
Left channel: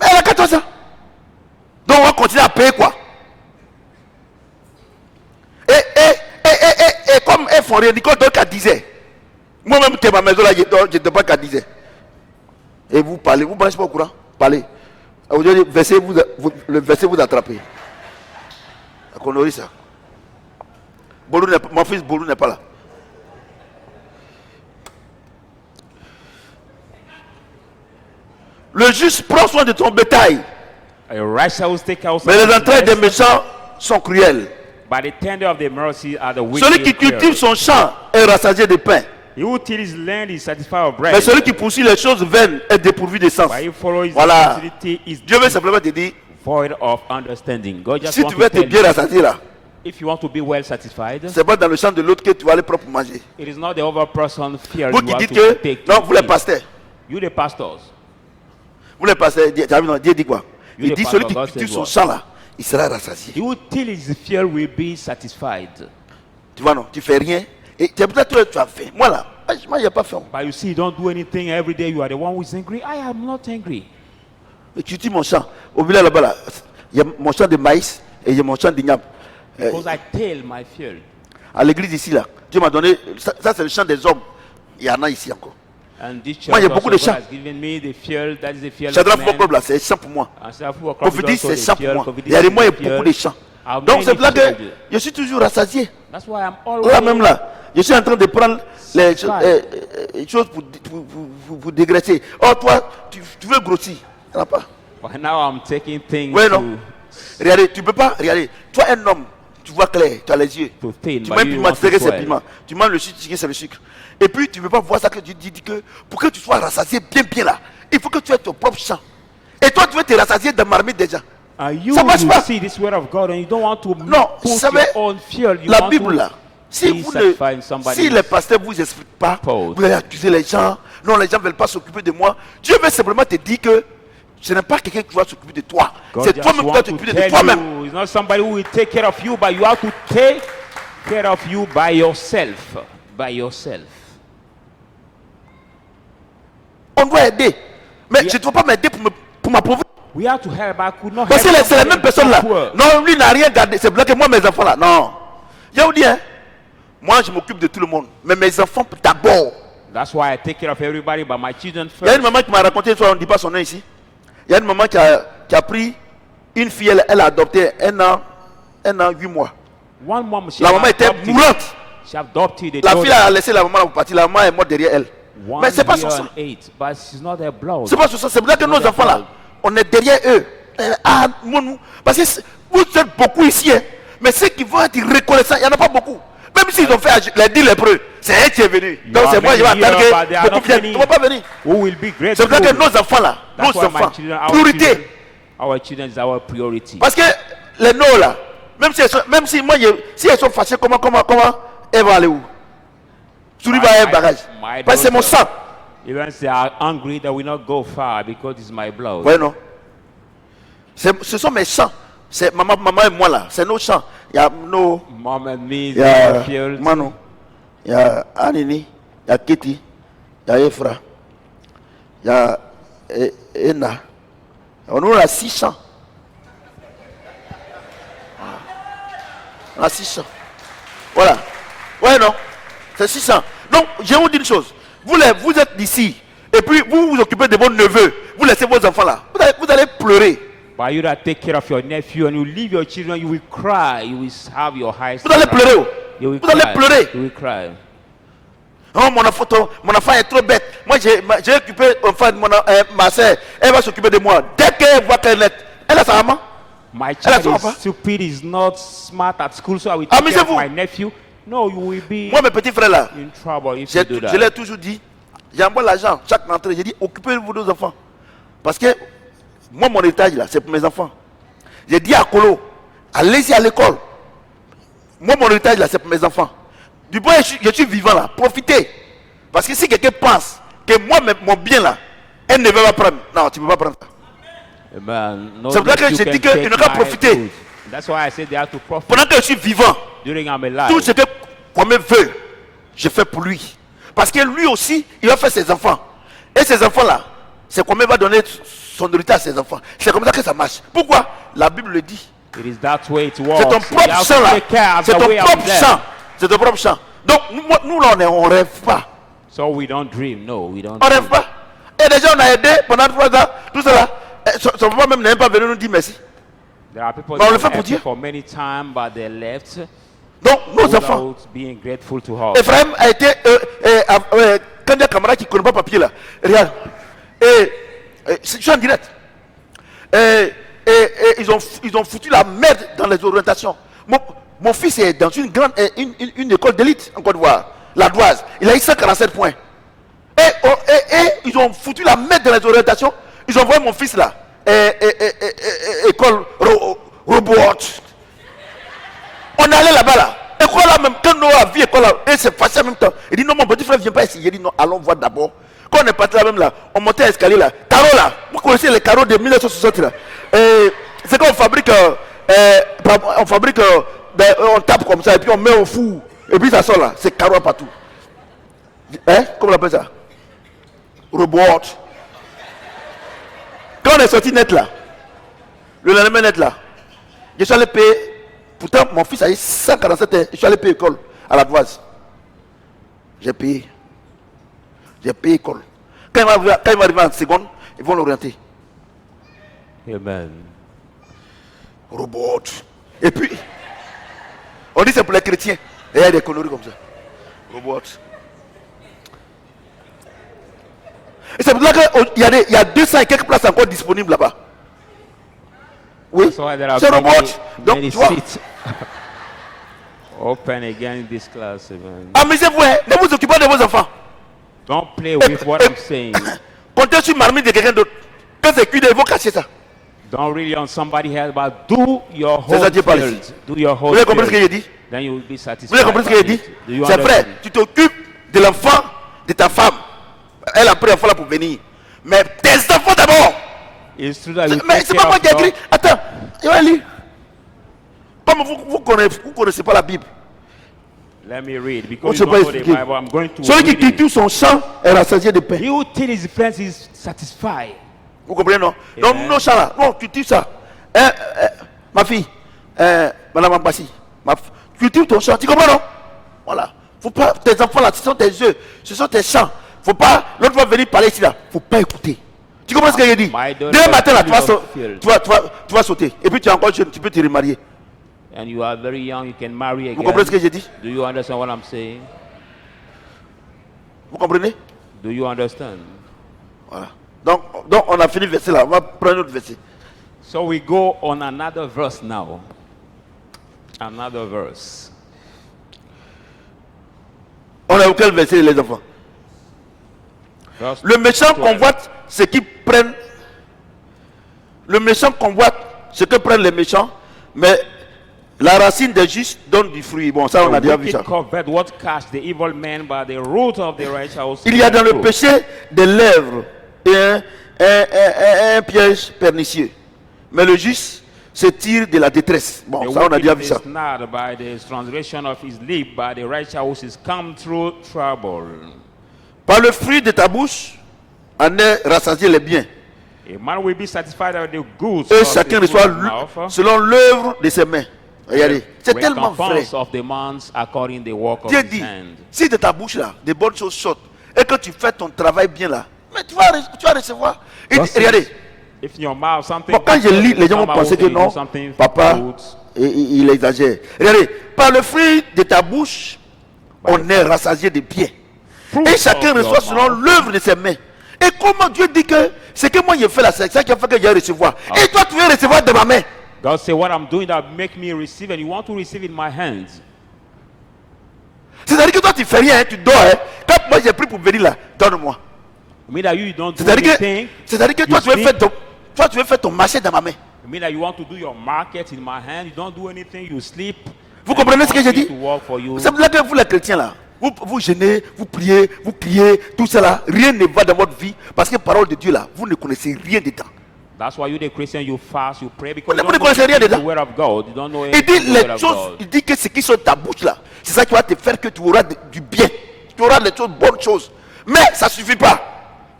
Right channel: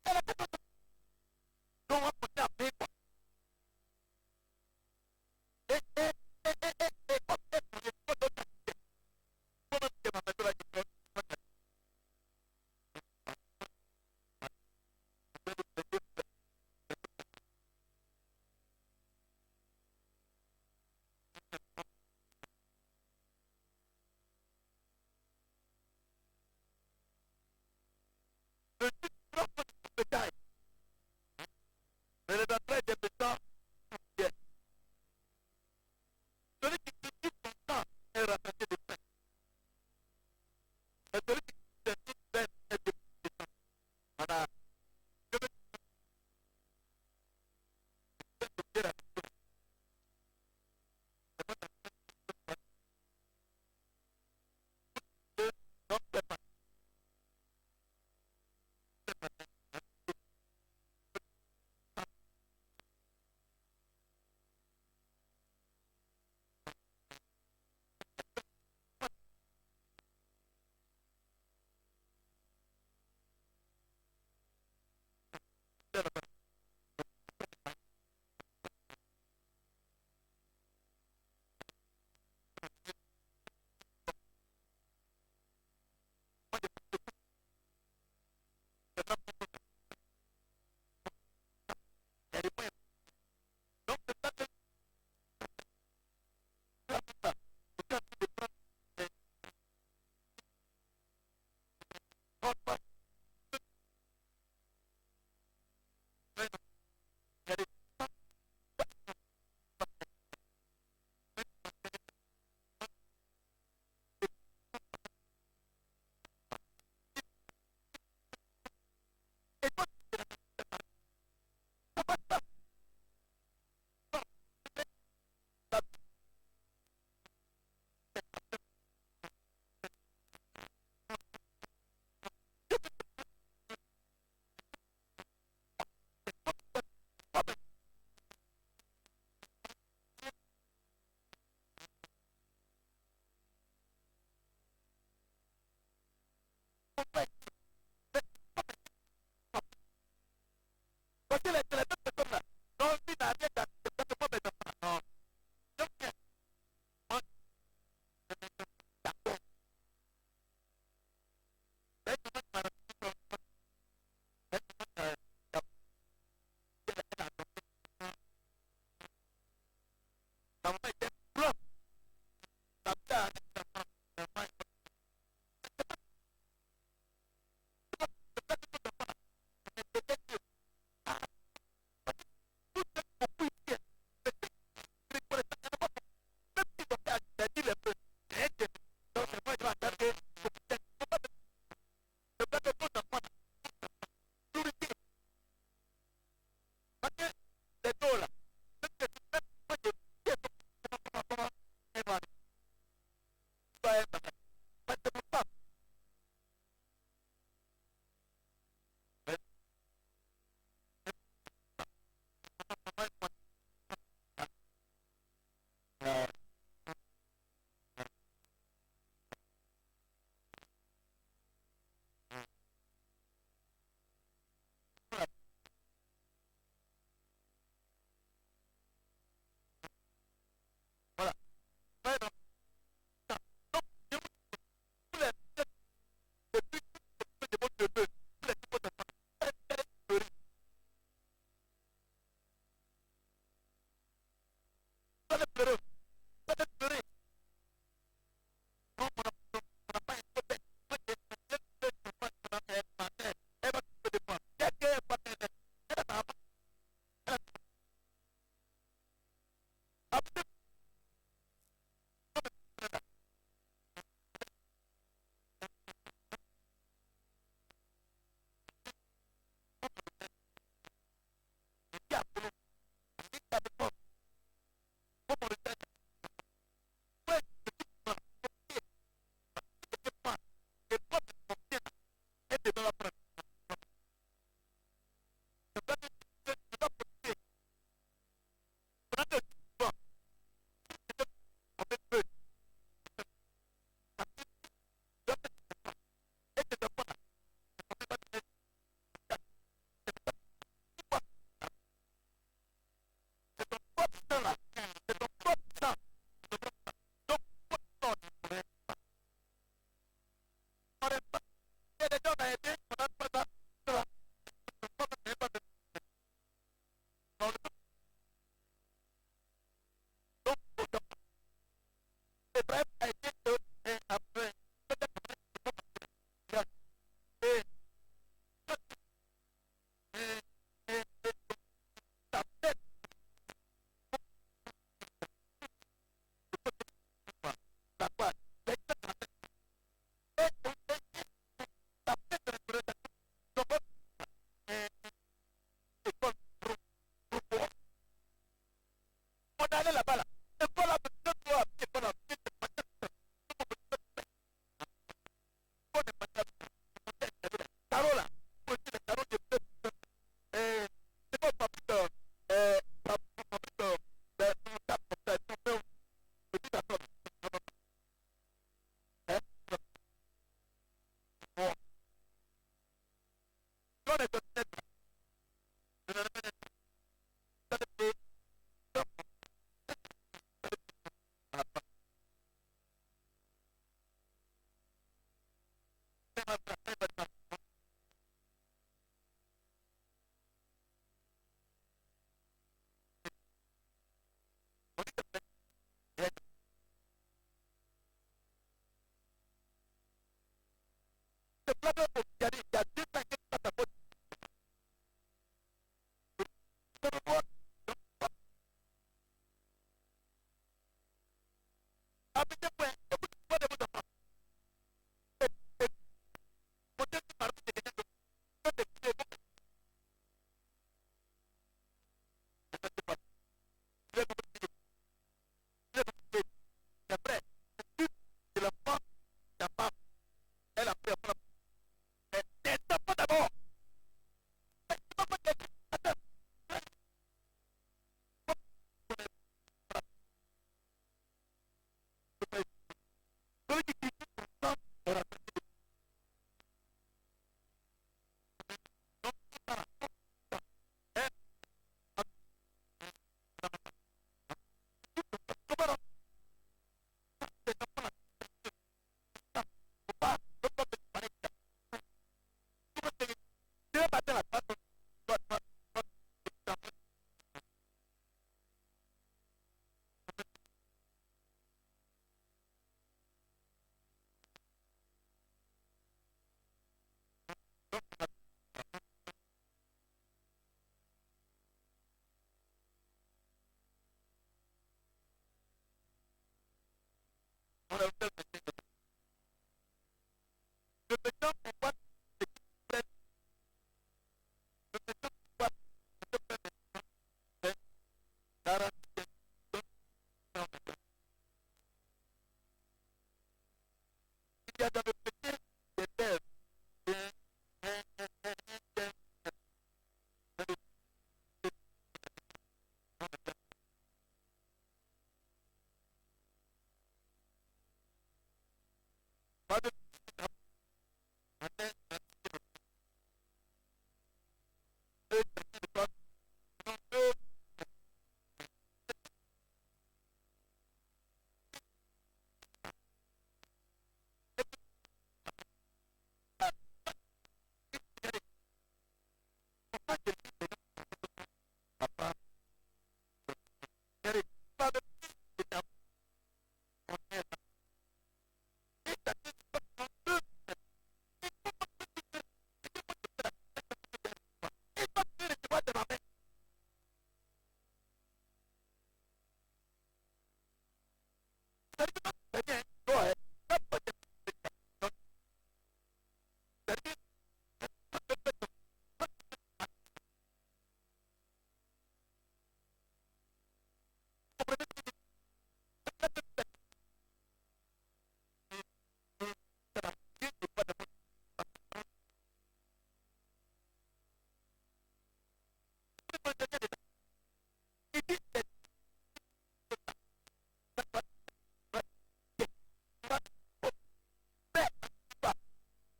Mais elle a 14 ans. Donc on va continuer à payer quoi? Et comme elles font rien, Nicole dort qu'à 10 heures. Moi-même, qui est ma maison là, je ne dors pas qu'à 10 heures. Et vous parlez, vous ne branchez pas au courant? Parlez. Aujourd'hui, le verset vous attrapez. On aurait ça. Mon fils Bolou n'est pas là. Le juste prend soin de ton bétail. A righteous take out Mais les entrailles des méchants sont cruelles. But the tender of the mercy are the wicked. Celui qui cultive son champ est rassasié de pain. He who tills his land is satisfied of bread. Mais celui qui poursuit les choses vaines est dépourvu de sens. But he follows his Voilà. facility is Dieu veut simplement te dire, void of understanding. God just si wants tu veux to être tell bien you, rassasié là, if you want to be well satisfied, c'est pas dans le champ de l'autre que tu vas aller propre manger. it is not the other person's fear Vous you qui have dites to que, take. non, to vous les eat. pasteurs, You the pastors. vous les pasteurs, Dieu dit quoi? You Il the dit pastor, celui qui God cultive says son what? champ là, il sera rassasié. He who till his fear will be satisfied. Tu vois non, tu fais rien et c'est peut-être que tu as faim. Moi là, moi j'ai pas faim. But you see, you don't do anything every day. You are the one who is angry. I am not angry. Et tu dis mon champ. Au village là-bas là, il y a mon champ de maïs et il y a mon champ d'igname. Because I tell my field. À l'église ici là, Dieu m'a donné, ça c'est le champ des hommes. Il y en a ici encore. And this church Moi, il y a beaucoup de also, God champs. has given me the field. That is the field Shadrach of man. Fokob là, c'est champ pour moi. And Safu Okrop is Prophétie, also c'est the champ pour field. moi. Prophétie Il y a des is mois et the beaucoup field. de champs. How Donc many c'est là que fields? je suis toujours rassasié. That's why I'm Là même always là, je suis en train de prendre les choses pour dégraisser. Oh toi, tu veux grossir. Il n'y en a pas. But now I'm taking things Ouais, non. Regardez, tu ne peux pas, regardez. Toi un homme, tu vois clair, tu as les yeux. to thin. Tu But manges you piment, want tu sais que to c'est swell. piment. Tu manges le sucre, tu sais que c'est le sucre. Et puis tu ne peux pas voir ça que tu dis que pour que tu sois rassasié bien là, il faut que tu aies ton propre champ. Et toi tu veux te rassasier de marmite déjà. And you, Ça marche you pas. see this word of God and you don't want to Non, put vous savez, your own field. You la want Bible to là, si, be vous satisfied in ne, somebody si les pasteurs ne vous expliquent pas, Pause. vous allez accuser les gens. Non, les gens ne veulent pas s'occuper de moi. Dieu veut simplement te dire que ce n'est pas quelqu'un qui va s'occuper de toi. God C'est just toi-même qui dois want to t'occuper de tell toi-même. you, it's not somebody who will take care of you, but you have to take care of you by yourself. By yourself. On doit aider. Mais Yeah. je ne dois pas m'aider pour m'approuver. We have to help, but I could not Parce que help c'est la somebody même personne là. poor. Non, lui n'a rien gardé. C'est bloqué moi, mes enfants là. Non. Je vous dis, hein, moi je m'occupe de tout le monde. Mais mes enfants d'abord. That's why I take care of everybody, but my children Il y a first. une maman qui m'a raconté une fois, on ne dit pas son nom ici. Il y a une maman qui a pris une fille, elle a adopté un an, 8 mois. One mom, she La maman était adopted- mourante. She adopted a La daughter. fille a laissé la maman là pour partir. La maman est morte derrière elle. One Mais c'est pas year sur ça. and 8, but she's not their blood. C'est pas sur ça. C'est pour ça que nos enfants là, on est derrière eux. Ah, nous, parce que vous êtes beaucoup ici. Hein. Mais ceux qui vont être reconnaissants, il n'y en a pas beaucoup. Même s'ils ont fait les 10 lépreux, c'est elle qui est venu. You Donc are c'est moi, je vais many here, attendre but they que are beaucoup not viennent. many. Ils ne vont pas venir. Who will be C'est pour ça grateful? que nos enfants là, That's nos why my enfants, children, priorité. our children is our priority. Parce que les nos là, même si moi, si elles sont fâchées, comment elles vont aller où? Souris va un bagage. Parce que c'est mon sang. Even if they are angry, they will not go far because it's my blood. Ouais, non. Ce sont mes champs. C'est maman et moi là. C'est nos champs. Il y a nos. Mom and me, Il y a our field. Manu. Il y a Anini. Il y a Kitty. Il y a Efra. Il y a Ena. On a 6 champs. On a 6 champs. Voilà. Ouais, non. C'est 600. Donc, je vous dis une chose. Vous êtes d'ici. Et puis, vous vous occupez de vos neveux. Vous laissez vos enfants là. Vous allez pleurer. But you that take care of your nephew and you leave your children, you will cry. You will have your eyes. Vous allez pleurer. Oh. You will Vous allez cry. pleurer. You will cry. Oh, mon enfant est trop bête. Moi, j'ai occupé ma soeur. Elle va s'occuper de moi. Dès qu'elle voit qu'elle est, elle a sa maman. My Elle a child son is enfant. stupid, is not smart at school, so I will take care of Amusez-vous. my nephew. No, you will be Moi, mes petits frères là, in trouble if je you do that. l'ai toujours dit. J'envoie l'argent chaque rentrée. J'ai dit, occupez-vous de vos enfants. Parce que moi, mon héritage là, c'est pour mes enfants. J'ai dit à Kolo, allez-y à l'école. Moi, mon héritage là, c'est pour mes enfants. Du point où je suis vivant là, profitez. Parce que si quelqu'un pense que moi, mon bien là, Un neveu va prendre. Non, tu ne peux pas prendre ça. Amen. No, C'est pour ça que you je can dis qu'il take n'a qu'à my profiter. food. That's why I said they have to profit Pendant que je suis vivant, during I'm alive. tout ce que Kwame veut, je fais pour lui. Parce que lui aussi, il va faire ses enfants. Et ces enfants-là, c'est Kwame va donner son héritage à ses enfants. C'est comme ça que ça marche. Pourquoi? La Bible le dit. It is that way it C'est works. ton You propre have champ to là. take care of C'est the ton way of propre them. champ. C'est ton propre champ. Donc nous là, on rêve pas. So we don't dream. No, we don't On dream. rêve pas. Et déjà on a aidé pendant 3 ans. Tout cela. Son papa même n'est pas venu nous dire merci. There are people Mais on that le fait have pour helped Dieu. for many times, but they left Donc nos enfants. without being grateful to us. Ephraim a été quand il y a un camarade qui ne connaît pas papier là. Regarde. Je suis en direct. Ils ont foutu la merde dans les orientations. Mon fils est dans une école d'élite en Côte d'Ivoire, la Doise. Il a eu 147 points. Et ils ont foutu la merde dans les orientations. Ils ont envoyé mon fils là. École robot. On est allé là-bas là. École là même, quand Noah a vu école là, et c'est facile en même temps. Il dit non, mon petit frère vient pas ici. Il dit non, allons voir d'abord. Quand on est parti là même là, on montait à l'escalier là. Carreaux là, vous connaissez les carreaux de 1960 là. C'est quand on fabrique, on tape comme ça et puis on met au four. Et puis ça sort là, c'est carreaux partout. Hein? Comment on appelle ça? Robot. Quand on est sorti net là, le lendemain net là, je suis allé payer. Pourtant, mon fils a eu 147 ans. Je suis allé payer école à la Doise. J'ai payé. J'ai payé école. Quand il va arriver en seconde, ils vont l'orienter. Amen. Robot. Et puis, on dit c'est pour les chrétiens. Et il y a des conneries comme ça. Robot. Et c'est pour ça qu'il y a 200 et quelques places encore disponibles là-bas. Oui, That's why there are c'est robot. Donc, many tu vois, seats open again in this class. Amen. amusez-vous, hein. Ne vous occupez pas de vos enfants. Don't play with what I'm saying. Comptez sur marmite de quelqu'un d'autre. Quand c'est cuit, il faut cacher ça. Don't really on somebody else, but do your C'est whole ça Dieu parle field. ici. Do your Vous whole avez compris ce que field. j'ai dit? Then you will be Vous satisfied. avez compris ce que by j'ai dit? it. Do you C'est vrai, understand? tu t'occupes de l'enfant de ta femme. Elle a pris l'enfant là pour venir. Mais tes enfants d'abord. It's true that you Mais take c'est care pas moi of qui ai your- écrit. Attends, je vais lire. Comme vous connaissez pas la Bible. Let me read On because ne you sait don't pas know the expliquer. Bible. I'm going to Celui qui read it. cultive son champ est rassasié de pain. He who tills his plants is satisfied. Vous comprenez, non? Donc, nos champs là, non, cultive ça. Ma fille, Madame Ambassi, cultive ton champ. Tu comprends, non? Voilà. Faut pas, tes enfants là, ce sont tes yeux, ce sont tes champs. Faut pas, l'autre va venir parler ici là. Faut pas écouter. Tu comprends ce que j'ai dit? My daughter Demain matin là, is full of fear. tu vas sauter. Et puis tu es encore jeune, tu peux te remarier. And you are very young, you can marry Vous comprenez ce que again. j'ai dit? Do you understand what I'm saying? Vous comprenez? Do you understand? Voilà. Donc on a fini le verset là. On va prendre un autre verset. So we go on another verse now. Another verse. On a auquel verset les enfants? Verse Le méchant 12. convoite ce qui prennent. Le méchant convoite ce que prennent les méchants, mais la racine des justes donne du fruit. Bon, ça on a The déjà vu wicked ça. covet what catch the evil man, but the root of the righteous. Il y a dans le fruit. péché des lèvres et un piège pernicieux. Mais le juste se tire de la détresse. Bon, The ça on a déjà vu wicked ça. is snared by the transgression of his lip, but the righteous is come through trouble. Par le fruit de ta bouche, en est rassasié les biens. A man will be satisfied with the goods Et of chacun his reçoit mouth. selon l'œuvre de ses mains. Regardez, c'est tellement vrai. Recompense of the man's according the work of Dieu his dit, hand. si de ta bouche là, des bonnes choses sortent, et que tu fais ton travail bien là, mais tu vas recevoir. Et Thus regardez, If in your mouth something bon, quand je good, lis, les gens vont come out, penser que you do non, something papa, good. il exagère. Regardez, par le fruit de ta bouche, on est rassasié de biens. Fruit Et chacun of your reçoit selon mouth. l'œuvre de ses mains. Et comment Dieu dit que c'est que moi j'ai fait là, c'est ça qui a fait que j'ai recevoir. Et toi tu veux recevoir de ma main. God say, what I'm doing that make me receive, and you want to receive in my hands. C'est-à-dire que toi tu fais rien, hein, tu dors. Hein. Quand moi j'ai pris pour venir là, donne-moi. I mean that you don't do C'est-à-dire anything. que You toi tu veux sleep. faire ton marché dans ma main. I mean that you want to do your market in my hand. You don't do anything. You sleep. Vous and comprenez you ce que want j'ai me dit? to work for you. C'est pour ça que vous les chrétiens là, vous gênez, vous priez, vous criez, tout cela, rien ne va dans votre vie parce que parole de Dieu là, vous ne connaissez rien dedans. That's why you, the Christian, you fast, you pray because Vous you ne don't know connaissez rien the dedans. word of God. You don't know Il anything dit of the word les of choses, God. il dit que ce qui sont ta bouche là, c'est ça qui va te faire que tu auras du bien, tu auras les choses, bonnes choses. Mais ça ne suffit pas.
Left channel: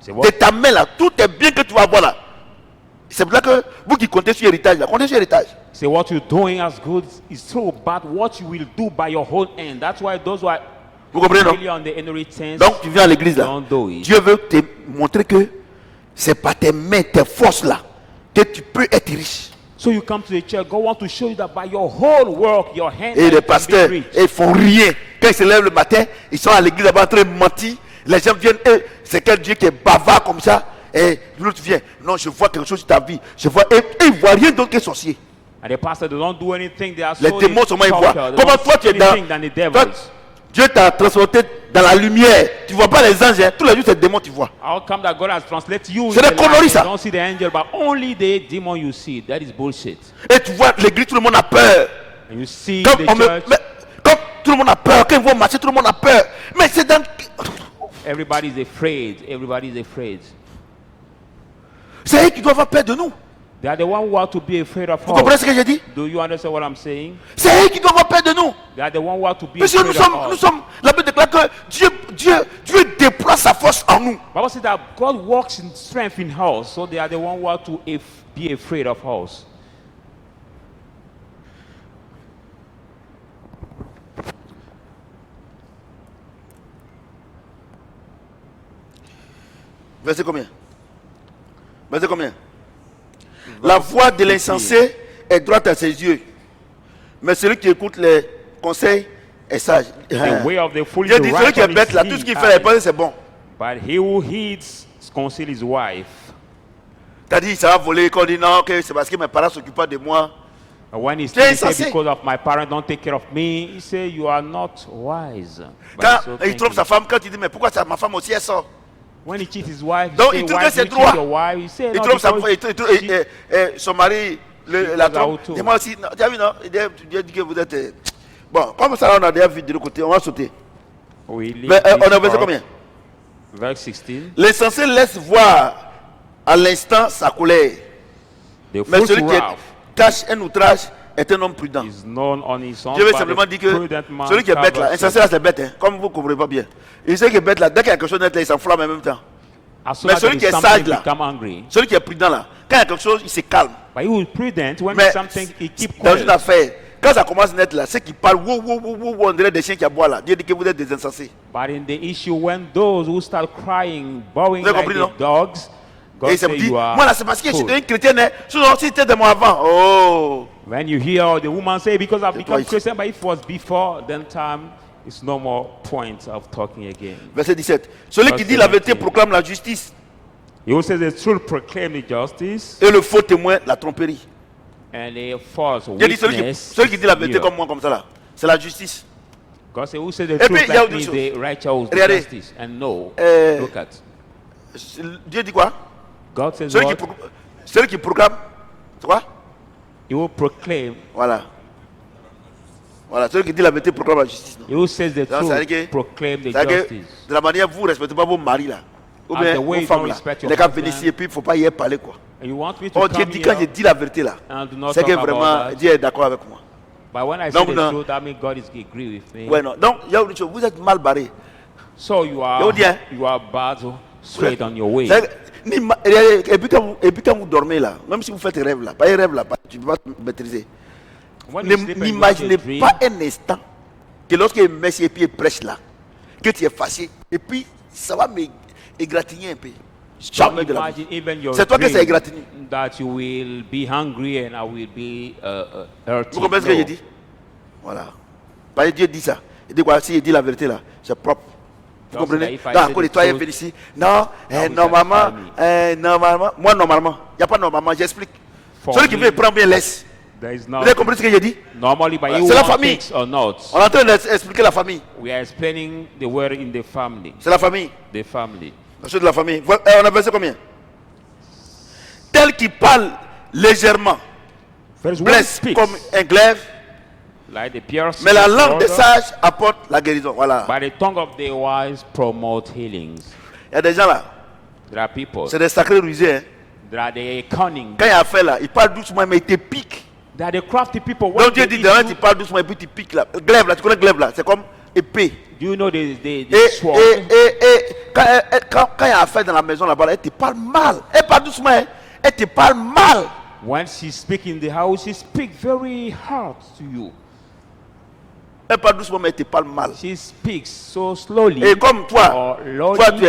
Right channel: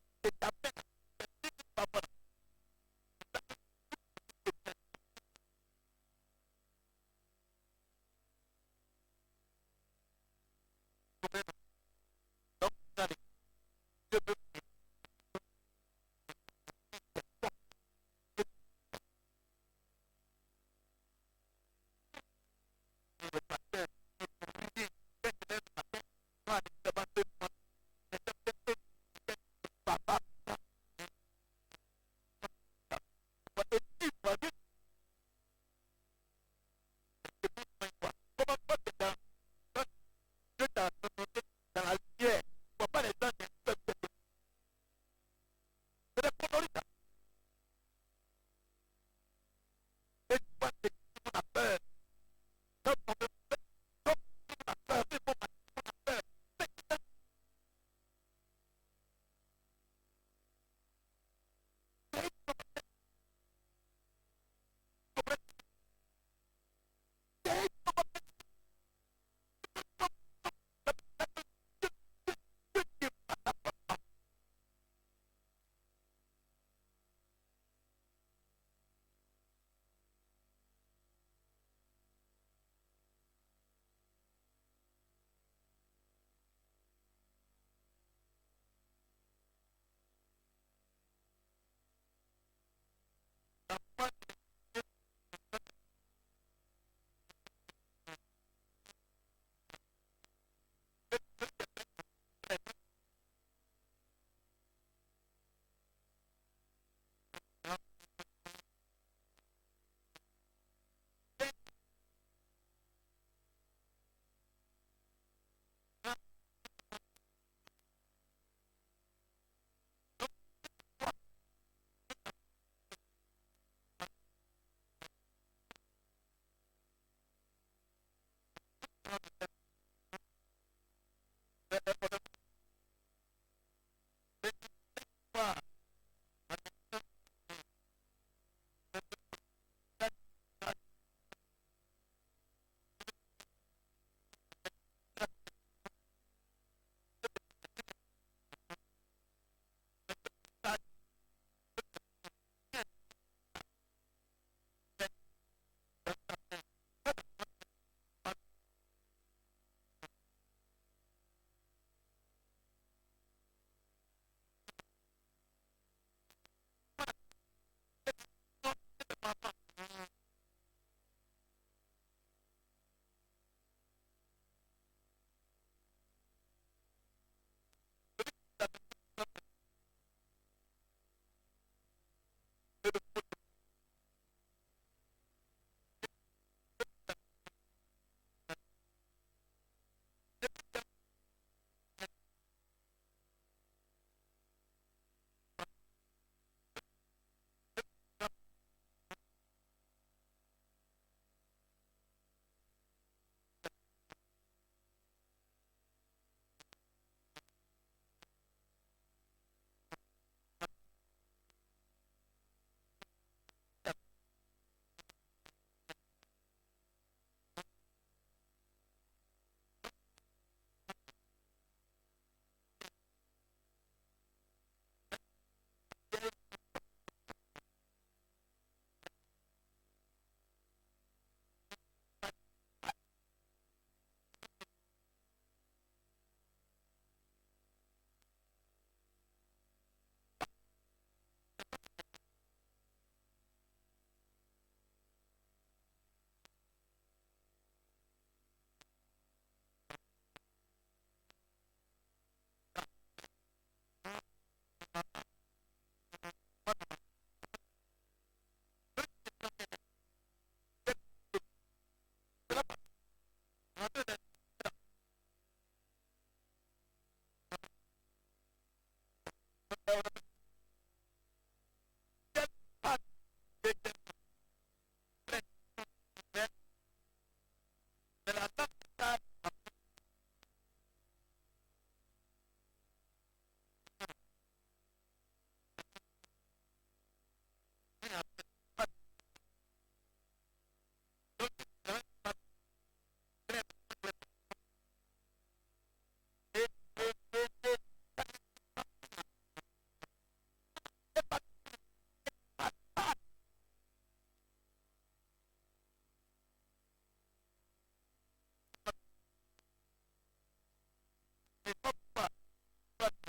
C'est what? De ta main là, tout est bien que tu vas avoir là. C'est pour ça que vous qui comptez sur l'héritage là, comptez sur l'héritage. Say what you're doing as good is true, but what you will do by your whole end. That's why those who are Vous comprenez non? really on the inheritance Donc tu viens à l'église là. don't do it. Dieu veut te montrer que c'est par tes mains, tes forces là, que tu peux être riche. So you come to the church, God wants to show you that by your whole work, your hands Et les can pasteurs, be rich. ils font rien. Quand ils se lèvent le matin, ils sont à l'église là-bas en train de mentir. Les gens viennent, c'est quel Dieu qui est bavard comme ça. Et l'autre vient, non, je vois quelque chose sur ta vie. Je vois, et ils ne voient rien d'autre que sorcier. And the pastor, they don't do anything. They are Les so démons seulement ils voient. cultured. They Comment don't toi tu es see dans. anything than the Toi, devils. Dieu t'a transporté dans la lumière. Tu ne vois pas les anges. Hein. Tous les jours, c'est des démons tu vois. How come that God has translated you? C'est in des the light conneries, and ça. You don't see the angel, but only the demon you see. That is bullshit. Et tu vois l'église, tout le monde a peur. And you see Comme, the church, comme tout le monde a peur, quand ils vont marcher, tout le monde a peur. Mais c'est dans. everybody is afraid. Everybody is afraid. C'est eux qui doivent avoir peur de nous. They are the one who are to be afraid of Vous comprenez us. ce que j'ai dit? Do you understand what I'm saying? C'est eux qui doivent avoir peur de nous. They are the one who are to be Parce que afraid of nous us. sommes, la Bible déclare que Dieu déploie sa force en nous. Bible says that God works in strength in us, so they are the one who are to be afraid of us. Verset combien? Verset combien? La voix de l'insensé est droite à ses yeux, mais celui qui écoute les conseils est sage. The way of the foolish Dieu dit, celui qui est right bête là, on tout his ce qu'il eyes. fait, il pense que c'est bon. But he who heeds counsel his wife. T'as dit, ça va voler, quand on dit non, que c'est parce que mes parents ne s'occupent pas de moi. And when he's Tu es saying, insensé. because of my parents don't take care of me, he say you are not wise. But Quand so il thank trompe you. sa femme, quand il dit, mais pourquoi ça, ma femme aussi elle sort? When he cheats his wife, he Donc, say, il trouve why que do c'est you cheat droit. your wife? He say, Il no, trompe sa because femme, son mari la goes trompe. out too. Et moi aussi, non, tu as vu, non? Dieu dit que vous êtes. Bon, comme ça, on a déjà vu de l'autre côté, on va sauter. we leave Mais this on a versé part. combien? Verse 16. L'insensé laisse voir à l'instant sa colère. The Mais fool's celui qui wrath cache un outrage est un homme prudent. is known on his own. Je vais but simplement the dire que prudent man celui qui est bête là, covers insensé là c'est bête, hein, comme vous ne comprenez pas bien. Et celui qui est bête là, dès qu'il y a quelque chose net là, il s'enflamme en même temps. As soon Mais as celui there qui is est something, sage he là, become angry. celui qui est prudent là, quand il y a quelque chose, il se calme. But he who is prudent, when Mais something, he keep dans une quiet. affaire, quand ça commence net là, ceux qui parlent, on dirait des chiens qui aboient là. Dieu dit que vous êtes des insensés. But in the issue, when those who start crying, bowing Vous avez like compris, the non? dogs, God Et ça say me dit, you are moi là c'est parce que je suis fool. devenu chrétien, hein. Sinon si c'était de moi avant, oh. When you hear the woman say, because I've become twice. Christian, but if it was before, then time is no more point of talking again. Verset 17. Celui qui Verset dit la vérité 17. proclame la justice He who says the truth proclaim the justice, et le faux témoin la tromperie. and the false Dieu dit witness. celui qui dit la vérité is comme moi comme ça là, c'est la justice. God said, who says the Et puis, truth il y a like autre me, chose. the righteous, the Regardez. justice. And no, Euh, look at. Dieu dit quoi? God says Celui what? qui proclame, c'est quoi? He will proclaim. Voilà. Voilà, celui qui dit la vérité proclame la justice. Non? He who says the Donc, ça veut truth dire que- proclaim the C'est-à-dire que justice. de la manière vous ne respectez pas vos maris là, ou As bien the way vos you femmes don't là, respect your les gars husband. viennent ici et puis il ne faut pas y parler quoi. And you want me to Oh Dieu come dit quand here je dis la vérité là, and do not c'est que talk vraiment about that? Dieu est d'accord avec moi. But when I Donc, say the non. truth, that means God is agree with me. Ouais non. Donc il y a une chose, vous êtes mal barré. So you are Yo, dear. bad, straight on your way. Et puis quand vous dormez là, même si vous faites rêve là, pas un rêve là, tu ne peux pas maîtriser. When you sleep and you have a N'imaginez dream, pas un instant que lorsque le Messie et puis il prêche là, que tu es fâché, et puis ça va m'égratigner un peu. don't Jamais de la vie. imagine even your C'est toi que ça dream égratigne. that you will be hungry and I will be hurting. Vous comprenez ce que No. j'ai dit? Voilà. Parce que Dieu dit ça. Il dit quoi? Si il dit la vérité là, c'est propre. Vous Donc, comprenez? if I Donc, say encore the les toi, truth, viennent ici. Non, will normalement, satisfy moi normalement, il n'y a pas normalement, j'explique. For Celui qui me, veut prendre bien laisse. There is Vous no avez compris ce que j'ai dit? normally by Voilà, you c'est la want famille. things or not. On est en train d'expliquer la famille. We are explaining the word in the family. C'est la famille. The family. La chose de la famille. On a versé combien? Tel qui parle légèrement, First one blesse speaks comme un glaive, Like the pure Mais la seed langue des water, sages apporte la guérison. Voilà. but the tongue of the wise promote healings. Il y a des gens là, There are people. c'est des sacrés rusés. Hein. There are the cunning. Quand il y a affaire là, il parle doucement, mais il te pique. There are the crafty people. When Donc Dieu they dit, eat demain you- tu parles doucement et puis tu piques là. Glaive là, tu connais glaive là, c'est comme épée. do you know the Et sword? quand il y a affaire dans la maison là-bas, elle te parle mal. Elle parle doucement, hein. Elle te parle mal. When she speaks in the house, she speaks very hard to you. Elle parle doucement, mais elle te parle mal. She speaks so slowly. Et comme toi, or loudly. toi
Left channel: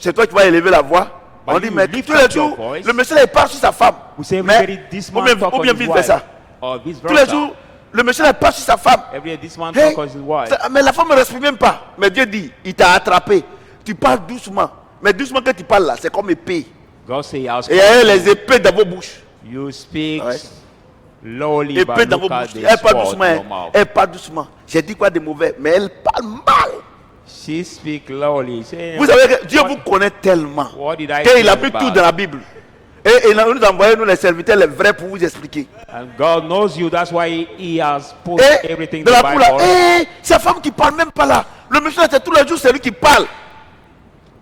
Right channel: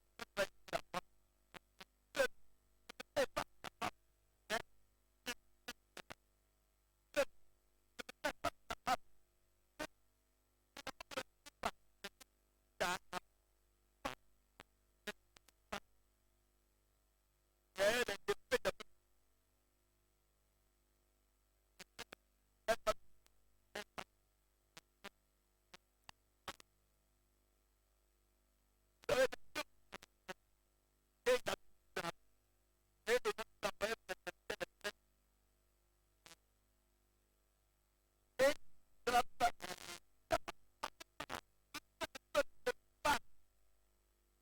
c'est toi qui vas élever la voix. But On dit, you mais lift tous les up your jours, voice. le monsieur là, il parle sur sa femme. We say Mais, everybody, this man talk ou on bien his vice wife. versa. Or vice Tous les versa. jours, le monsieur là, il parle sur sa femme. Every day this man Hey, talk on his wife. mais la femme ne respire même pas. Mais Dieu dit, il t'a attrapé. Tu parles doucement. Mais doucement que tu parles là, c'est comme épée. God say, I'll Et il y a les épées dans vos bouches. You speak Ouais. lowly, Épée but dans vos look at bouches. the Elle parle sword doucement. in Hein. your mouth. Elle parle doucement. J'ai dit quoi de mauvais, mais elle parle mal. She speak lowly. Say, Vous savez que Dieu vous connaît tellement. what did I Qu'il a say mis tout about? dans la Bible. Et il nous a envoyé, nous les serviteurs, les vrais, pour vous expliquer. And God knows you. That's why He has put Et everything in dans the la cour là, Bible. c'est la femme qui parle même pas là. Le monsieur là, c'est tous les jours, c'est lui qui parle.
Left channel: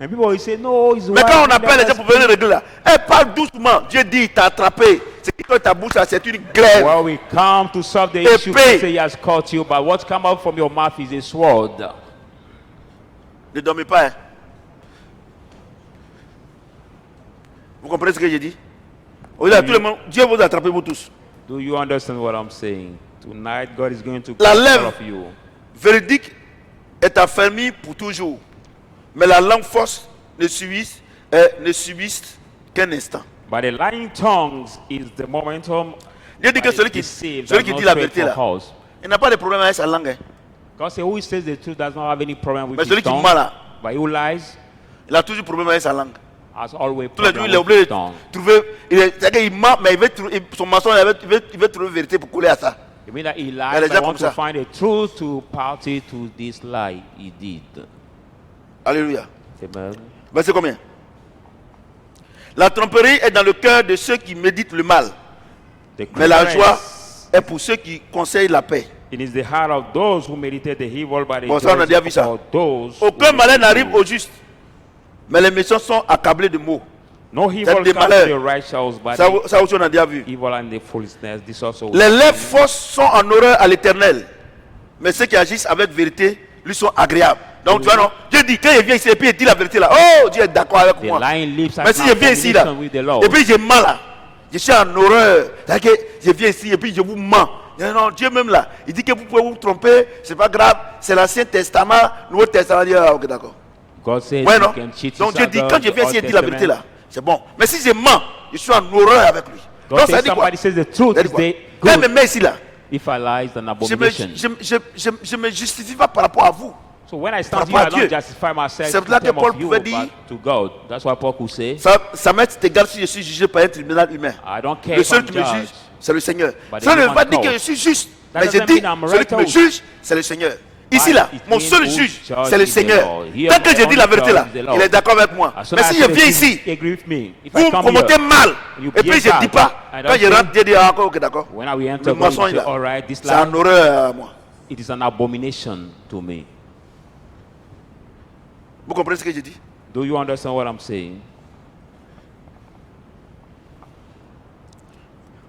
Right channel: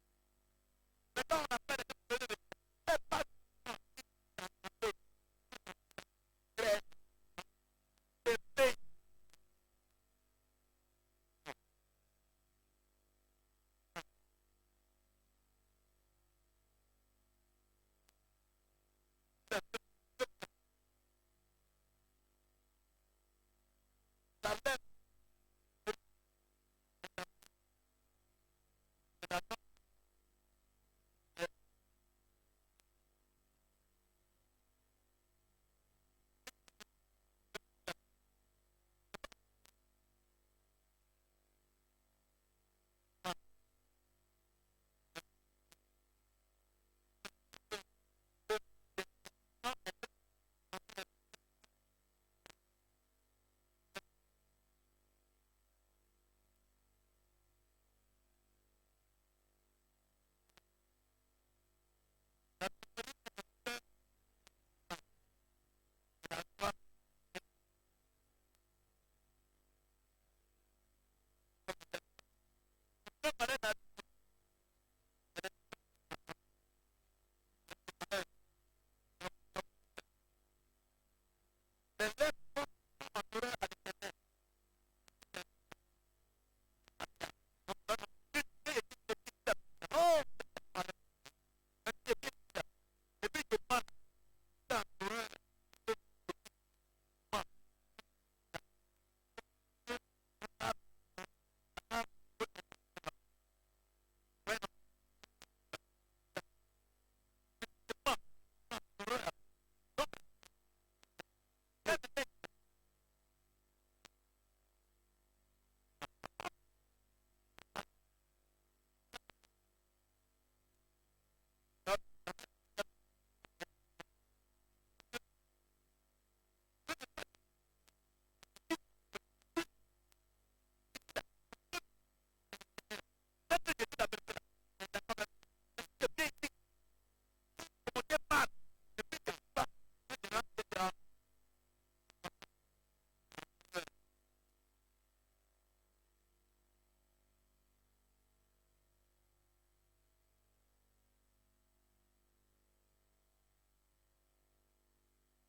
And people will say, no, it's Mais quand on appelle les gens wife. pour venir régler là, elle parle doucement. Dieu dit, il t'a attrapé. C'est que ta bouche là, c'est une glaive. Well, we come to solve the Épée. issue. God say He has caught you, but what come out from your mouth is a sword. Ne dormez pas. Hein. Vous comprenez ce que j'ai dit? Au-delà, tout le monde, Dieu vous attrape vous tous. Do you understand what I'm saying? Tonight, God is going to La catch all lèvre of you. véridique est affermie pour toujours. Mais la langue fausse ne subsiste qu'un instant. But the lying tongues is the momentum. Dieu dit que celui qui dit la vérité là, il n'a pas de problème avec sa langue. Hein. God says, who says the truth does not have any problem with Mais his celui qui tongue. ment là, But who lies il a toujours problème avec sa langue. has always Tous les jours, problem il est with obligé his de tongue. trouver. C'est-à-dire qu'il ment, mais son mensonge, il veut trouver vérité pour coller à ça. You mean that he les lies, gens but comme want to ça. find the truth to party to this lie he did. Alléluia. Amen. Verset combien? La tromperie est dans le cœur de ceux qui méditent le mal, The mais la clearness joie est pour ceux qui conseillent la paix. it is the heart of those who meditate the evil, but the Bon, ça, on a joy déjà vu ça. for those Aucun who malheur meditate n'arrive good. au juste, mais les méchants sont accablés de maux. No evil C'est comes des to malheurs. the righteous, but Ça, the ça aussi, on a déjà vu. evil and the foolishness. This also. Les lèvres fausses sont en horreur à l'éternel, mais ceux qui agissent avec vérité lui sont agréables. Donc, tu vois, non? Dieu dit, quand il vient ici et puis il dit la vérité là, oh, Dieu est d'accord avec The moi. lying lips are Mais si je viens ici là, abomination with the Lord. et puis j'ai mal là, je suis en horreur, c'est-à-dire que je viens ici et puis je vous mens. Non, non, Dieu même là, il dit que vous pouvez vous tromper, c'est pas grave, c'est l'Ancien Testament, Nouveau Testament, il dit, ah, ok, d'accord. God says Ouais, you non? can cheat Donc his Dieu dit, other, quand je the viens ici et Old dire la vérité Testament. là, c'est bon. Mais si je mens, je suis en horreur avec lui. God Donc ça says dit quoi? somebody says the truth Ça is dit quoi? the Quand il me good. met ici là, If I lie, it's an je abomination. ne me justifie pas par rapport à vous. So when I stand Par here, I rapport à don't Dieu. justify myself C'est in là que terms Paul of you, pouvait dire- but to God. That's why Paul could say, Ça m'est égal si je suis jugé par un tribunal humain. I don't care Le if seul I'm qui me juge, judged. c'est le Seigneur. But the Ça ne veut human pas dire que cause. je suis juste. That Mais je doesn't dis, mean I'm celui qui me righteous. juge, c'est le Seigneur. Ici But là, it mon means seul who juge, judge c'est le is the Seigneur. Lord. Here Tant que the je dis la only vérité là, judge is the Lord. il est d'accord avec moi. As soon Mais as si I je say viens the ici, truth, he agree with me. If vous I me come promotez here, mal, you et puis behave je ne dis bad, pas, I quand don't je say- rentre, Dieu dit, ah, ok, d'accord. when we enter, Le God will mensonge say, là, all right, this c'est en lie, horreur à moi. it is an abomination to me. Vous comprenez ce que je dis? Do you understand what I'm saying?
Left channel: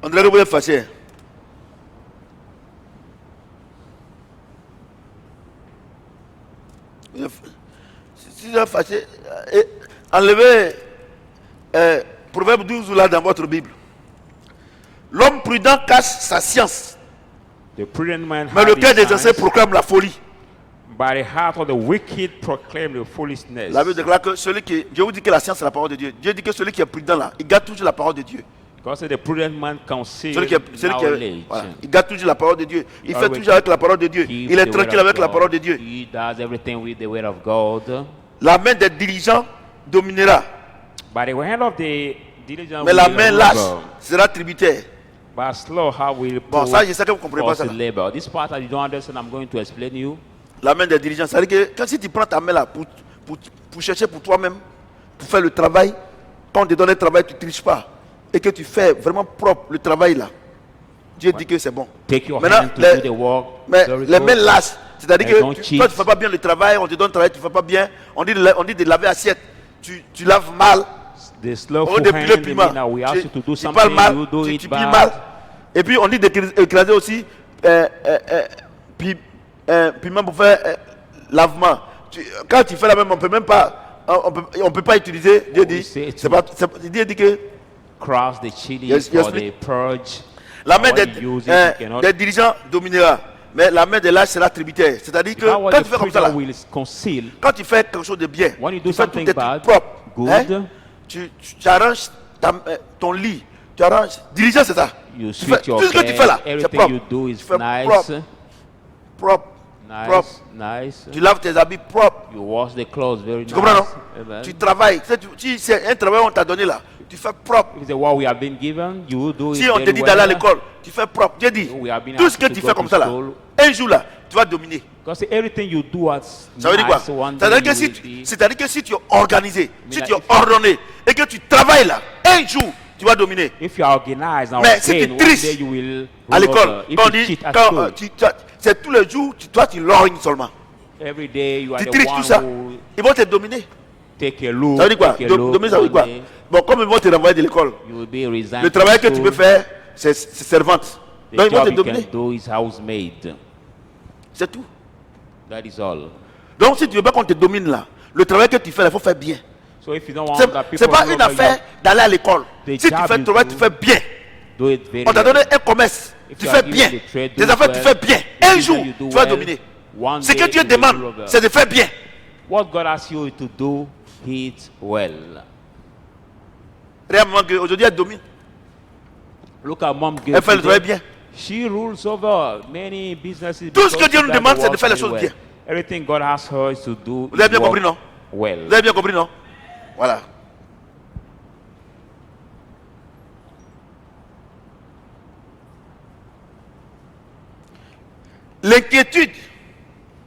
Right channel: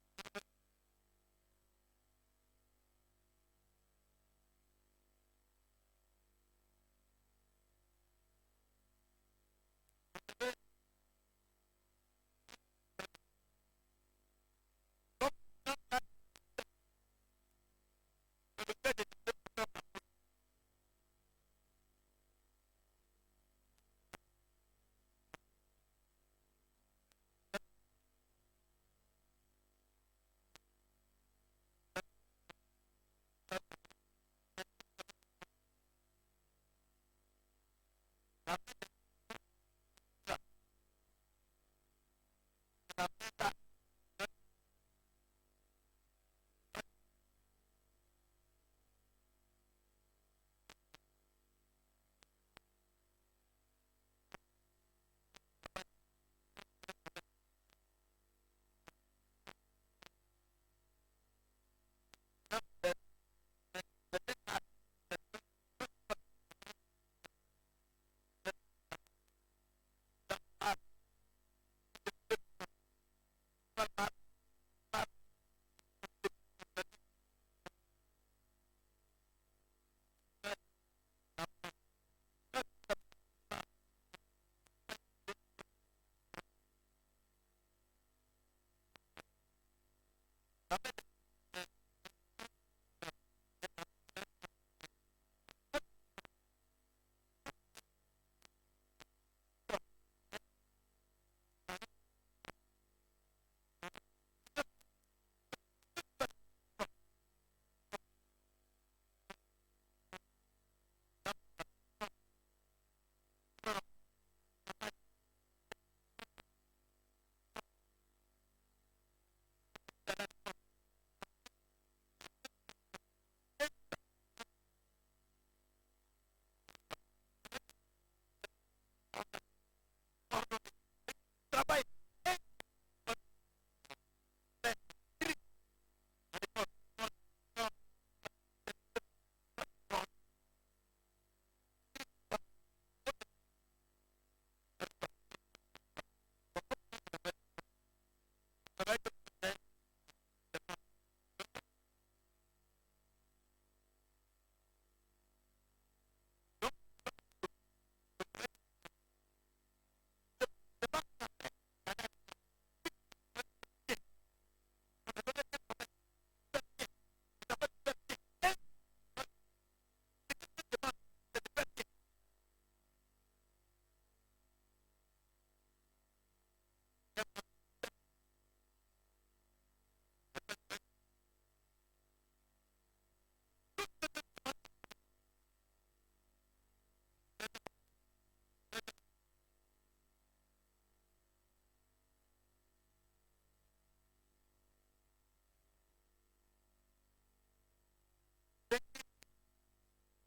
On dirait que vous êtes fâché. Si vous êtes fâché, enlevez Proverbe 12 là dans votre Bible. L'homme prudent cache sa science, The prudent man mais le hide cœur his des anciens science, proclame la folie. but the heart of the wicked proclaim the foolishness. La Bible déclare que celui qui, Dieu vous dit que la science c'est la parole de Dieu. Dieu dit que celui qui est prudent là, il garde toujours la parole de Dieu. God said the prudent man conceals Celui qui est, knowledge. voilà, il garde toujours la parole de Dieu. Il fait Always toujours avec la parole de Dieu. Keep Il est the tranquille word of avec la God. parole de Dieu. He does everything with the word of God. La main des diligents dominera, By the hand of the diligent mais la will main labor, lâche sera tributaire. but slow how will Bon, ça, je sais que vous ne comprenez pas ça. force labor. This part that you don't understand, I'm going to explain you. La main des dirigeants, c'est-à-dire que quand si tu prends ta main là pour chercher pour toi-même, pour faire le travail, quand on te donne le travail, tu ne triches pas. Et que tu fais vraiment propre le travail là. Dieu dit que c'est bon. Take your Maintenant, hand to do the work. mais Very les mains good. lâches, c'est-à-dire Elles don't que cheat. toi tu ne fais pas bien le travail, on te donne le travail, tu ne fais pas bien, on dit de laver assiette, tu laves mal, The on slothful dit de hand, piler they piment, mean that we ask you to do tu parles something, mal, you do tu it piles bad. mal, et puis on dit d'écraser aussi piment pour faire lavement. Quand tu fais la même, on peut même pas, on peut pas utiliser, Dieu dit, Dieu dit que Cross the chili Yes, for yes, the purge. la main When you use it, you cannot- des dirigeants dominera, mais la main des lâches sera tributaire. C'est-à-dire que How quand the tu fais comme ça, là, preacher will conceal. quand tu fais quelque chose de bien, When you do tu fais tous something tes trucs bad, propres, good, hein, tu arranges ton lit, tu arranges. Dirigeant, c'est ça. you Tu fais, sweep your tout ce que tu fais là, bed, c'est everything propre. you do is Tu fais nice, propre, propre. nice. Tu laves tes habits propres. You wash the clothes very Tu nice. comprends, non? Amen. Tu travailles. Si c'est un travail qu'on t'a donné là, tu fais propre. If it's what we have been given, you do it Si on te very dit d'aller à well. l'école, tu fais propre. Dieu dit, We have been tout ce asked que to tu go fais to comme ça là, school. un jour là, tu vas dominer. Because everything you do as Ça veut dire quoi? nice, one C'est-à-dire day que you will be- c'est-à-dire que si tu es organisé, si Mais tu là, es ordonné et que tu travailles là, un jour, tu vas dominer. If you are organized and Mais si ordained, tu one triches day you will à rule l'école, over. If quand on you dit, cheat at quand, school, c'est tous les jours, toi tu lorgnes seulement. every day you are Tu the triches tout ça, one who ils vont te dominer. take a look, Ça veut dire quoi? take a look, Dominer, ça veut dire quoi? one day Bon, comme ils vont te renvoyer de l'école, you will be resigned le travail que from tu peux school. faire, c'est servante. The Donc ils vont te job you can dominer. do is housemaid. C'est tout. That is all. Donc si tu veux pas qu'on te domine là, le travail que tu fais là, il faut faire bien. So if you don't want C'est that people c'est pas to une know affaire d'aller à l'école. The Si tu job fais le you travail, do, tu fais bien. do it very On t'a well. donné un commerce, If tu you fais are given bien. the trade, Tes do affaires, it tu well. fais bien. The Un business jour, you do tu vas well, dominer. one Ce que day Dieu you will demande, rule over. c'est de faire bien. What God asks you to do, it well. Regarde maman, aujourd'hui elle domine. Look at mom. Elle fait le travail bien. She rules over many businesses. Tout ce because que Dieu she nous does demande, the c'est de work faire les very choses well. bien. Everything God asks her is to do Vous avez bien is work compris, non? well. Vous avez bien compris, non? Voilà. L'inquiétude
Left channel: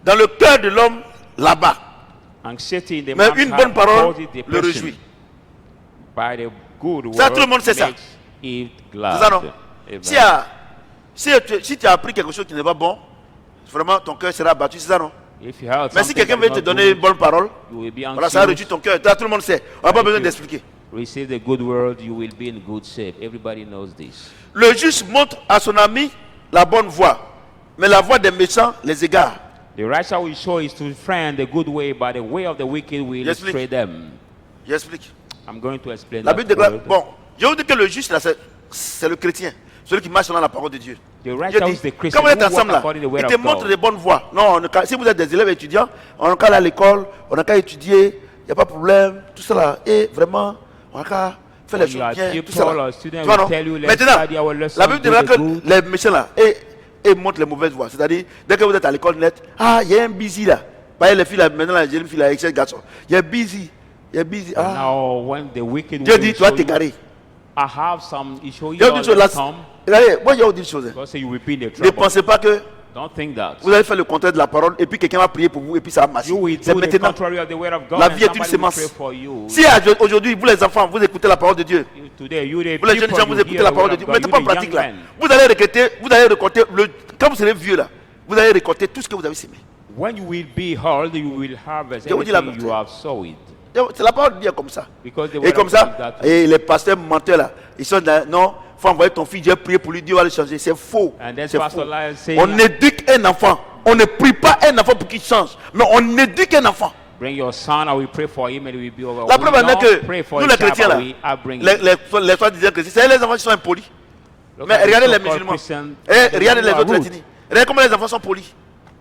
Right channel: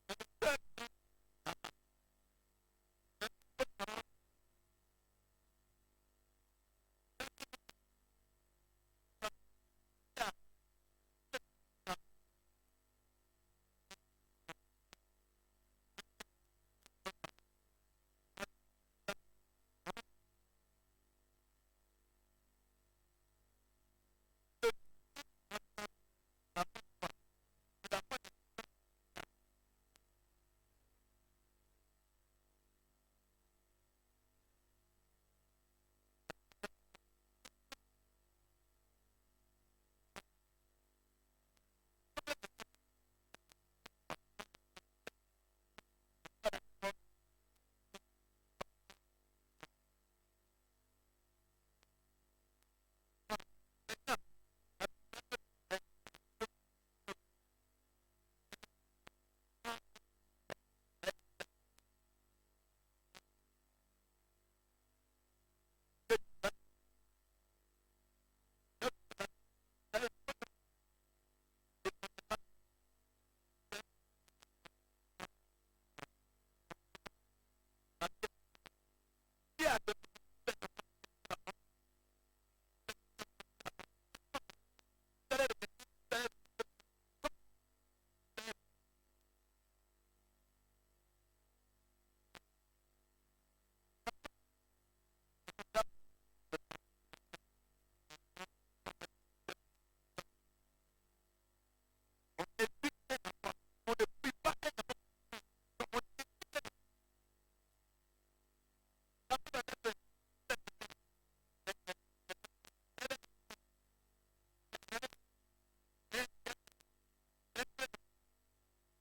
dans le cœur de l'homme là-bas, Anxiety in the mais man's une heart bonne parole causes le depression. réjouit. By the good Ça, word tout le monde sait ça. makes it C'est glad. ça, non? Amen. Si tu as appris quelque chose qui n'est pas bon, vraiment ton cœur sera battu, c'est ça, non? If you heard Mais si something quelqu'un that veut is te not donner une good, bonne parole, you will be voilà, ça anxious. réjouit ton cœur. Ça, tout le monde sait. On n'a pas If besoin you d'expliquer. Receive the good word, you will be in good shape. Everybody knows this. Le juste montre à son ami la bonne voie, mais la voie des méchants les égare. The righteous will show his to friend the good way, but the way of the wicked will J'explique. astray them. J'explique. I'm going to explain La that Bible déclare, word. bon, je vous dis que le juste, là, c'est le chrétien, celui qui marche selon la parole de Dieu. The Dieu righteous dit, is the Christian quand vous êtes who walk ensemble là, according to the il word te of montre God. les bonnes voies. Non, si vous êtes des élèves étudiants, on n'a qu'à aller à l'école, on n'a qu'à étudier, il n'y a pas de problème, tout ça là. Et vraiment, on n'a qu'à faire les When you are choses bien, tout people ça là. or students Tu vois, will non? tell you, let's Maintenant, study our lesson, la Bible do déclare the que good. les méchants là, et montrent les mauvaises voies. C'est-à-dire, dès que vous êtes à l'école net, ah, il y a un busy là. Pas les filles là, maintenant là, j'ai une fille là, avec 7 garçons. Il y a busy. Il y a busy. Ah. Now, when the wicked Dieu will dit, tu vas show you, t'égarer. I have some, he show you Il y a all une chose là. the come. Regardez, moi, je vais vous dire une chose. God say you will be in the Ne trouble. pensez pas que Don't think that. vous allez faire le contraire de la parole et puis quelqu'un va prier pour vous et puis ça va marcher. You will C'est do the maintenant. contrary of the word of God, La and vie est une somebody will sémence. pray for you. Si aujourd'hui, vous les enfants, vous écoutez la parole de Dieu, Today, you the vous les jeunes people, gens, vous you écoutez hear la the parole word de of Dieu, God. mettez You pas en the pratique young là. men. Vous allez récolter, quand vous serez vieux là, vous allez récolter tout ce que vous avez semé. When you will be old, you will harvest Je vous dis la everything you vérité. have sowed. C'est la parole de Dieu comme ça. Because the Et word comme of God ça, is that et les pasteurs menteurs là, ils sont dans, non, faut envoyer ton fils, Dieu prier pour lui, Dieu va le changer. C'est faux. And then C'est Pastor faux. Lyle say, On éduque un enfant. On ne prie pas un enfant pour qu'il change, mais on éduque un enfant. bring your son, I will pray for him, and it will be over. La We preuve est don't que pray for nous a les child, chrétiens but là, we are bringing. les soi-disant chrétiens, c'est les enfants qui sont impolis. Look Mais at the regardez les so-called musulmans. Christians, Et they regardez les are autres rude. ethnies. Regardez comment les enfants sont polis.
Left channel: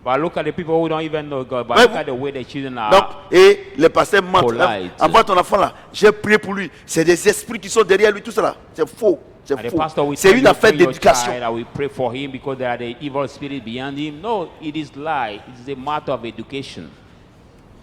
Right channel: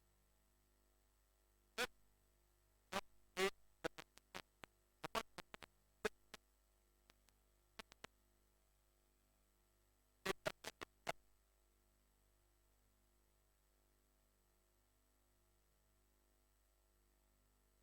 But look at the people who don't even know God. But Ouais, look vous- at the way the children are. Donc, et les pasteurs mentent. Polite. Envoie ton enfant là, j'ai prié pour lui. C'est des esprits qui sont derrière lui, tout ça là. C'est faux. C'est And the faux. pastor will C'est tell une you, affaire bring your d'éducation. child, I will pray for him because there are the evil spirit beyond him. No, it is lie. It is a matter of education.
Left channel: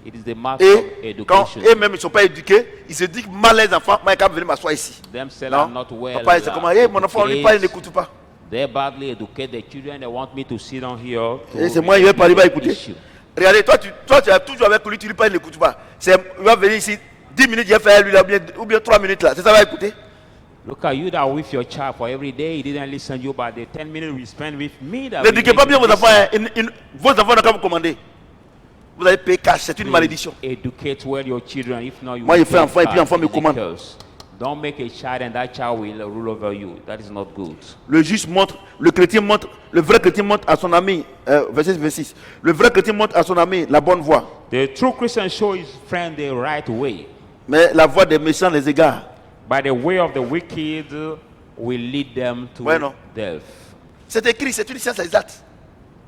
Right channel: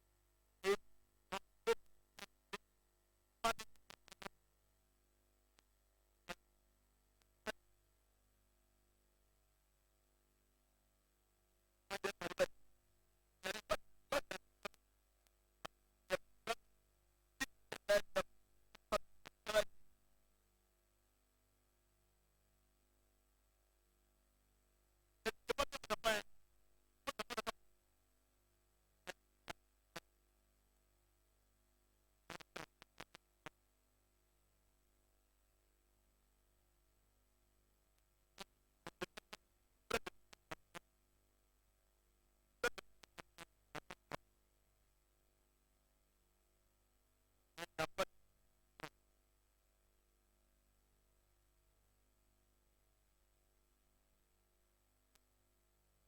It is the matter of Et quand education. eux-mêmes ils ne sont pas éduqués, ils se disent mal les enfants, moi, ils peuvent venir m'asseoir ici. Themselves Non. are not well. Papa, c'est comment, mon enfant, on lui parle, il n'écoute pas. They badly educate the children. They want me to sit down here. to Et c'est moi, il va parler, il va écouter. issue. Regardez, toi, tu as toujours avec lui, tu lui parles, il n'écoute pas. Il va venir ici, 10 minutes, il va faire lui là, ou bien 3 minutes là. C'est ça, il va écouter. Look at you that with your child for every day, he didn't listen to you, but the 10 minutes we spent with me, that N'éduquez pas bien vos enfants. Vos enfants n'ont qu'à vous commander. Vous allez payer cash, c'est une malédiction. Educate well your children. If not, you Moi, will je fais pay enfant et puis cash. enfant me It's a commande. curse. Don't make a child and that child will rule over you. That is not good. Le juste montre, le chrétien montre, le vrai chrétien montre à son ami, verset 26. Le vrai chrétien montre à son ami la bonne voie. The true Christian show his friend the right way. Mais la voie des méchants les égare. But the way of the wicked will lead them to Ouais, non. death. C'est écrit, c'est une science exacte.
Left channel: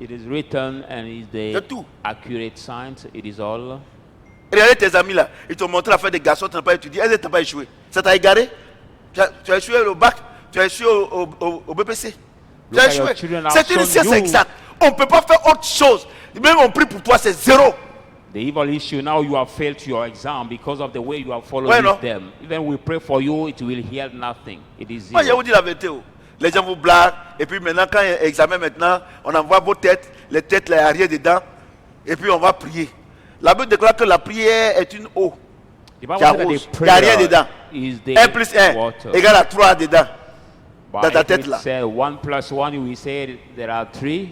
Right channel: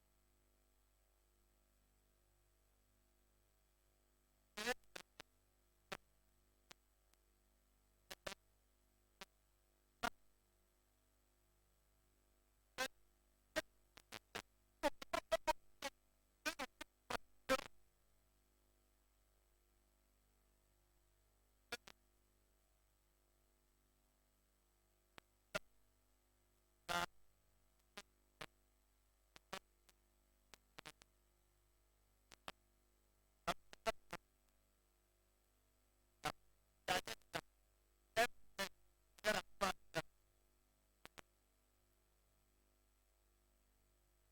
It is written and is De the tout. accurate science. It is all. Regardez tes amis là, ils t'ont montré à faire des garçons, tu n'as pas étudié, elles n'ont pas échoué. Ça t'a égaré? Tu as échoué au bac, tu as échoué au BPC. Tu Look as at your échoué. children have C'est une shown science you. exacte. On ne peut pas faire autre chose. Même on prie pour toi, c'est zéro. The evil issue now you have failed to your exam because of the way you have followed Ouais, non. with them. Even we pray for you, it will heal nothing. It is Moi, je zero. vous dis la vérité. Oh. Les gens vous blaguent. Et puis maintenant, quand il y a un examen, maintenant, on envoie vos têtes, les têtes, les arrières dedans. Et puis on va prier. La Bible déclare que la prière est une eau. The Bible qui says that arrose. the Il n'y a rien prayer dedans. is 1 the plus 1 water. égale à 3 dedans. But dans ta if tête it là. said 1 plus 1, we say there are 3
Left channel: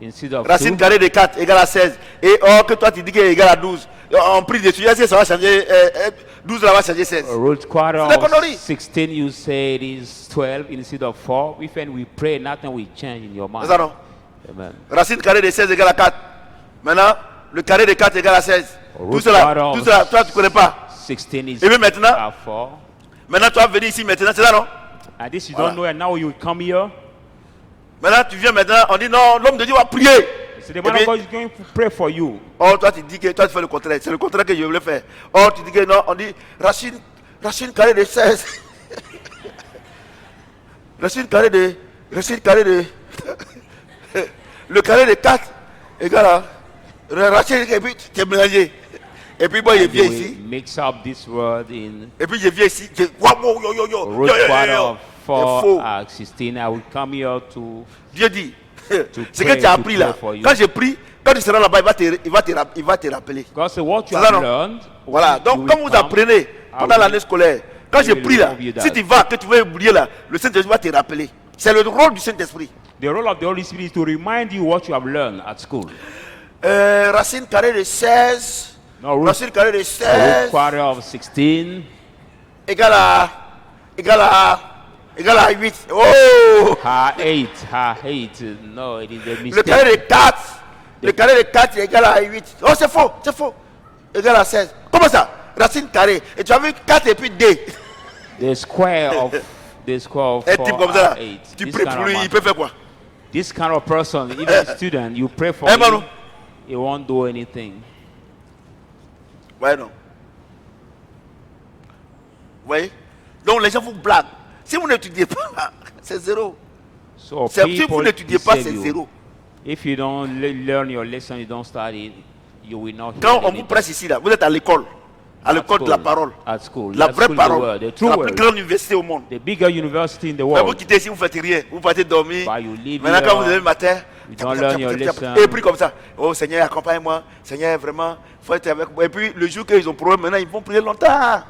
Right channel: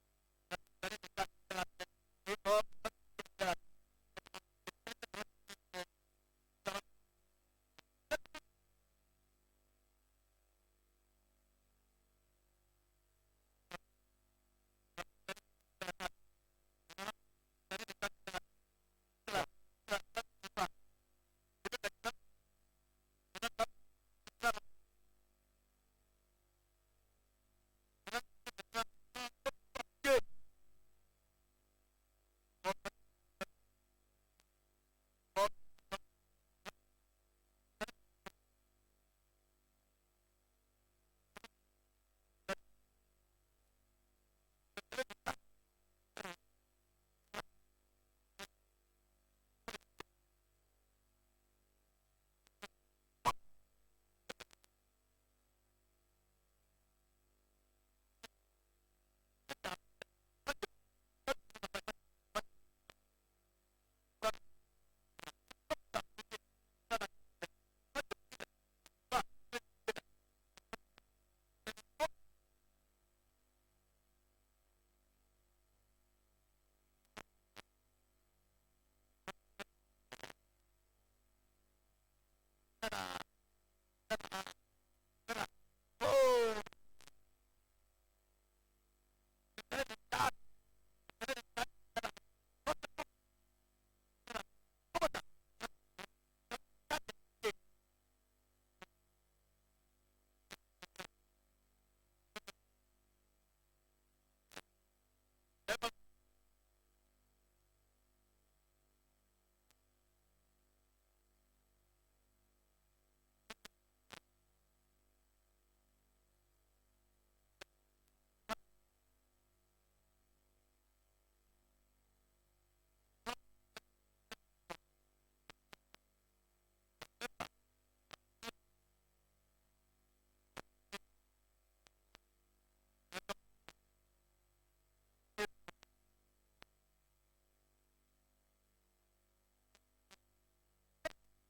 instead of Racine 2. carrée de 4 égale à 16. Et or que toi tu dis qu'il est égal à 12. On prie dessus. Est-ce que ça va changer 12 là va changer 16. Root quarter C'est la of connerie. 16, you say it is 12 instead of 4. If when we pray, nothing will change in your mind. C'est ça non? Amen. Racine carrée de 16 égale à 4. Maintenant, le carré de 4 égale à 16. Root Tout cela, quarter toi tu ne connais pas. 16 is Et puis maintenant, 4. maintenant tu vas venir ici maintenant, c'est ça non? And this you Voilà. don't know, and now you come here. Maintenant tu viens maintenant, on dit non, l'homme de Dieu va prier. So the Et man puis, of God is going to pray for you. or toi tu dis que toi tu fais le contraire. C'est le contraire que je voulais faire. Or tu dis que non, on dit racine carrée de 16. racine carrée de le carré de 4 égale à racine et puis tu es mélangé. Et puis moi je And viens you ici. will mix up this word in Et puis je viens ici. Wow, yo. root quarter of C'est faux. 4 at 16. I will come here to Dieu dit, ce que pray, tu as to appris pray là, for you. quand je prie, quand tu seras là-bas, il va te rappeler. God say what you C'est ça, have non? learned. Voilà, you donc will comme vous come. apprenez pendant will- l'année scolaire, quand I je will prie là, remove you si that. tu vas, que tu veux oublier là, le Saint-Esprit va te rappeler. C'est le rôle du Saint-Esprit. The role of the Holy Spirit is to remind you what you have learned at school. Racine carrée de 16, No, root, racine carrée de root 16 quarter of 16. égale à 8. Oh! Her 8. No, it is a Le carré mistake. de 4, le carré de 4 est égal à 8. Oh, c'est faux. Égal à 16. Comment ça? Racine carrée. Et tu as vu 4 et puis 2. The square of Un type 4 comme ça, là, are 8. tu This pries kind pour of lui, man. il peut faire quoi? This kind of person, even a student, you pray for Eh, him, Manu. he won't do anything. Ouais, non. Vous voyez? Donc les gens vous blaguent. Si vous n'étudiez pas, c'est zéro. So Si vous people n'étudiez pas, deceive c'est you. zéro. If you don't learn your lesson, you don't study, you will not Quand hear on vous anything. presse ici, là, vous êtes à l'école. À l'école de la parole. At school. La At vraie school, the parole. word, the C'est true la plus word. grande université au monde. The bigger university in the Mais vous world. quittez ici, vous ne faites rien. Vous partez dormir. But you live Maintenant, quand vous here, levez le matin, you don't learn your lesson. et puis comme ça, oh Seigneur, accompagne-moi. Seigneur, vraiment, faut être avec moi. Et puis le jour qu'ils ont problème, maintenant, ils vont prier longtemps.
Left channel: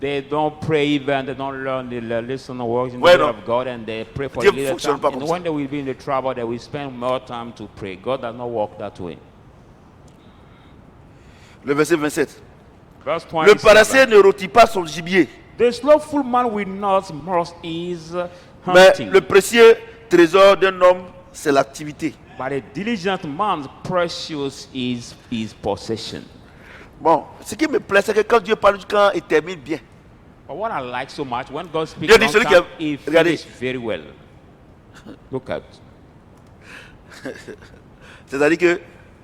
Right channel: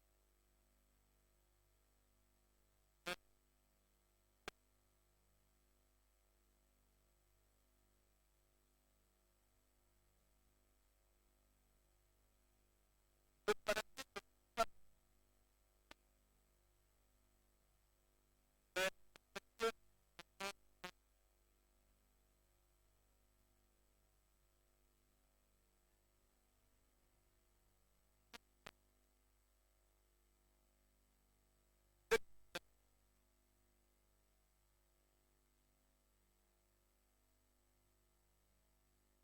They don't pray even, they don't learn the lesson or works in the Ouais, word non. of God, and they pray for Dieu a little fonctionne time. pas And comme when ça. they will be in the trouble, they will spend more time to pray. God does not work that way. Le verset 27. Verse Le 27. paresseux ne rôtit pas son gibier, The slothful man will not most his mais hunting, le précieux trésor d'un homme, c'est l'activité. but a diligent man's precious is his possession. Bon, ce qui me plaît, c'est que quand Dieu parle, quand il termine bien. But what I like so much, when God speaks, Dieu dit, long celui qui time, a- he regardez. finishes very well. Look at. C'est-à-dire que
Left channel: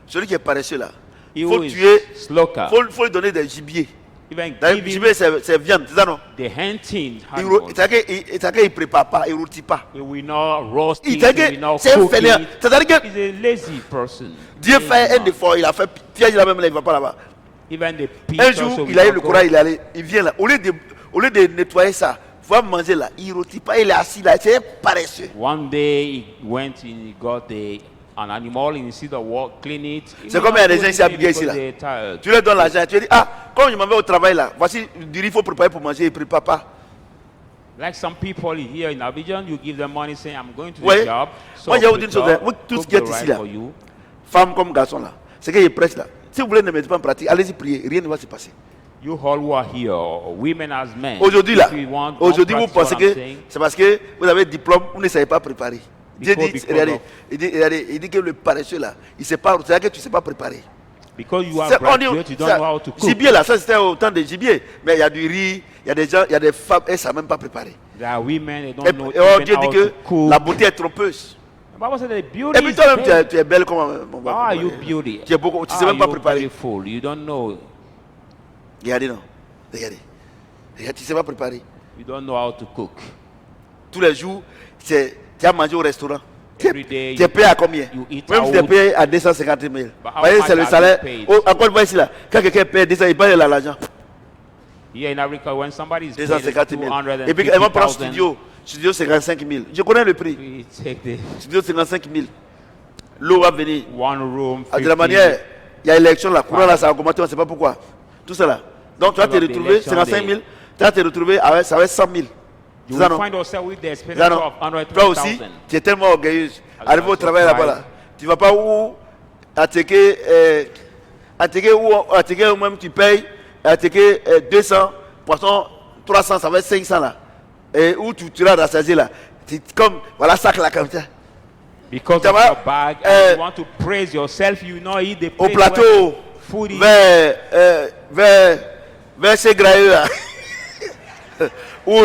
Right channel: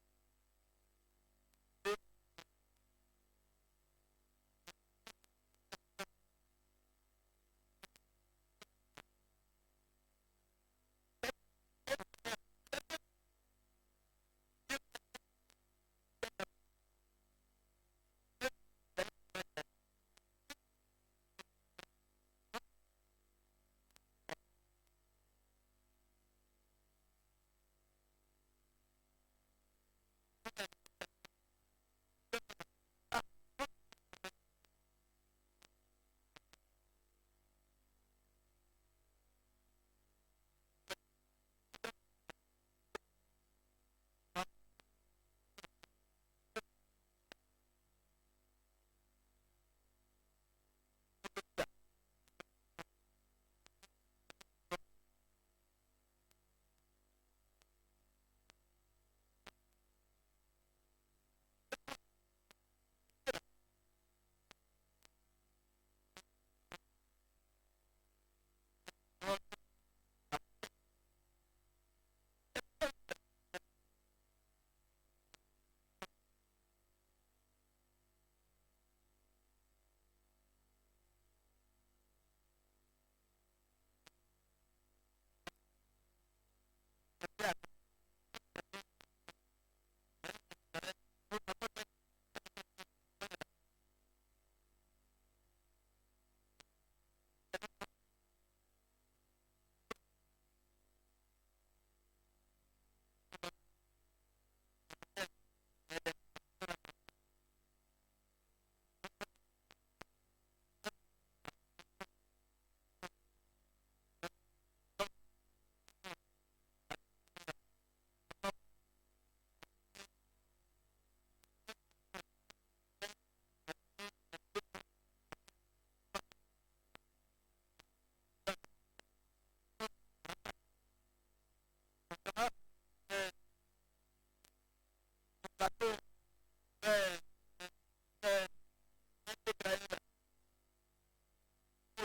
celui qui est paresseux là, He il who faut is tuer, sloka, faut lui donner des gibiers. even Le give him gibier, c'est viande, c'est ça non? the hunting Il animal. c'est-à-dire qu'il ne prépare pas, il ne rôtit pas. He will not roast it, he C'est-à-dire will not que c'est un cook fainéant. it. C'est-à-dire que He's a lazy person. Dieu Lazy fait un man. effort, il a fait piège là même, là, il ne va pas là-bas. Even the pig Un also jour, will il a eu not le go. courage, il est allé, il vient là. Au lieu de nettoyer ça, il va manger là, il ne rôtit pas, il est assis là, c'est un paresseux. One day he went and he got an animal instead of clean it. He C'est will comme il y not a des go gens ici clean habillés it ici, because là. they're tired. Tu leur donnes l'argent, tu lui dis, ah, quand je m'en vais au travail là, voici du riz, il faut préparer pour manger, il ne prépare pas. Like some people here in Abidjan, you give them money saying, I'm going to Ouais. the job. Moi, je vais vous dire une job, chose, hein. Tout ce cook qui est the ici rice là, for you. femmes comme garçons là, ce qu'il prêche là. Si vous voulez ne mettre pas en pratique, allez-y prier, rien ne va se passer. You all who are here, women as men. Aujourd'hui là, if you want, aujourd'hui vous don't practice pensez what I'm que saying, c'est parce que vous avez un diplôme, vous ne savez pas préparer. Dieu dit, Because regardez, of- il dit que le paresseux là, il sait pas, c'est-à-dire que tu ne sais pas préparer. because you are C'est- on dit- graduate, you don't ça- know how to cook. gibier là, ça c'était au temps de gibier, mais il y a du riz, il y a des gens, il y a des femmes, elles ne savent même pas préparer. There are women, they Et, don't know et oh, even Dieu how dit to que cook. la beauté est trompeuse. The Bible said that Et beauty puis is toi-même, vain. tu es belle comme How are you beauty? Tu es beaucoup, tu ne sais How même pas are you préparer. beautiful? You don't know. Regardez, non. Regardez. Regarde, tu ne sais pas préparer. You don't know how to cook. Tous les jours, tu as mangé au restaurant. Every day Tu es payé à combien? you eat Même si tu es out. payé à 250 000. But how Voyez, much c'est le are you salaire. paid? Encore une fois ici, là. Quand quelqu'un paye 200, il paye l'argent. Here in Africa, when somebody is paid 250 000. Et puis, elle va prendre 250,000, studio 55 000. Je connais le prix. we take the Studio 55 000. L'eau va venir. one room. De la 50. manière, il y a élection, la courant là, ça a augmenté, on ne sait pas pourquoi. Tout ça là. Donc, tu vas te Because of the retrouver election 55 000, tu vas te retrouver avec, ça va être 100 000. You C'est ça, will non? find yourself with the C'est expenditure ça, non? of Toi aussi, 120,000. tu es tellement orgueilleuse. As Arrivé you au are travail là-bas, là, surprised. tu ne vas pas où attaquer ou même tu payes attaquer 200, poisson 300, ça va être 500 là. Et où tu iras rassasier là. Comme, voilà, sac là comme ça. Because Ça of va, your bag, and you want to praise yourself, you know eat the Au place plateau, where food is. vers ces grailleux là. Où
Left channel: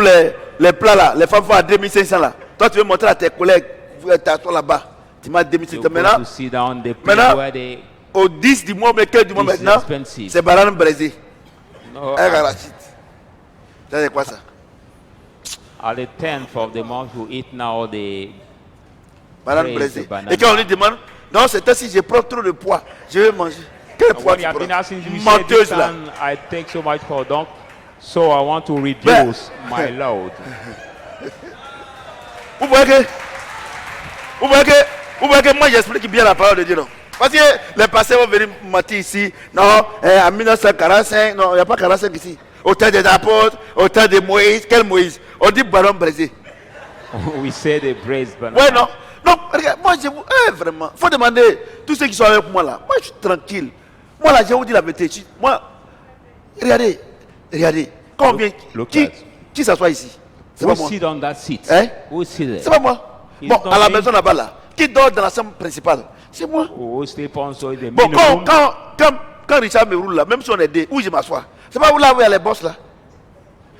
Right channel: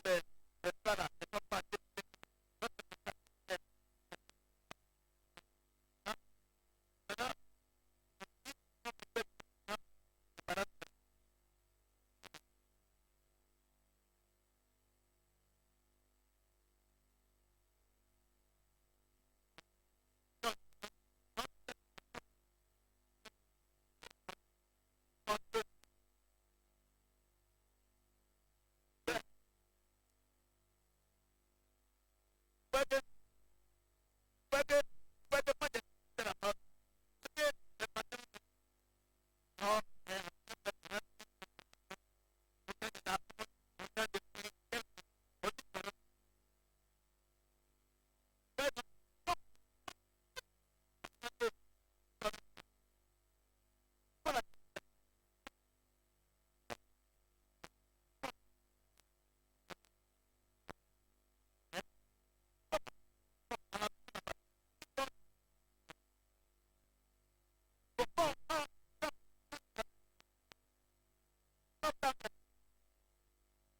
les plats là, les femmes font à 2500 là. Toi, tu veux montrer à tes collègues, toi là-bas. Tu m'as 2500. You go Maintenant, to sit down the place maintenant, where they au 10 du mois, mais 15 du mois This is maintenant, expensive. c'est banane braisée. no, Un arachide. Ça, c'est quoi ça? at the 10th of the month you eat now the Banane Braisé, braisée. banane. Et quand on lui demande, non, c'est si je prends trop de poids, je vais manger. Quel poids when tu you have been prends? asking you say this Menteuse là. time I take so much for donc so I want to reduce my load. Vous voyez que moi j'explique bien la parole de Dieu, non? Parce que les pasteurs vont venir mentir ici. Non, en 1945, non, il n'y a pas 45 ici. Au temps des apôtres, au temps de Moïse. Quel Moïse? On dit ballon brisé. We say the braised banana. Ouais, non. Non, regarde, moi je vous. Vraiment. Il faut demander tous ceux qui sont avec moi là. Moi je suis tranquille. Moi là, je vous dis la vérité. Moi, regardez. Quand on vient. Look at. Qui s'assoit ici? C'est Who pas moi. sit on that seat? Hein? Who sit there? C'est pas moi. Ils Bon, sont à la mis- maison là-bas là. Qui dort dans la chambre principale? C'est moi. Who sleep on so the Bon, minimum? quand Richard me roule là, même si on est deux, où je m'assois? C'est pas où là où il y a les boss là.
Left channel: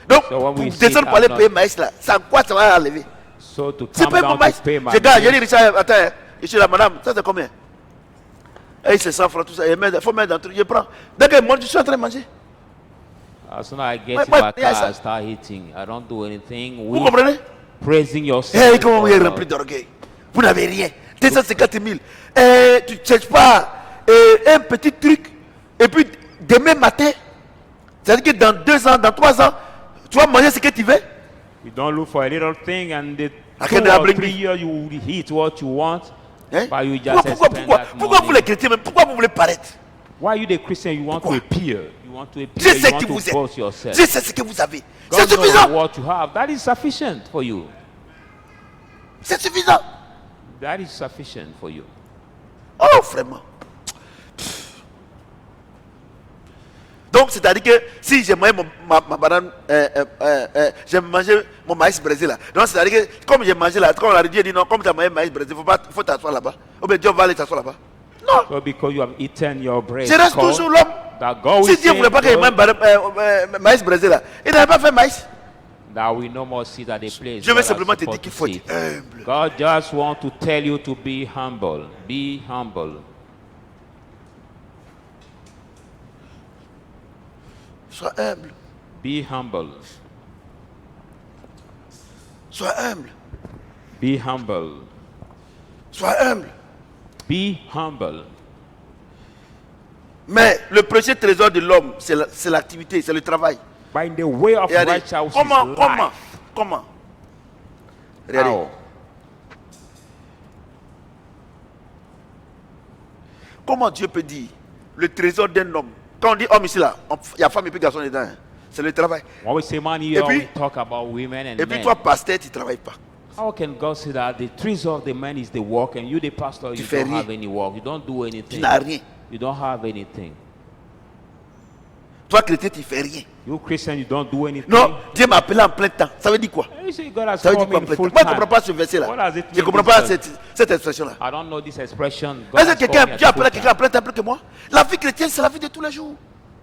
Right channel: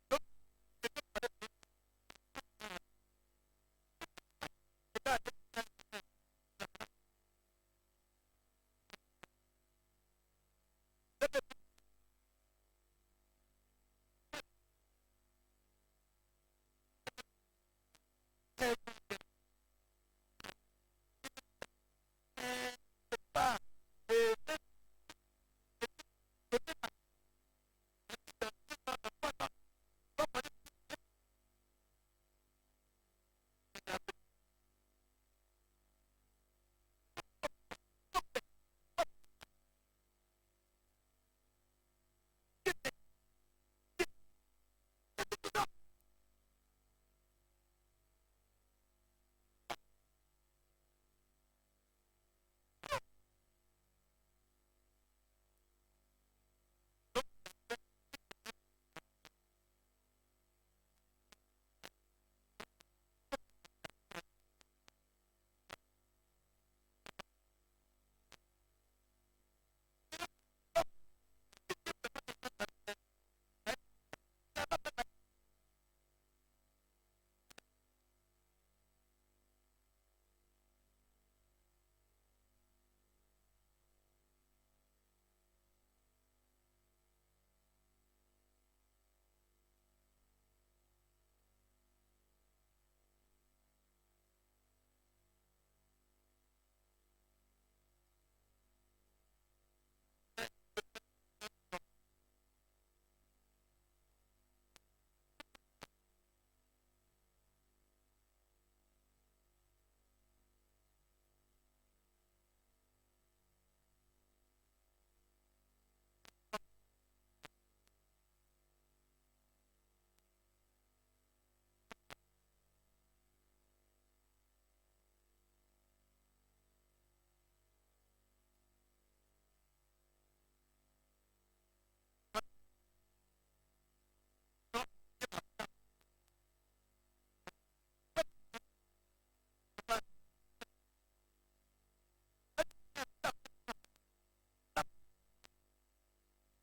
Donc, So when pour we sit descendre pour aller at payer maïs là, c'est en quoi ça va enlever? So to C'est come pas mon down maïs. to pay my Je garde, j'ai dit bills, Richard, attends, je suis là, madame, ça c'est combien? Et c'est 100 francs, tout ça, il faut mettre dans le truc, je prends. Dès que moi je suis en train de manger. as soon as I get Ouais, to my ouais, yes, car, sir. I start eating. I don't do anything. Vous We comprenez? praising yourself. Eh, comment vous êtes rempli d'orgueil? Vous n'avez rien. 250 000. Eh, tu ne cherches pas un petit truc. Et puis, demain matin, c'est-à-dire que dans 2 ans, dans 3 ans, tu vas manger ce que tu veux. You don't look for a little thing and the I 2 can't or bring 3 me. years you will eat what you want. Hein? But you just Pourquoi, spend pourquoi, that pourquoi vous money. les chrétiens, même, pourquoi vous voulez paraître? Why you the Christian? You want to Pourquoi? appear. You want to appear. Je You sais want qui to vous boast êtes. yourself. Je sais ce que vous avez. C'est God knows suffisant. what you have. That is sufficient for you. C'est suffisant. That is sufficient for you. Oh, vraiment. Donc, c'est-à-dire que si j'ai mangé ma banane, j'ai mangé mon maïs brésil là. Donc, c'est-à-dire que comme j'ai mangé là, comme on a dit, non, comme tu as mangé maïs brésil, il faut t'asseoir là-bas. Ou bien Dieu va aller t'asseoir là-bas. Non, So because you have eaten your bread, je reste corn, toujours l'homme. that God Si will Dieu ne voulait pas que je mange maïs brésil là, il n'avait pas fait maïs. that we no more sit at the place. Je veux God has simplement te dire supposed qu'il to faut sit. être humble. God just want to tell you to be humble. Be humble. Sois humble. Be humble. Sois humble. Be humble. Sois humble. Be humble. Mais le précieux trésor de l'homme, c'est l'activité, c'est le travail. By the way of Regardez, righteousness, comment Regardez. How? Comment Dieu peut dire le trésor d'un homme? Quand on dit homme ici là, il y a femme et puis garçon dedans. Hein. c'est le travail. When we say money, Et we puis- talk about women and Et puis men. toi, pasteur, tu ne travailles pas. How can God say that the trees of the man is the work and you, the pastor, you fais don't rien. have any work? You don't do Tu anything. n'as rien. You don't have anything. Toi, chrétien, tu ne fais rien. You Christian, you don't do anything. Non, Dieu m'a appelé en plein temps. Ça veut dire quoi? You say God has Ça veut dire called quoi me en plein in temps? full Moi, je ne time. comprends pas ce verset-là. What does it Je ne mean, comprends this pas verse? cette expression-là. I don't know this expression. God Est-ce has que quelqu'un called me Dieu at appelle full quelqu'un en time. plein temps plus que moi? La vie chrétienne, c'est la vie de tous les jours.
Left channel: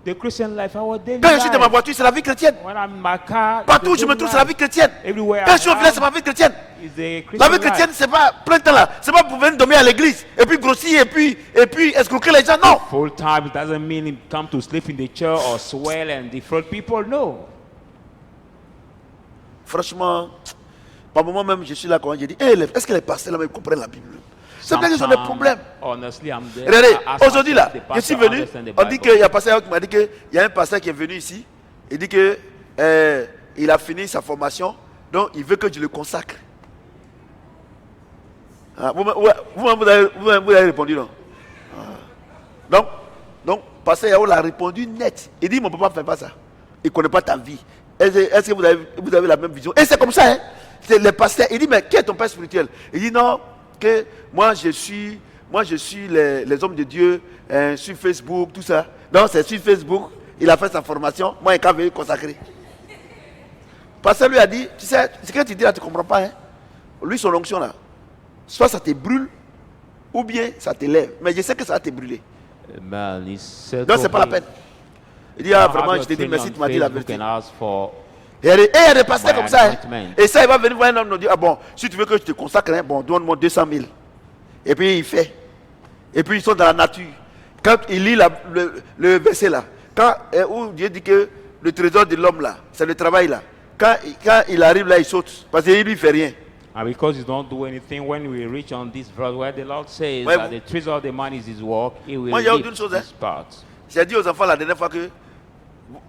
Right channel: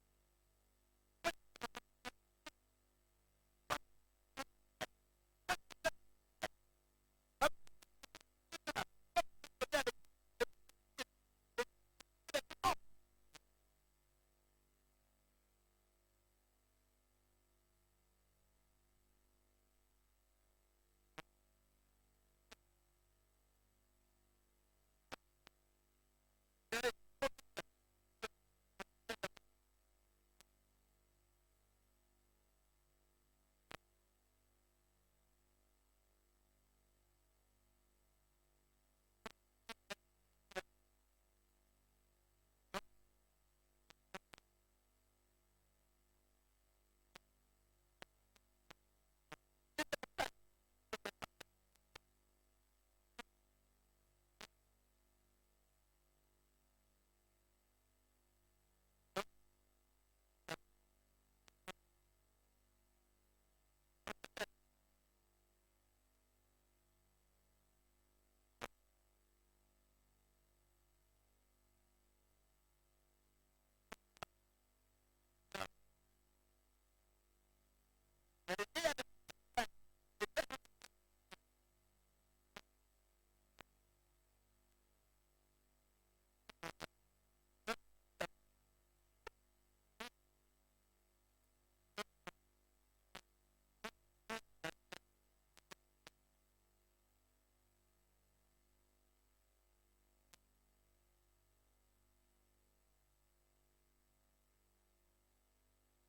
The Christian life, our daily Quand je suis dans ma life. voiture, c'est la vie chrétienne. When I'm in my car, it's Partout où the je me daily trouve, c'est la vie life. chrétienne. Everywhere Quand I je suis au village, c'est ma vie chrétienne. is the La Christian vie chrétienne, life. c'est pas plein temps là. C'est pas pour venir dormir à l'église et puis grossir et puis escroquer les gens. Non. Full time doesn't mean him come to sleep in the church or swell and defraud people. No. Franchement, par moment même, je suis là quand j'ai dit, est-ce que les pasteurs là même comprennent la Bible? C'est vrai qu'ils ont des problèmes. Honestly, I'm there. Regardez, I ask aujourd'hui là, myself, the je suis pastor venu, understand the on dit Bible? qu'il y a un pasteur qui m'a dit qu'il y a un pasteur qui est venu ici, il dit que il a fini sa formation, donc il veut que je le consacre. Ah, vous avez répondu non? Ah. Donc, pasteur Yao l'a répondu net. Il dit, mon papa ne fait pas ça. Il ne connaît pas ta vie. Est-ce que vous avez la même vision? Et c'est comme ça, hein? C'est les pasteurs. Il dit, mais qui est ton père spirituel? Il dit, non, que moi je suis les hommes de Dieu sur Facebook, tout ça. Donc c'est sur Facebook, il a fait sa formation, moi il est consacré. Pasteur lui a dit, tu sais, ce que tu dis là, tu ne comprends pas. Hein? Lui, son onction là, soit ça te brûle, ou bien ça te lève. Mais je sais que ça va te brûler. Man, he said, Donc c'est pas la peine. Il dit, ah vraiment, have je te dis your merci, thing tu on m'as dit la Facebook vérité. and ask for Et il y a des pasteurs my comme ça. Hein? anointment. Et ça, il va venir voir un homme nous dire, ah bon, si tu veux que je te consacre, hein, bon, donne-moi 200 000. Et puis il fait. Et puis ils sont dans la nature. Quand il lit le verset là, où Dieu dit que le trésor de l'homme là, c'est le travail là. Quand il arrive là, il saute. Parce qu'il ne lui fait rien. And because you don't do anything, when we reach on this verse where the Lord says Ouais, that the treasure of the man is his work, he will Moi, il y a lift une chose, his part. J'ai dit aux enfants la dernière fois que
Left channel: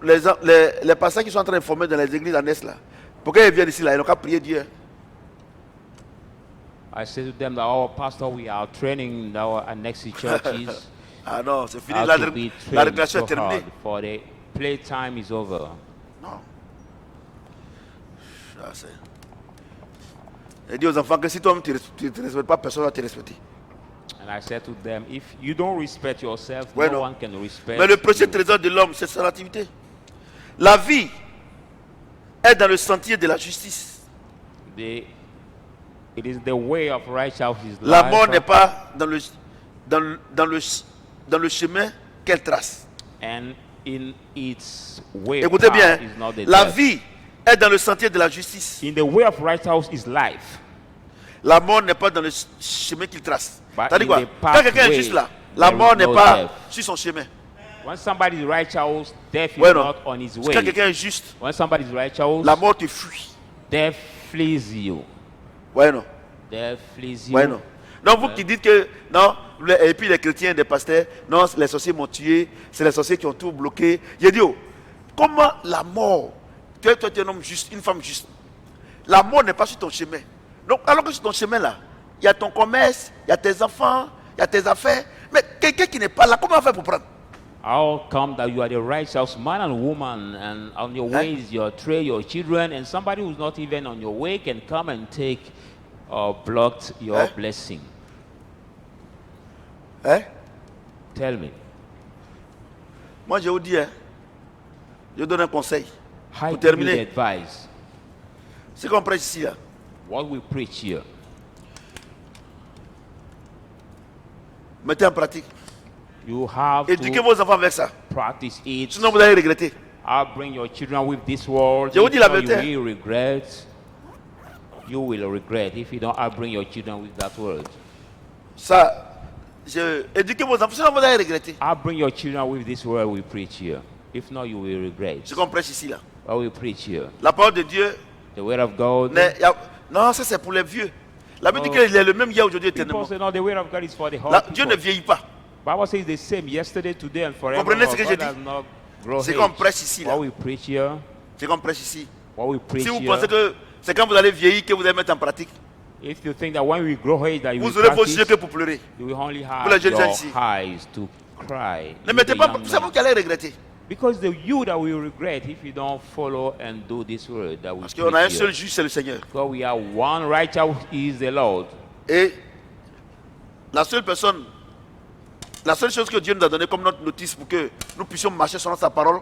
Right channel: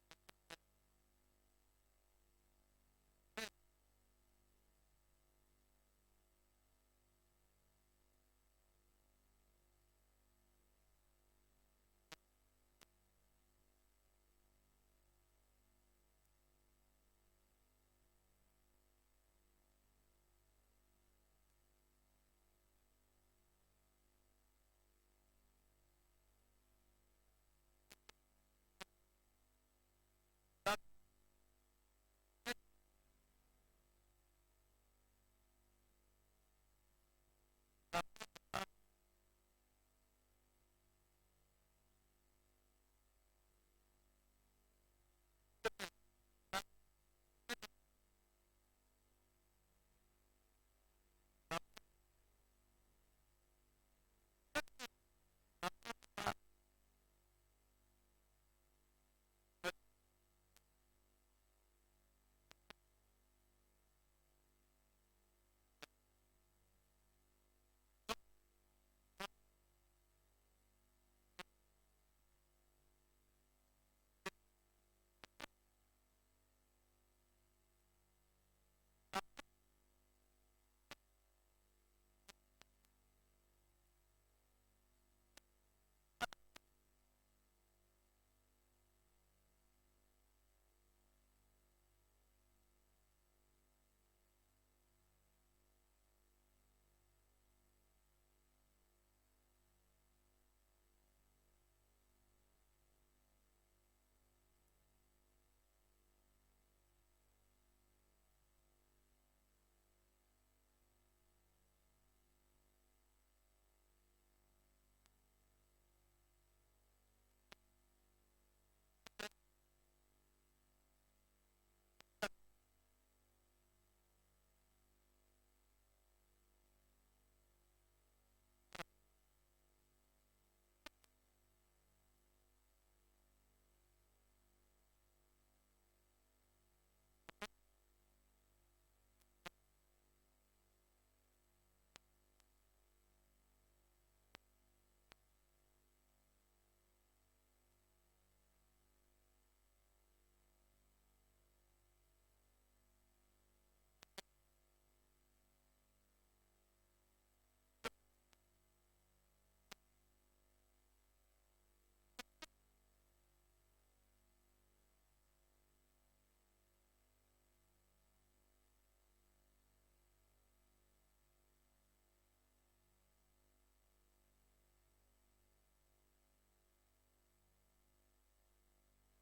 les pasteurs qui sont en train de former dans les églises en Est là, pourquoi ils viennent ici là, ils n'ont qu'à prier Dieu. I say to them that our pastor, we are training in our annexed churches Ah non, c'est fini. how La to be récréation trained est so terminée. hard, for the playtime is over. Non. Ça, c'est... J'ai dit aux enfants que si toi-même tu ne te respectes pas, personne ne va te respecter. And I said to them, if you don't respect yourself, Ouais, no non. one can respect Mais le prochain you. trésor de l'homme, c'est son activité. La vie est dans le sentier de la justice. It is the way of righteousness. La mort n'est pas dans le chemin qu'elle trace. And in its way, Écoutez bien, path is not the la death. vie est dans le sentier de la justice. In the way of righteousness is life. La mort n'est pas dans le chemin qu'il trace. But C'est-à-dire in quoi? the Quand quelqu'un est pathway, juste là, la there mort is n'est no pas death. sur son chemin. When somebody is righteous, death is Ouais, non. not on his Quand way. quelqu'un est juste, When somebody is righteous, la mort te fuit. death flees you. Ouais, non. Death flees you. Ouais, non. Donc vous qui dites que non, et puis les chrétiens, des pasteurs, non, les sorciers m'ont tué, c'est les sorciers qui ont tout bloqué. J'ai dit, oh, comment la mort, toi tu es un homme juste, une femme juste, la mort n'est pas sur ton chemin. Donc alors que sur ton chemin là, il y a ton commerce, il y a tes enfants, il y a tes affaires, mais quelqu'un qui n'est pas là, comment on fait pour prendre? How come that you are the righteous man and woman, and on your way is your trade, your children, and somebody who's not even on your way can come and take or block your blessing? Hein? Tell me. Moi je vous dis, hein, je donne un conseil. How Pour do you terminer, advise ce qu'on prêche ici là, what we preach here? mettez en pratique. You have Éduquez to vos enfants avec ça. practice it. Sinon vous allez regretter. I'll bring your children with this word. Je vous If dis la not, vérité. you will regret. You will regret. If you don't, I'll bring your children with that word. Ça, éduquez vos enfants, sinon vous allez regretter. I'll bring your children with this word we preach here. If not, you will regret. Ce qu'on prêche ici là. What we preach here. La parole de Dieu, The word of God. non, ça c'est pour les vieux. La Bible dit Oh. qu'il est le même hier, aujourd'hui, People éternellement. say, no, the word of God is for the whole Dieu ne people. vieillit pas. Bible says the same yesterday, today, and forever. Comprenez ce que God je does dis? not grow C'est age. qu'on prêche ici là. What we preach here. C'est qu'on prêche ici. What we preach Si vous here. pensez que c'est quand vous allez vieillir que vous allez mettre en pratique, If you think that when we grow age that you will vous aurez vos practice, yeux que pour pleurer. you will only Pour les have jeunes gens your ici. eyes to cry. Ne You, mettez the pas, young c'est vous men. qui allez regretter. Because the you that will regret if you don't follow and do this word that we Parce qu'on a un preach seul here. juge, c'est le Seigneur. Because we have one righteous is the Lord. Et la seule personne, la seule chose que Dieu nous a donné comme notre notice pour que nous puissions marcher selon sa parole,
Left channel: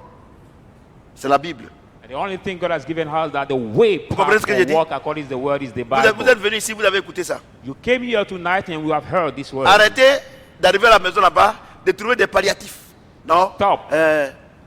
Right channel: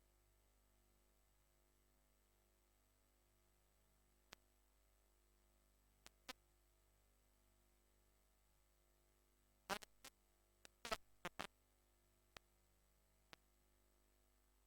c'est la Bible. And the only thing God has given us that the way comprenez ce que j'ai to dit? walk according to the word is the Vous êtes Bible. venus ici, vous avez écouté ça. You came here tonight and we have heard this word. Arrêtez d'arriver à la maison là-bas, de trouver des palliatifs. Non. Stop.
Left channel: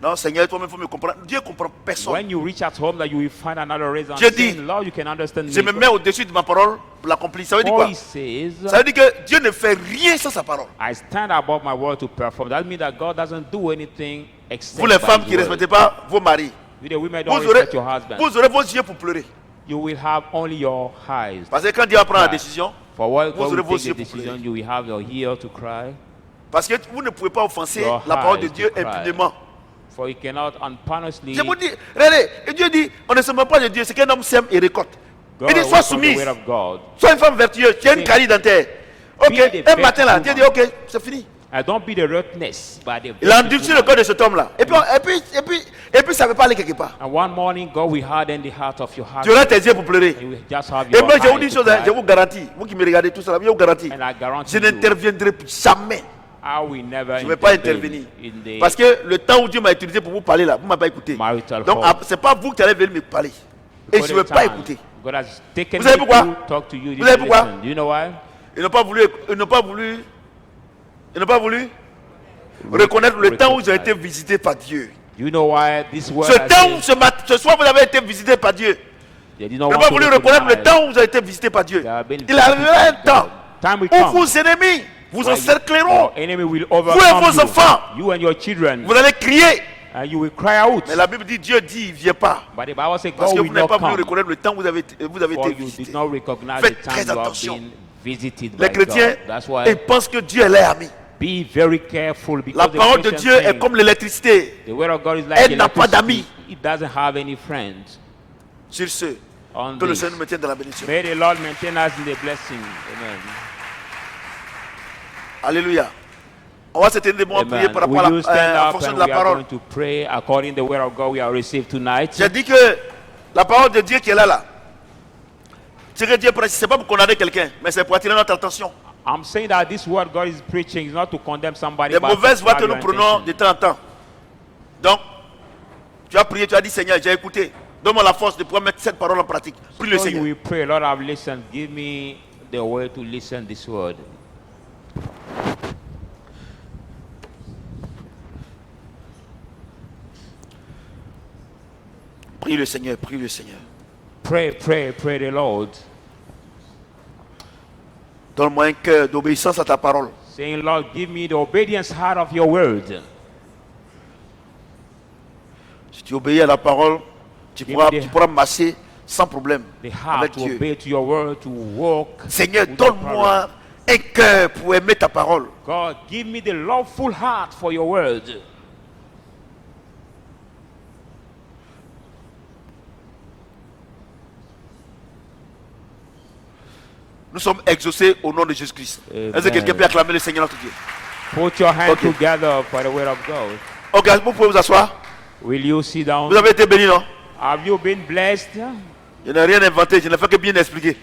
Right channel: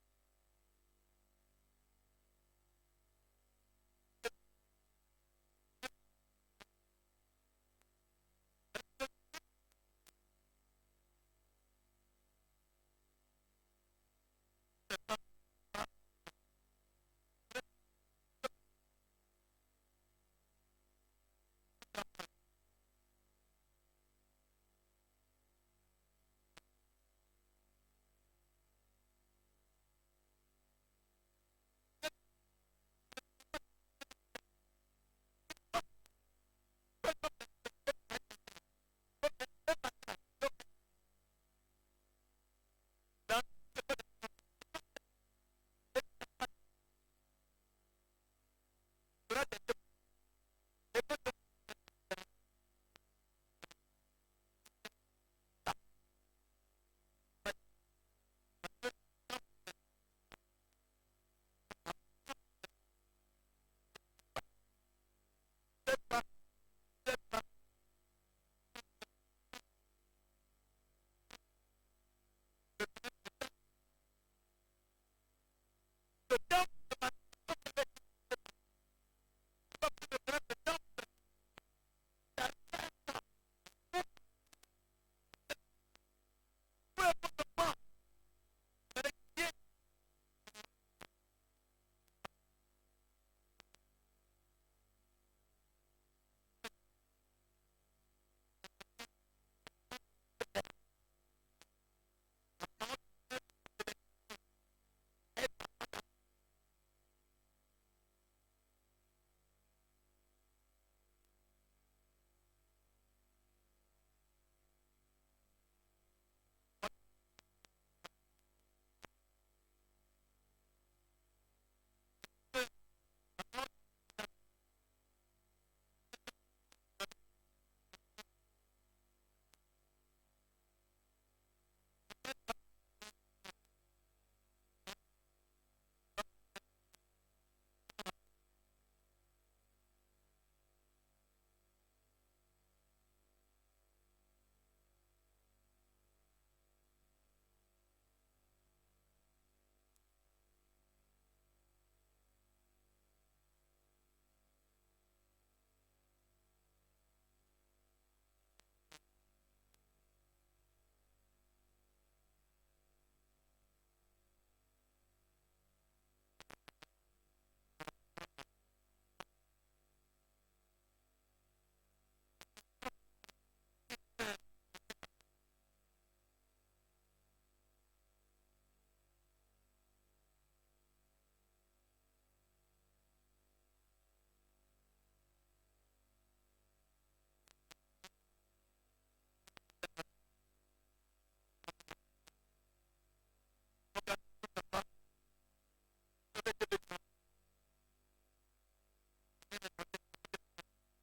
Non, Seigneur, toi-même, il faut me comprendre. Dieu ne comprend personne. When you reach at home, that you will find another reason. Dieu dit, saying, Lord, you can understand Je me. me mets au-dessus de ma parole pour l'accomplir. Ça veut dire For quoi? he says, Ça veut dire que Dieu ne fait rien sans sa parole. I stand above my word to perform. That means that God doesn't do anything except Vous les by femmes his qui ne word. respectez pas vos maris, You the women don't vous aurez, respect your husband. vous aurez vos yeux pour pleurer. You will have only your eyes. Parce que quand Dieu va prendre la Right. décision, For what Vous God aurez will vos take yeux the pour decision, pleurer. you will have your ear to cry. parce que vous ne pouvez pas offenser Your la parole de eyes Dieu to cry. impunément. For you cannot unpunished. Je vous dis, regardez, et Dieu dit, on ne se moque pas de Dieu, c'est qu'un homme sème et récolte. God Il dit, away sois from the soumise, word of God. sois une femme vertueuse, tu as une Be- carie dentaire. Ok, be the un matin là, best Dieu dit, woman. ok, c'est fini. And don't be the roughness, but the Il a virtuous endurci le woman. cœur de cet homme-là. Et puis ça ne veut pas aller quelque part. And one morning, God will harden the heart of your heart. Tu auras tes yeux pour pleurer. You will just have Et your moi, je vous dis eyes une to chose, hein, cry. je vous garantis, vous qui me regardez tout ça, je vous garantis, And I guarantee je you, n'interviendrai plus jamais. I will never Je ne vais pas intervene intervenir. in the Parce que le temps où Dieu m'a utilisé pour vous parler là, vous ne m'avez pas écouté. marital Donc, home. ce n'est pas vous qui allez venir me parler. Et je ne vais pas écouter. God has taken Vous savez me pourquoi? to talk to you. Vous savez You pourquoi? listen. Do you know why? Ils n'ont pas voulu reconnaître le temps où ils ont été visités par Dieu. Do you know why this word Ce has temps been- où ce soir vous avez été visités par Dieu. They did Ils not n'ont want pas to voulu reconnaître le recognize temps où vous avez été visités par Dieu. they have been Il arrivera un visited by temps God. Time will où come. vos ennemis vous where encercleront. your enemy will Vous et overcome vos you. enfants. You and your children. Vous allez crier. And you will cry out. Mais la Bible dit, Dieu dit, il ne vient pas. But the Bible says Parce God que will vous n'avez not pas voulu come. reconnaître le temps où vous avez For été you visités. did not recognize Faites the time très you have attention. been visited Les by chrétiens, God. That's why ils pensent que Dieu est leur ami. be very careful because La the parole de Christian Dieu est think comme l'électricité. the word of God is like Elle n'a pas electricity. d'amis. It doesn't have any friends. Sur ce, On que le this. Seigneur nous maintienne dans la bénédiction. May the Lord maintain us in the blessing. Amen. Alléluia. On va se tenir debout, prier Amen. par rapport Will you à stand la, en up fonction and de la we are parole. going to pray according to the word of God we have received tonight. J'ai dit que la parole de Dieu qui est là, ce que Dieu prêche, ce n'est pas pour condamner quelqu'un, mais c'est pour attirer notre attention. I'm saying that this word God is preaching is not to condemn somebody. Les but mauvaises to voix grab que your nous prenons de attention. temps en temps. Donc, tu as prié, tu as dit, Seigneur, j'ai écouté. Donne-moi la force de pouvoir mettre cette parole en pratique. Prie le So you Seigneur. will pray, Lord, I've listened. Give me the way to listen this word. Prie le Seigneur, prie le Seigneur. Pray, pray, pray the Lord. Donne-moi un cœur d'obéissance à ta parole. Saying, Lord, give me the obedience heart of your word. Si tu obéis à la parole, tu Give pourras, me the- tu pourras marcher sans problème The heart avec to Dieu. obey to your word, to walk. Seigneur, without problem. donne-moi un cœur pour aimer ta parole. God, give me the loveful heart for your word. Nous sommes exaucés au nom de Jésus-Christ. Amen. Est-ce que quelqu'un peut acclamer le Seigneur notre Dieu? Put your hands Okay. together for the word of God. Ok, vous pouvez vous asseoir. Will you sit down? Vous avez été bénis, non? Have you been blessed? Je n'ai rien inventé, je n'ai fait que bien expliquer.